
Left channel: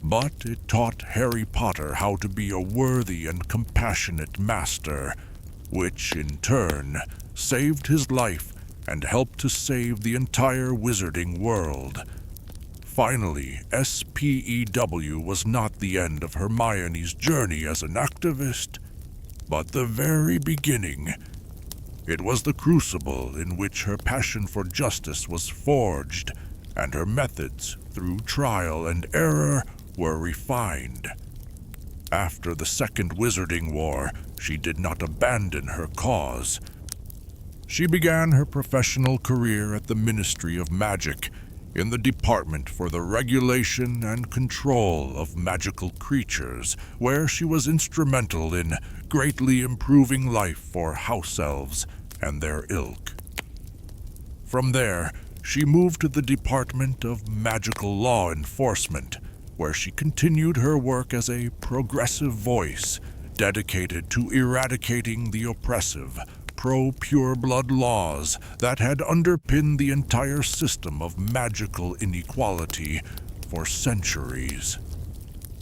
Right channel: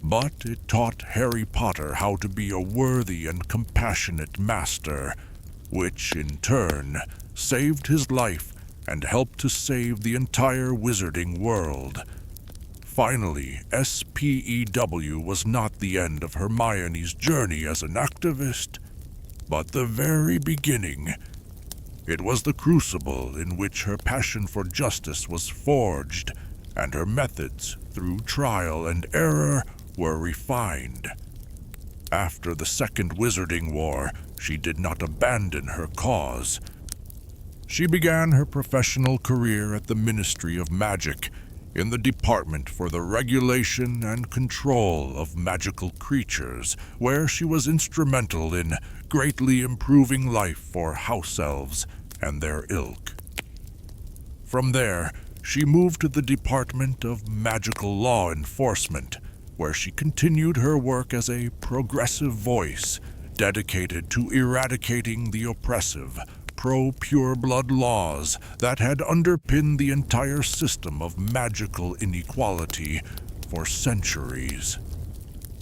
but it taught Harry Potter how to be a worthy and compassionate master, which, in turn, saved his life and helped to save the entire wizarding world. Finally, S.P.E.W. was not the end of Hermione's journey as an activist, but the very beginning. It was the crucible in which her passion for justice was forged, and her methods, through trial and error, were refined. After the Second Wizarding War, she did not abandon her cause. She began her professional career at the Ministry of Magic, in the Department for the Regulation and Control of Magical Creatures, where she was instrumental in greatly improving life for House-Elves and their ilk. From there, she moved to the Department of Magical Law Enforcement, where she continued her work as a progressive voice dedicated to eradicating the oppressive, pro-pureblood laws that had underpinned the entire system of magical inequality for centuries.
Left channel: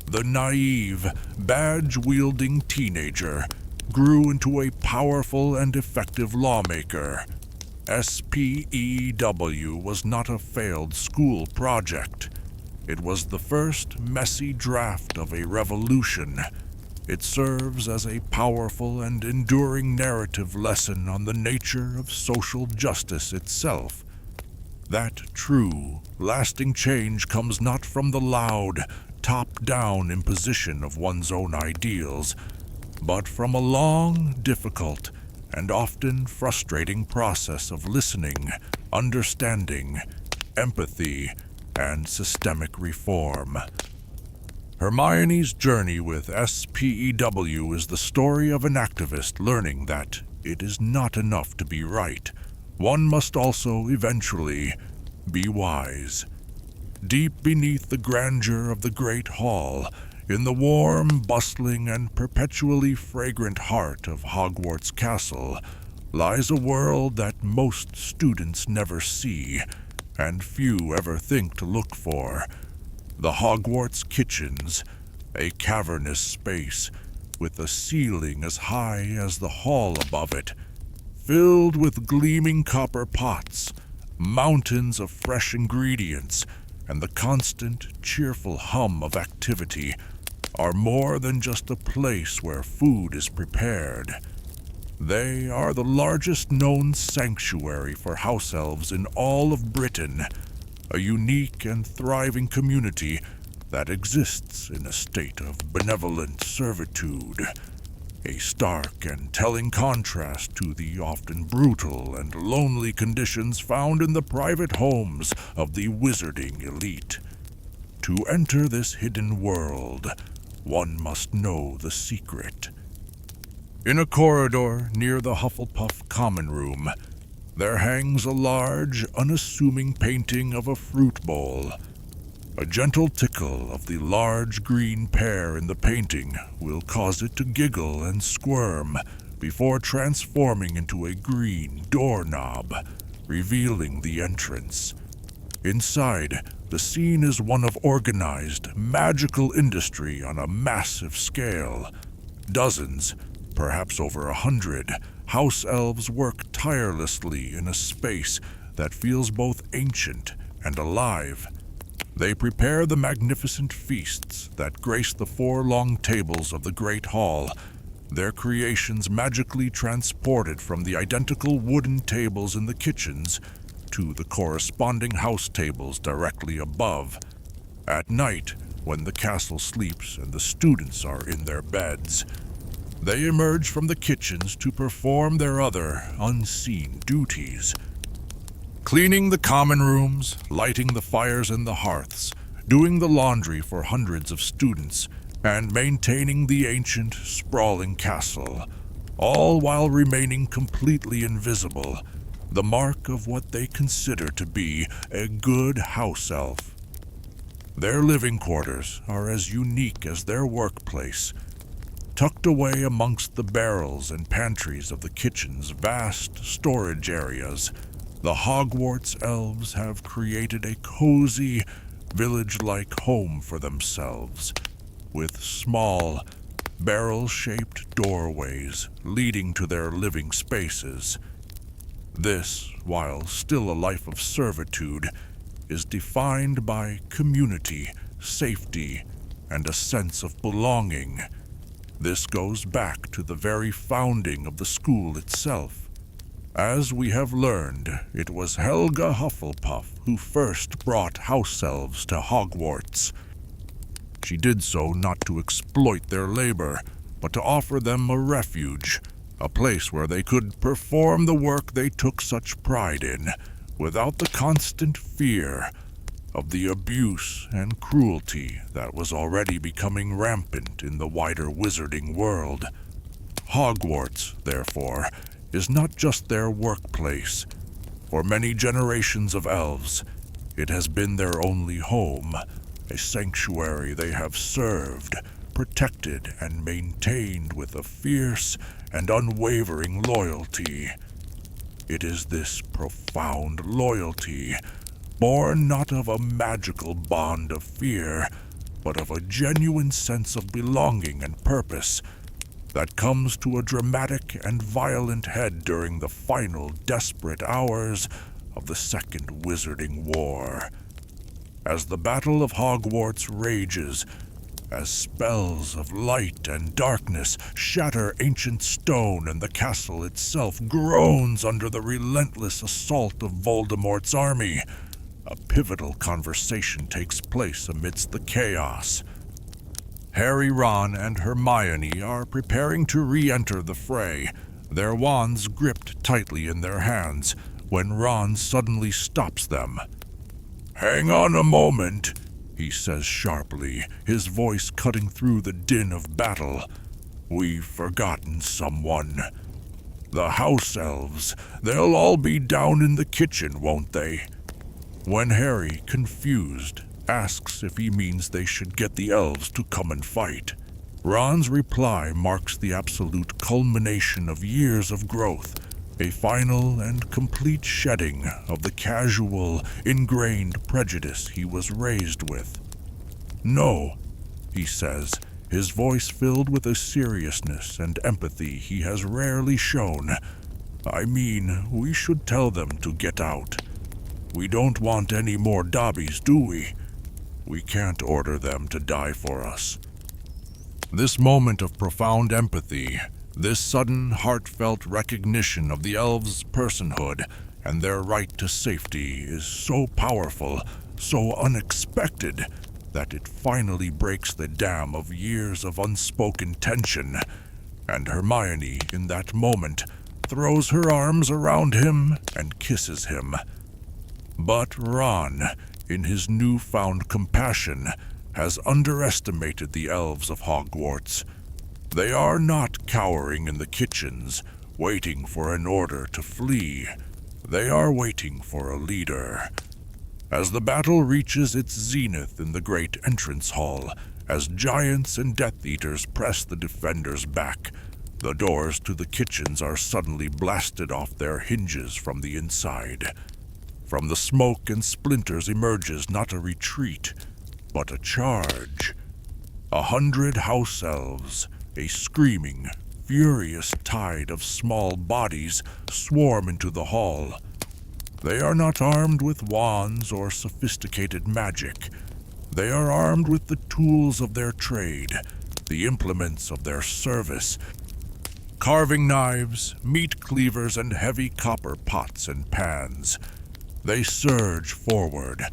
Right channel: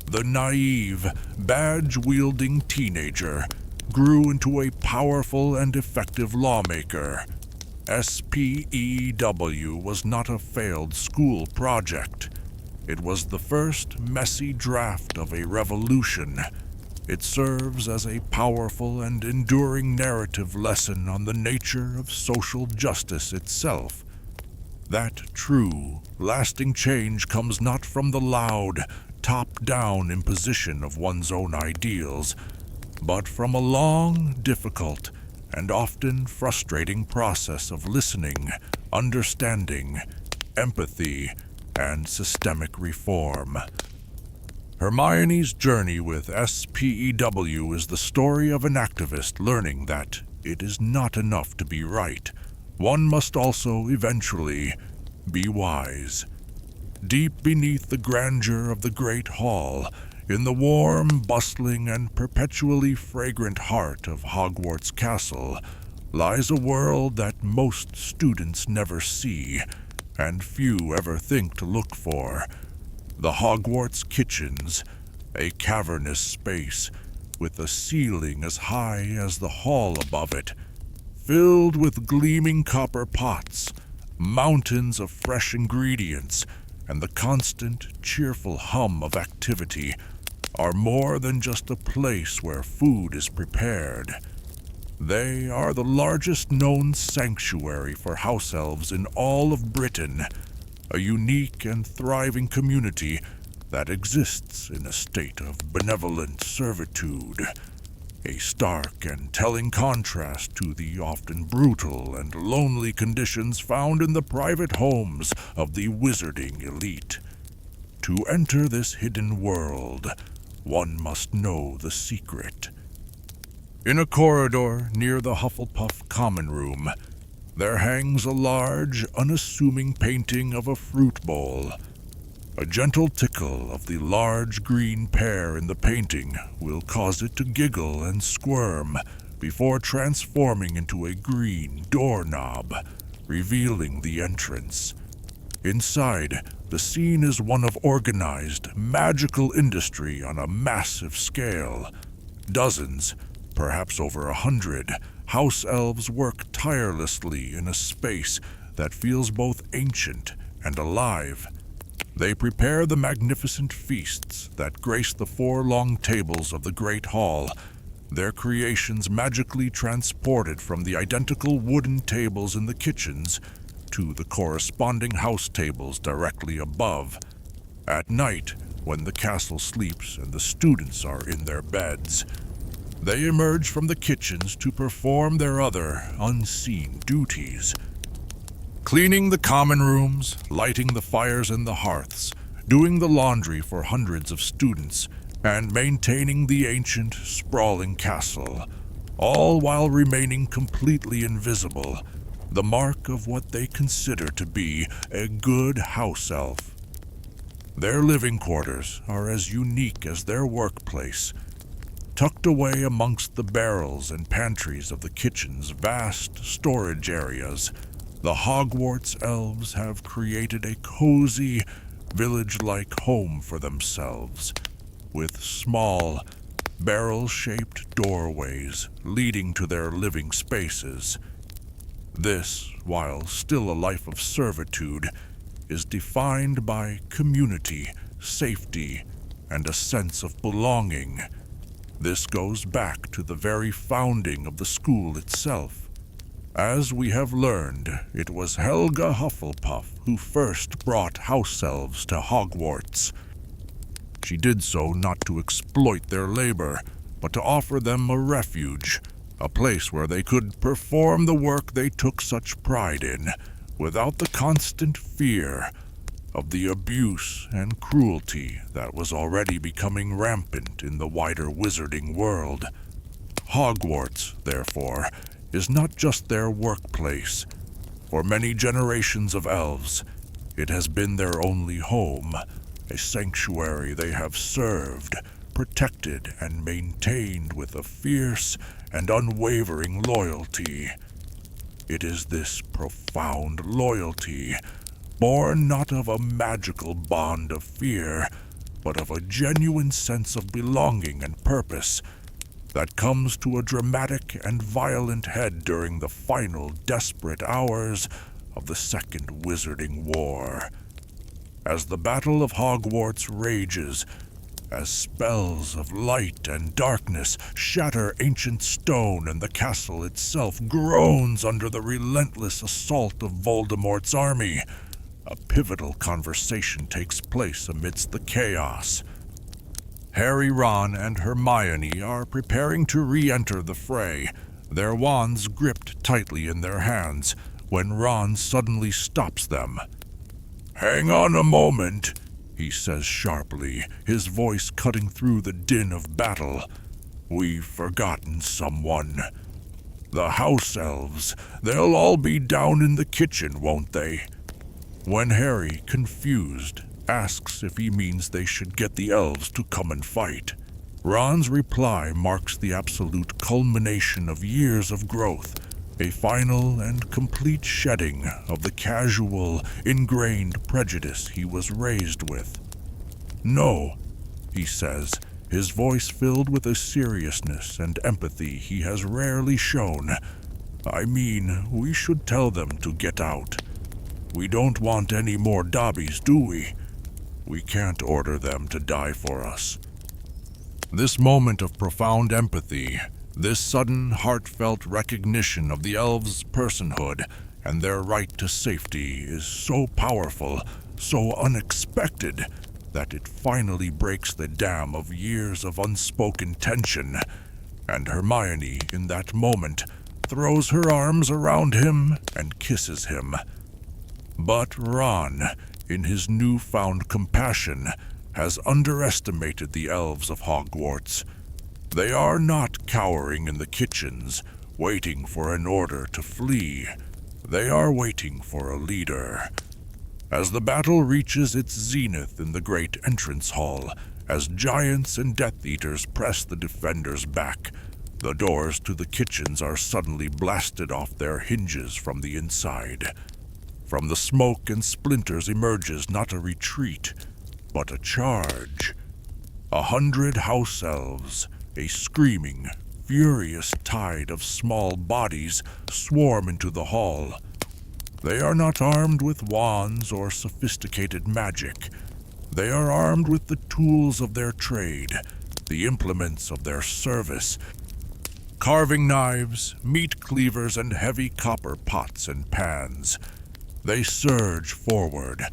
The naive, badge-wielding teenager grew into a powerful and effective lawmaker. S.P.E.W. was not a failed school project. It was the first messy draft of a revolution. It serves as a powerful and enduring narrative lesson on the nature of social justice itself. That true, lasting change comes not from the loud, top-down imposition of one's own ideals, but from a long, difficult, and often frustrating process of listening, understanding, empathy, and systemic reform. Hermione's journey with S.P.E.W. is the story of an activist learning that it is not enough to be right. One must also, eventually, be wise. Deep beneath the grandeur of the Great Hall, in the warm, bustling, and perpetually fragrant heart of Hogwarts Castle, lies a world that most students never see, and few ever think to look for. The Hogwarts Kitchens, a cavernous space with a ceiling as high as the hall above it, filled with gleaming copper pots, mountains of fresh ingredients, and the constant, cheerful hum of activity, are more than just a place where food is prepared. They are the largest known sanctuary for house-elves in all of Britain, a unique and thriving community that exists in a state of benevolent servitude, a stark and telling contrast to the often brutal and lonely conditions found in the private homes of the wizarding elite. To enter this hidden world, one must know the secret. In a corridor near the Hufflepuff common room, there hangs a large, unassuming painting of a fruit bowl. A gentle tickle of the large green pear in the painting will cause it to giggle and squirm before transforming into a green doorknob, revealing the entrance. Inside, the scene is one of organized, magical industry on a massive scale. Dozens, perhaps over 100, House-Elves work tirelessly in a space that feels both ancient and alive. They prepare the magnificent feasts that grace the 4 long tables of the Great Hall, their creations magically transported from the identical wooden tables in the kitchens to the corresponding house tables directly above. At night, when the castle sleeps and the students are in their beds, they emerge from the kitchens to perform their other unseen duties. Cleaning the common rooms, lighting the fires in the hearths, doing the laundry for hundreds of students, and maintaining the ancient, sprawling castle, all while remaining completely invisible, the mark of what they consider to be a good house elf. Their living quarters are as unique as their workplace. Tucked away amongst the barrels and pantries of the kitchen's vast storage areas, the Hogwarts elves have created a cozy, village-like home for themselves, with small, barrel-shaped doorways leading to their living spaces. This, while still a life of servitude, is defined by community, safety, and a sense of belonging. This goes back to the very founding of the school itself. As we have learned, it was Helga Hufflepuff who first brought House-Elves to Hogwarts. She did so not to exploit their labor, but to offer them a refuge, a place where they could perform the work they took such pride in, without the constant fear of the abuse and cruelty that was already becoming rampant in the wider wizarding world. Hogwarts, therefore, is not just their workplace. For many generations of elves, it has been their only home, a sanctuary they have served, protected, and maintained with a fierce and unwavering loyalty. It is this profound loyalty, born not of a magical bond of fear, but of a genuine sense of belonging and purpose, that comes to a dramatic and violent head during the final desperate hours of the Second Wizarding War. As the Battle of Hogwarts rages, as spells of light and darkness shatter ancient stone and the castle itself groans under the relentless assault of Voldemort's army, a pivotal conversation takes place amidst the chaos. Harry, Ron, and Hermione are preparing to re-enter the fray, their wands gripped tightly in their hands, when Ron suddenly stops them. "Hang on a moment," he says sharply, his voice cutting through the din of battle. "We've forgotten someone. The House-Elves. They'll all be down in the kitchen, won't they?" When Harry, confused, asks if he means they should get the elves to come and fight, Ron's reply marks the absolute culmination of years of growth, a final and complete shedding of the casual, ingrained prejudice he was raised with. "No," he says, his voice filled with a seriousness and empathy he has rarely shown. "I mean, we should tell them to get out. We don't want any more Dobbys, do we? We can't order them to die for us." This moment of profound empathy, this sudden heartfelt recognition of the elves' personhood and their right to safety is so powerful, so unexpected, that it finally breaks the dam of years of unspoken tension, and Hermione, in that moment, throws her arms around him and kisses him. But Ron, in his newfound compassion, has underestimated the elves of Hogwarts. They are not cowering in the kitchens, waiting for an order to flee. They are waiting for a leader. As the battle reaches its zenith in the great entrance hall, as giants and Death Eaters press the defenders back, the doors to the kitchens are suddenly blasted off their hinges from the inside. From the smoke and splinters emerges not a retreat, but a charge. 100 House-Elves, a screaming, furious tide of small bodies, swarm into the hall. They are not armed with wands or sophisticated magic. They are armed with the tools of their trade, the implements of their service, carving knives, meat cleavers, and heavy copper pots and pans. They surge forward,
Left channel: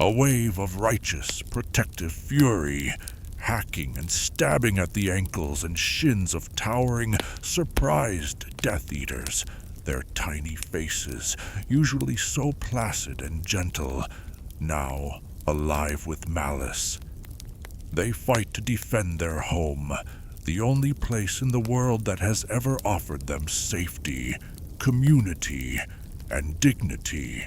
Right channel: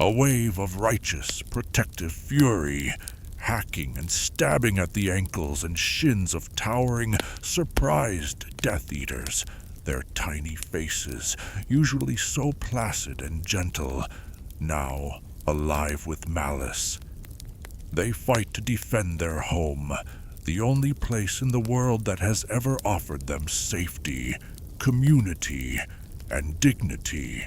a wave of righteous, protective fury, hacking and stabbing at the ankles and shins of towering, surprised Death Eaters, their tiny faces, usually so placid and gentle, now alive with malice. They fight to defend their home, the only place in the world that has ever offered them safety, community, and dignity.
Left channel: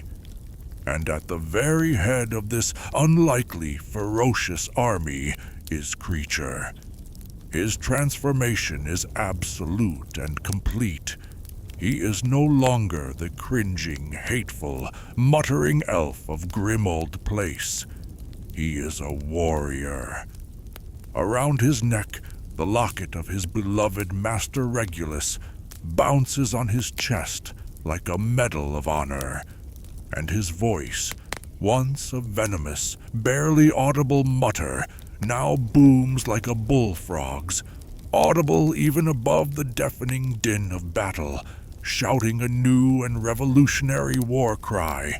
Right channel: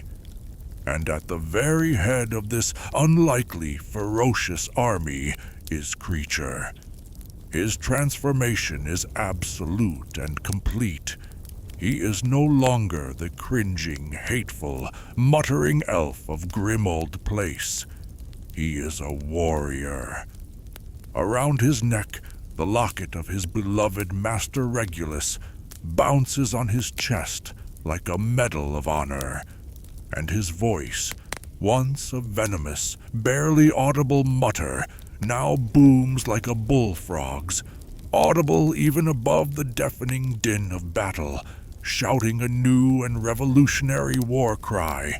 And at the very head of this unlikely, ferocious army is Kreacher. His transformation is absolute and complete. He is no longer the cringing, hateful, muttering elf of Grimmauld Place. He is a warrior. Around his neck, the locket of his beloved Master Regulus bounces on his chest like a medal of honor, and his voice, once a venomous, barely audible mutter, now booms like a bullfrog's, audible even above the deafening din of battle, shouting a new and revolutionary war cry.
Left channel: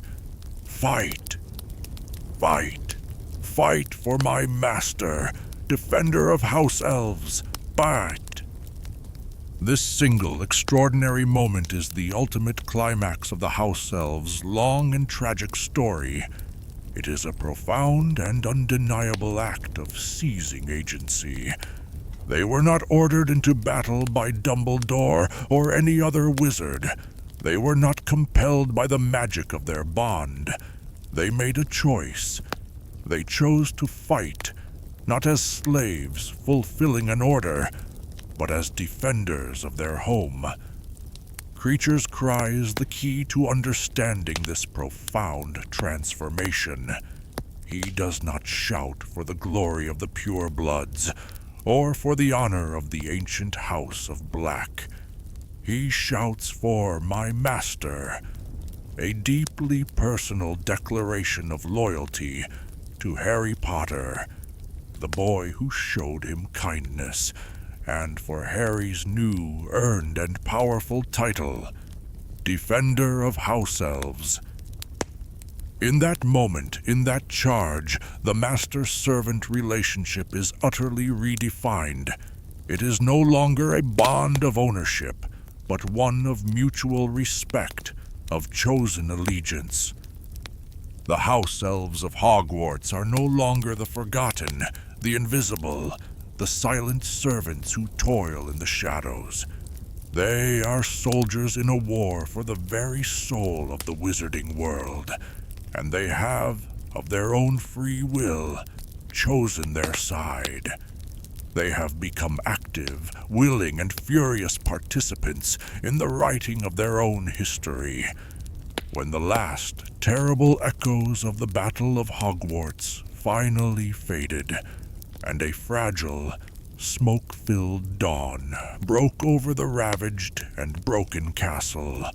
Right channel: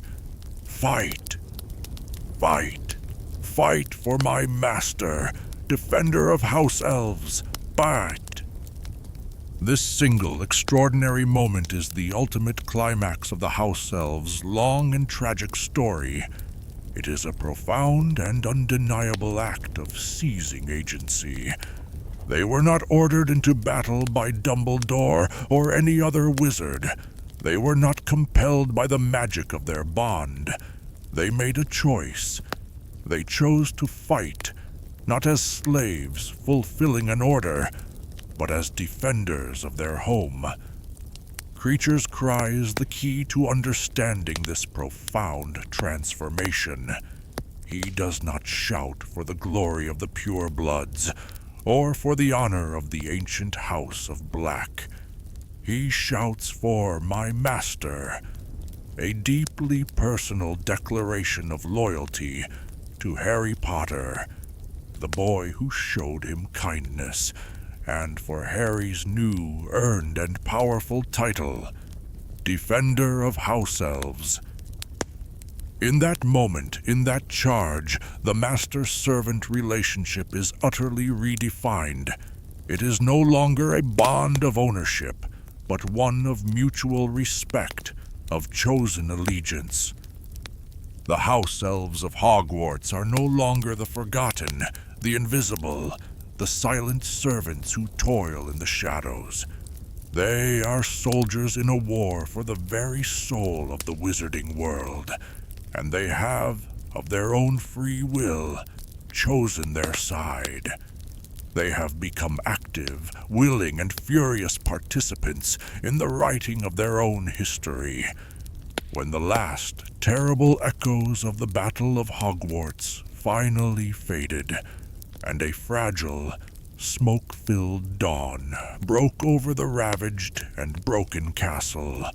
Fight! Fight! Fight for my master, defender of House-Elves, fight! This single extraordinary moment is the ultimate climax of the House-Elves' long and tragic story. It is a profound and undeniable act of seizing agency. They were not ordered into battle by Dumbledore or any other wizard. They were not compelled by the magic of their bond. They made a choice. They chose to fight, not as slaves fulfilling an order, but as defenders of their home. Kreacher's cry is the key to understanding this profound transformation. He does not shout for the glory of the purebloods, or for the honor of the ancient House of Black. He shouts for my master, a deeply personal declaration of loyalty to Harry Potter, the boy who showed him kindness, and for Harry's new, earned and powerful title, Defender of House-Elves. In that moment, in that charge, the master-servant relationship is utterly redefined. It is no longer a bond of ownership, but one of mutual respect, of chosen allegiance. The House-Elves of Hogwarts are no longer the forgotten, the invisible, the silent servants who toil in the shadows. They are soldiers in a war for the very soul of the wizarding world, and they have, of their own free will, chosen their side. They have become active, willing, and furious participants in the writing of their own history. When the last terrible echoes of the Battle of Hogwarts finally faded, and a fragile, smoke-filled dawn broke over the ravaged and broken castle,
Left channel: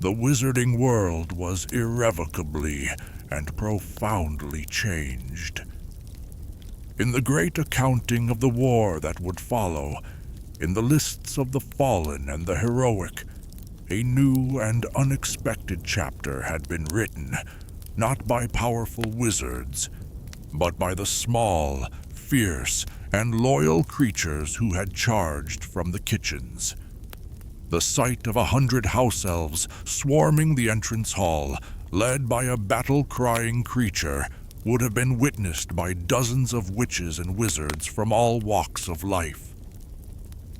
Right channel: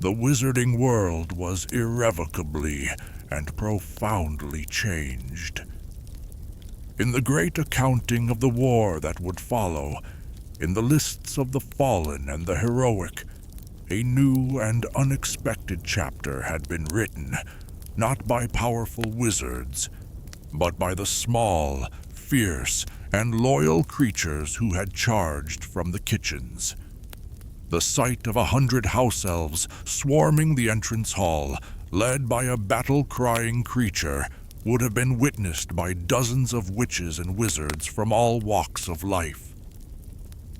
the wizarding world was irrevocably and profoundly changed. In the great accounting of the war that would follow, in the lists of the fallen and the heroic, a new and unexpected chapter had been written, not by powerful wizards, but by the small, fierce, and loyal creatures who had charged from the kitchens. The sight of 100 House-Elves swarming the entrance hall, led by a battle-crying Kreacher, would have been witnessed by dozens of witches and wizards from all walks of life.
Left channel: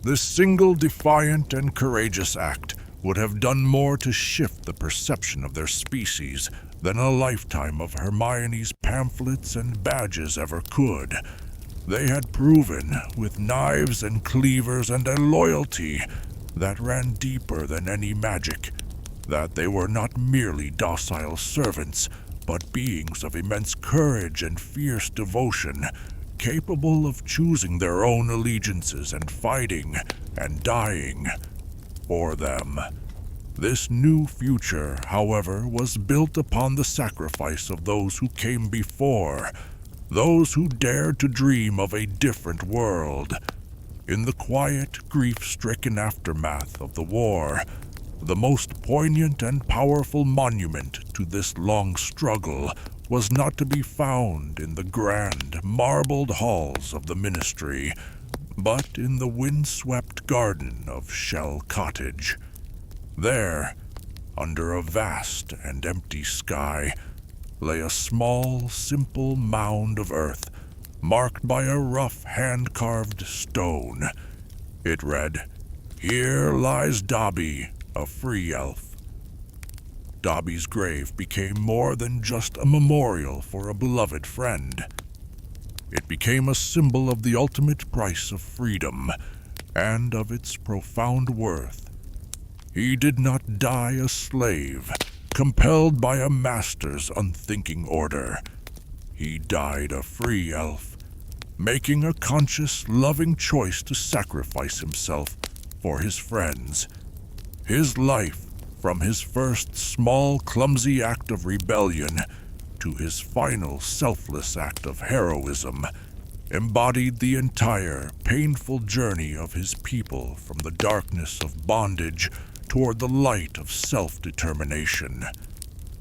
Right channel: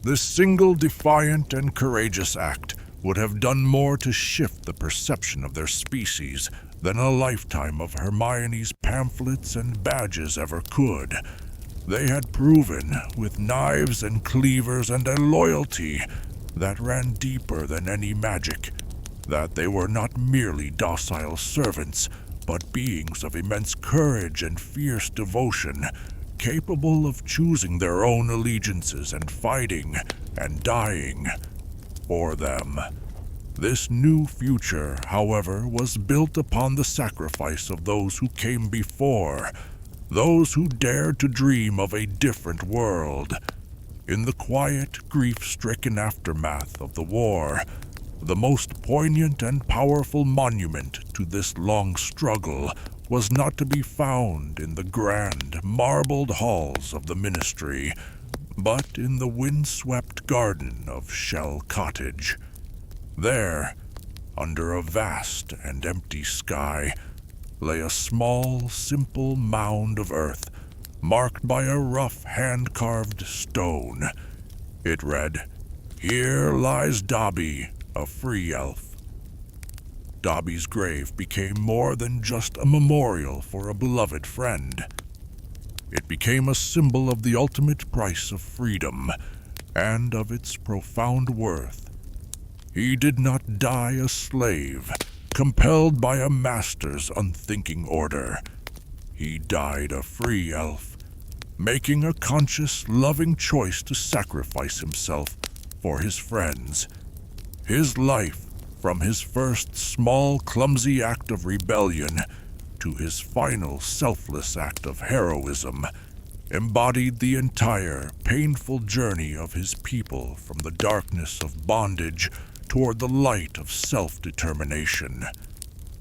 This single defiant and courageous act would have done more to shift the perception of their species than a lifetime of Hermione's pamphlets and badges ever could. They had proven, with knives and cleavers and a loyalty that ran deeper than any magic, that they were not merely docile servants, but beings of immense courage and fierce devotion, capable of choosing their own allegiances and fighting and dying for them. This new future, however, was built upon the sacrifice of those who came before, those who dared to dream of a different world. In the quiet, grief-stricken aftermath of the war, the most poignant and powerful monument to this long struggle was not to be found in the grand, marbled halls of the Ministry, but in the wind-swept garden of Shell Cottage. There, under a vast and empty sky, lay a small, simple mound of earth, marked by a rough hand-carved stone. It read, "Here lies Dobby, a free elf." Dobby's grave became more than just a memorial for a beloved friend. It became a symbol of the ultimate price of freedom, and of its profound worth. He did not die a slave, compelled by a master's unthinking order. He died a free elf, making a conscious, loving choice to sacrifice himself for his friends. His life, from his first small, clumsy act of rebellion to his final selfless act of heroism, embodied the entire painful journey of his people from the darkness of bondage toward the light of self-determination.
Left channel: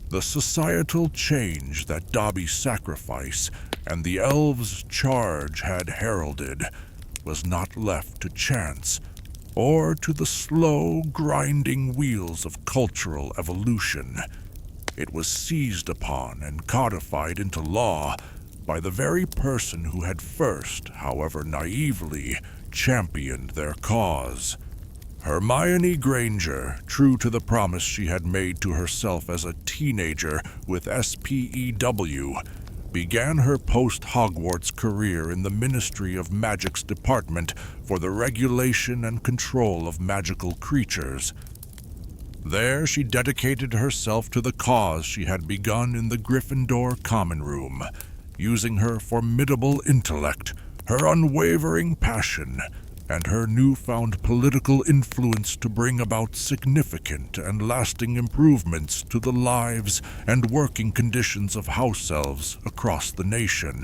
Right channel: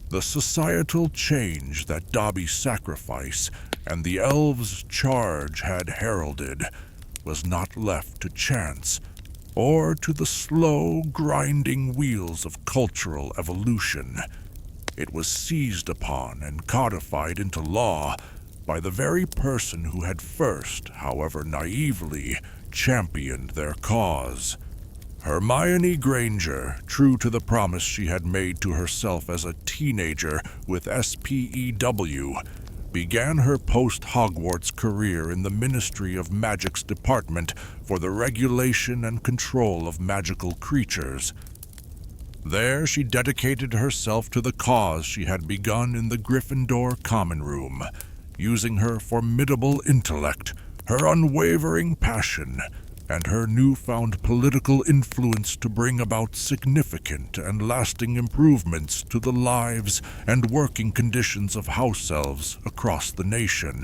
The societal change that Dobby's sacrifice and the elves' charge had heralded was not left to chance or to the slow, grinding wheels of cultural evolution. It was seized upon and codified into law by the very person who had first, however naively, championed their cause. Hermione Granger, true to the promise she had made to herself as a teenager with S.P.E.W., began her post-Hogwarts career in the Ministry of Magic's department for the regulation and control of magical creatures. There she dedicated herself to the cause she had begun in the Gryffindor Common Room, using her formidable intellect, her unwavering passion, and her newfound political influence to bring about significant and lasting improvements to the lives and working conditions of House-Elves across the nation.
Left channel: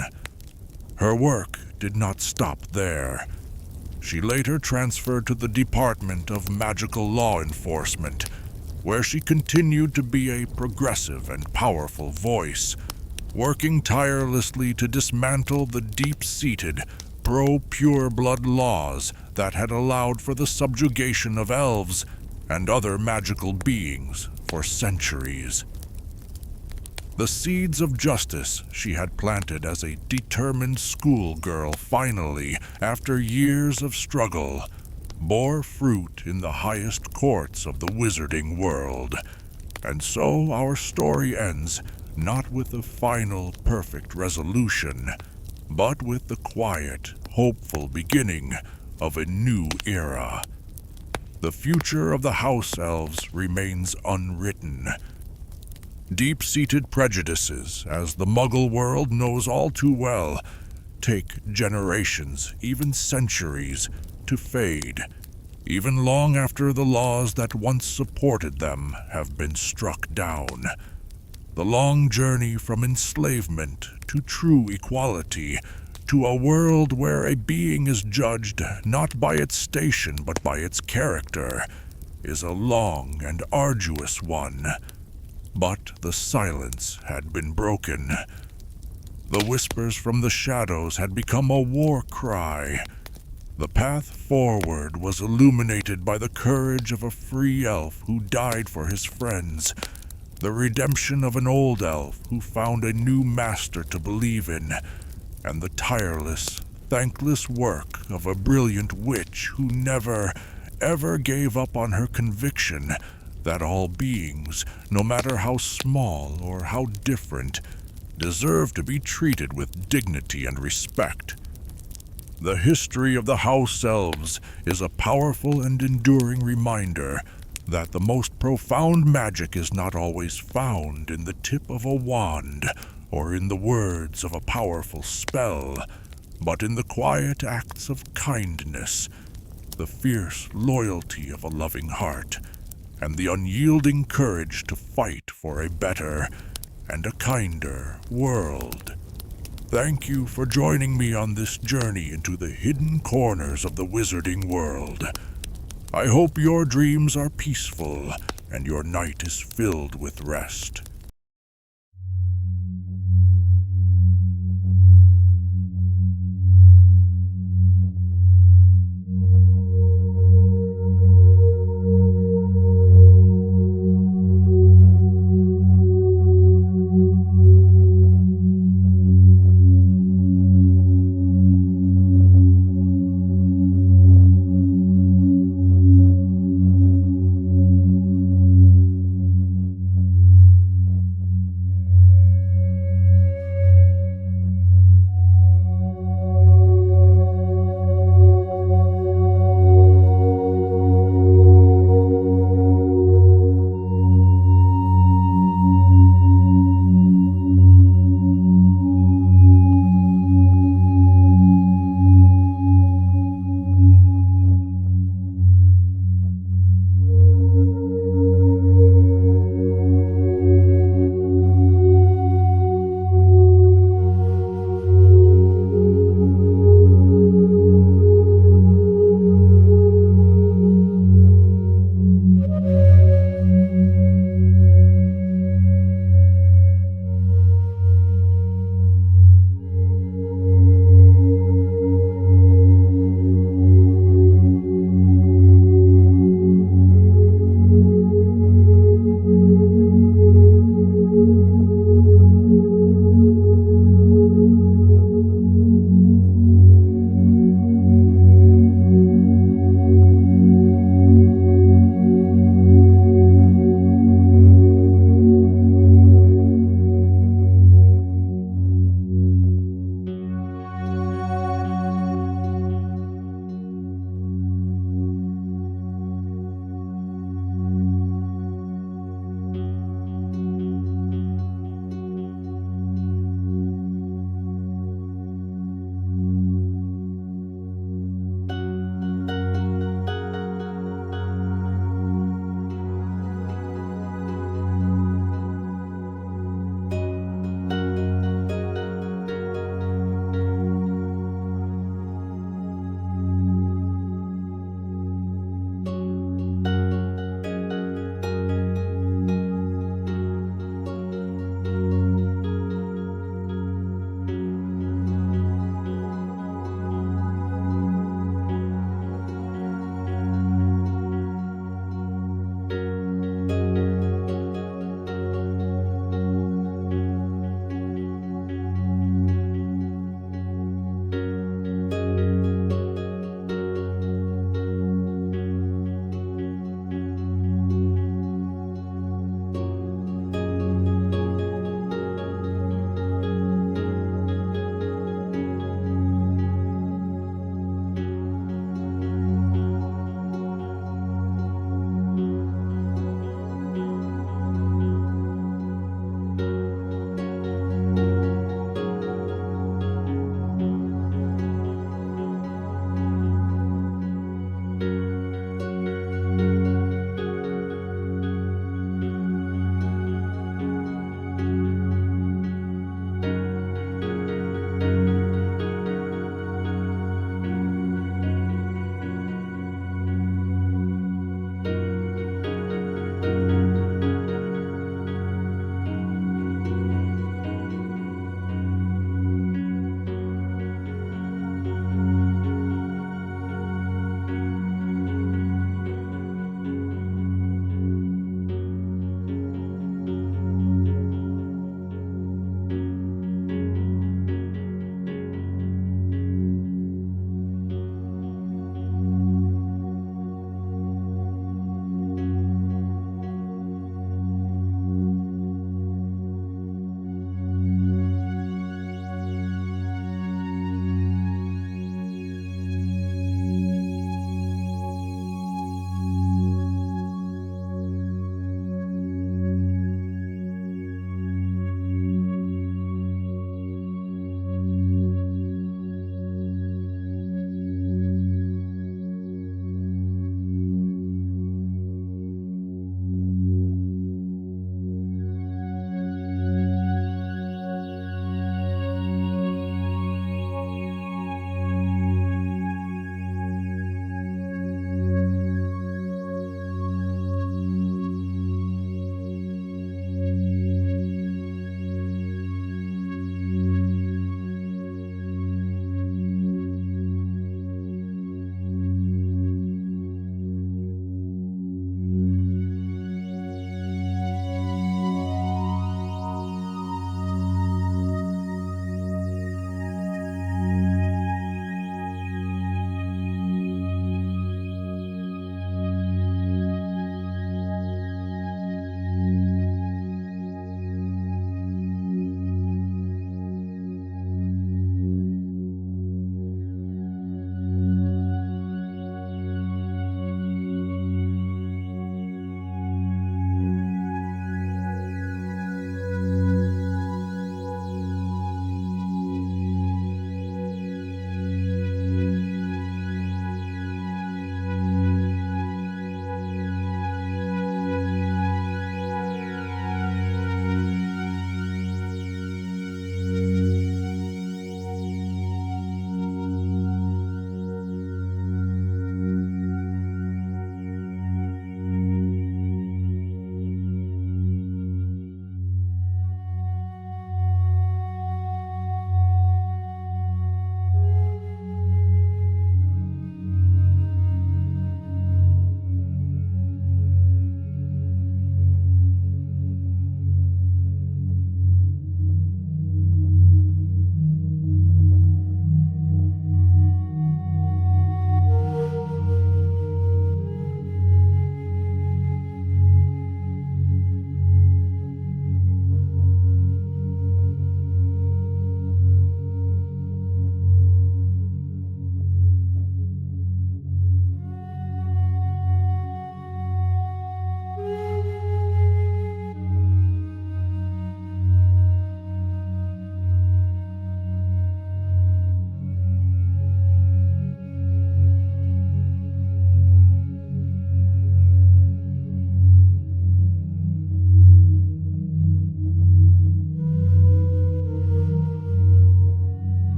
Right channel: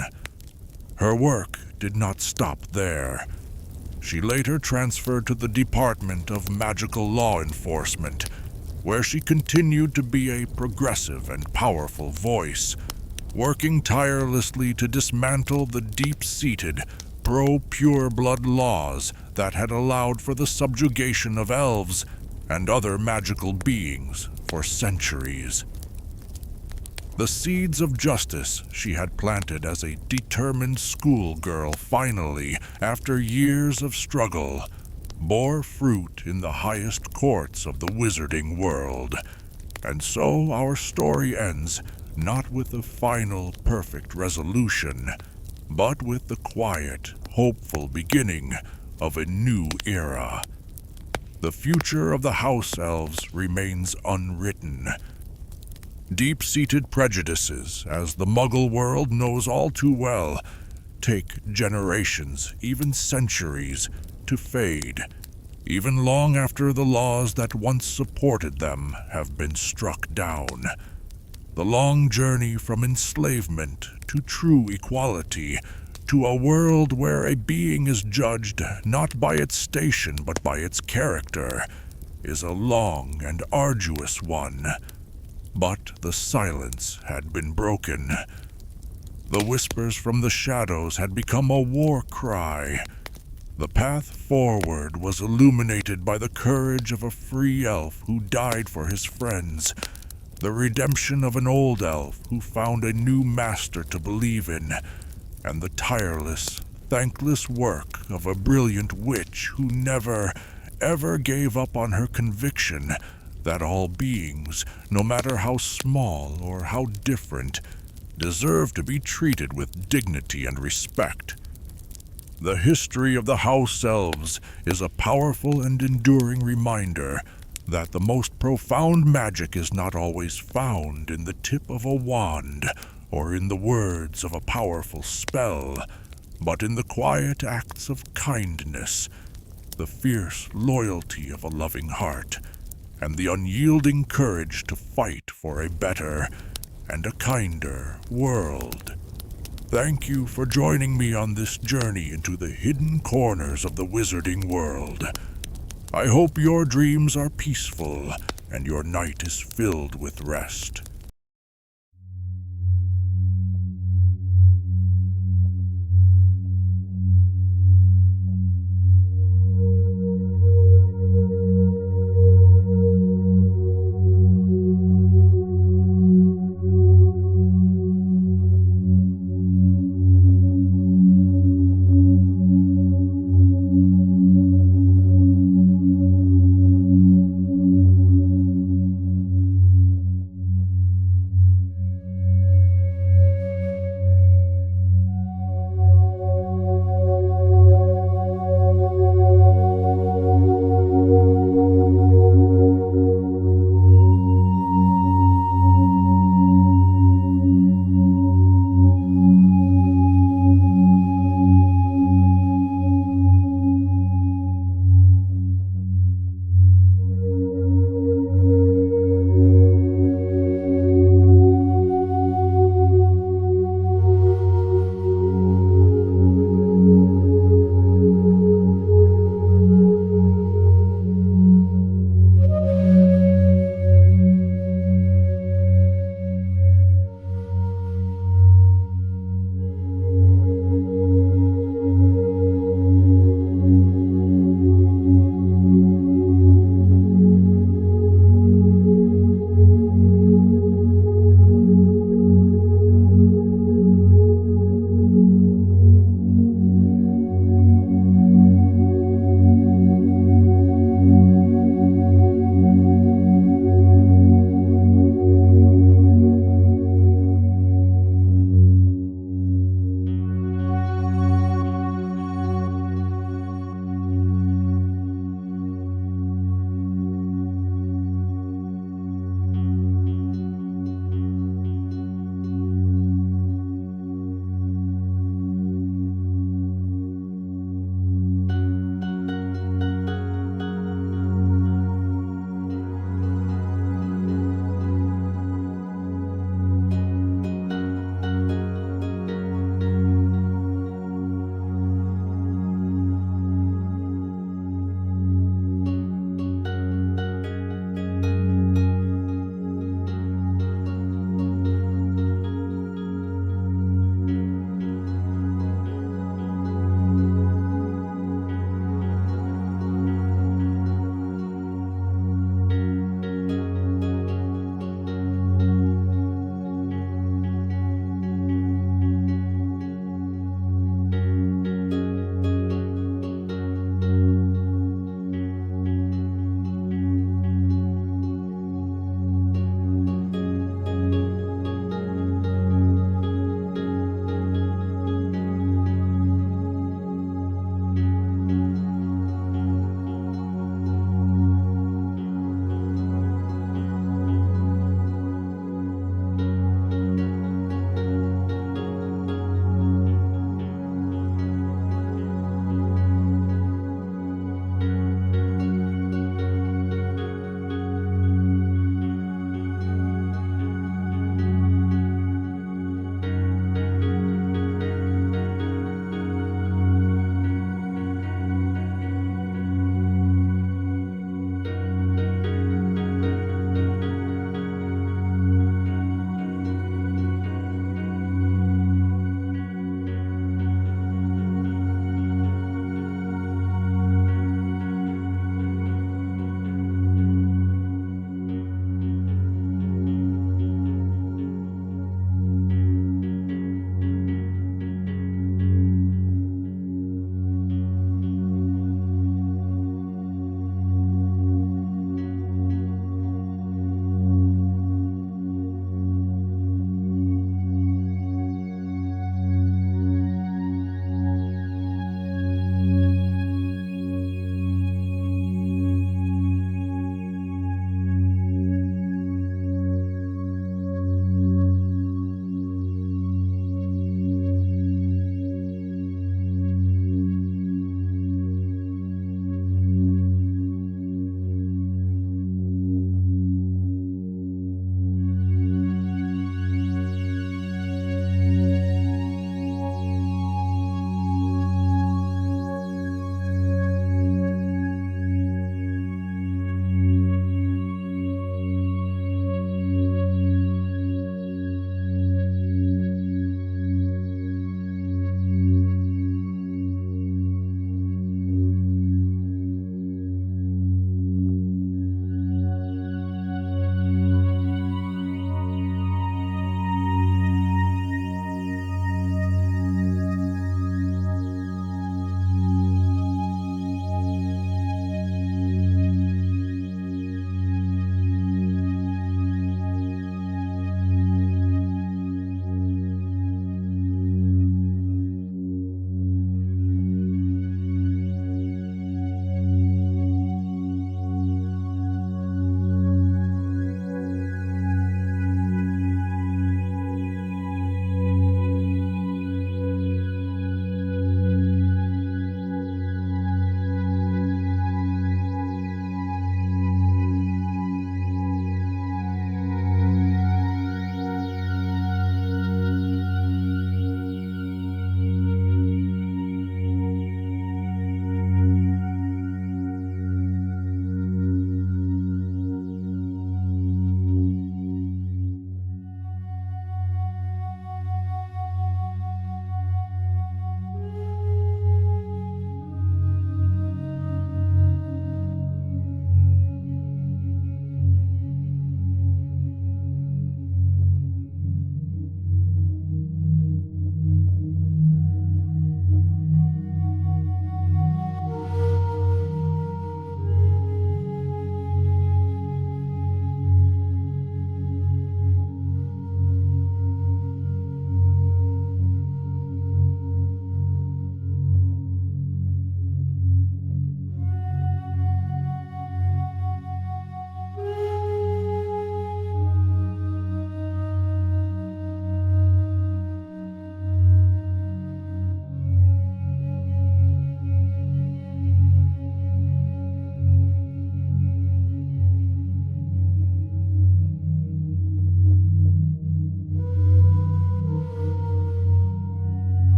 Her work did not stop there. She later transferred to the Department of Magical Law Enforcement, where she continued to be a progressive and powerful voice, working tirelessly to dismantle the deep-seated, pro-pure-blood laws that had allowed for the subjugation of elves and other magical beings for centuries. The seeds of justice she had planted as a determined schoolgirl finally, after years of struggle, bore fruit in the highest courts of the wizarding world. And so our story ends, not with a final, perfect resolution, but with the quiet, hopeful beginning of a new era. The future of the House-Elves remains unwritten. Deep-seated prejudices, as the Muggle world knows all too well, take generations, even centuries, to fade, even long after the laws that once supported them have been struck down. The long journey from enslavement to true equality, to a world where a being is judged not by its station but by its character, is a long and arduous one. But the silence had been broken. The whispers from the shadows had become a war cry. The path forward was illuminated by the courage of a free elf who died for his friends. the redemption of an old elf who found a new master to believe in, and the tireless, thankless work of a brilliant witch who never, ever gave up on her conviction that all beings, no matter how small or how different, deserve to be treated with dignity and respect. The history of the House-Elves is a powerful and enduring reminder that the most profound magic is not always found in the tip of a wand or in the words of a powerful spell, but in the quiet acts of kindness, the fierce loyalty of a loving heart, and the unyielding courage to fight for a better and a kinder world. Thank you for joining me on this journey into the hidden corners of the wizarding world. I hope your dreams are peaceful and your night is filled with rest.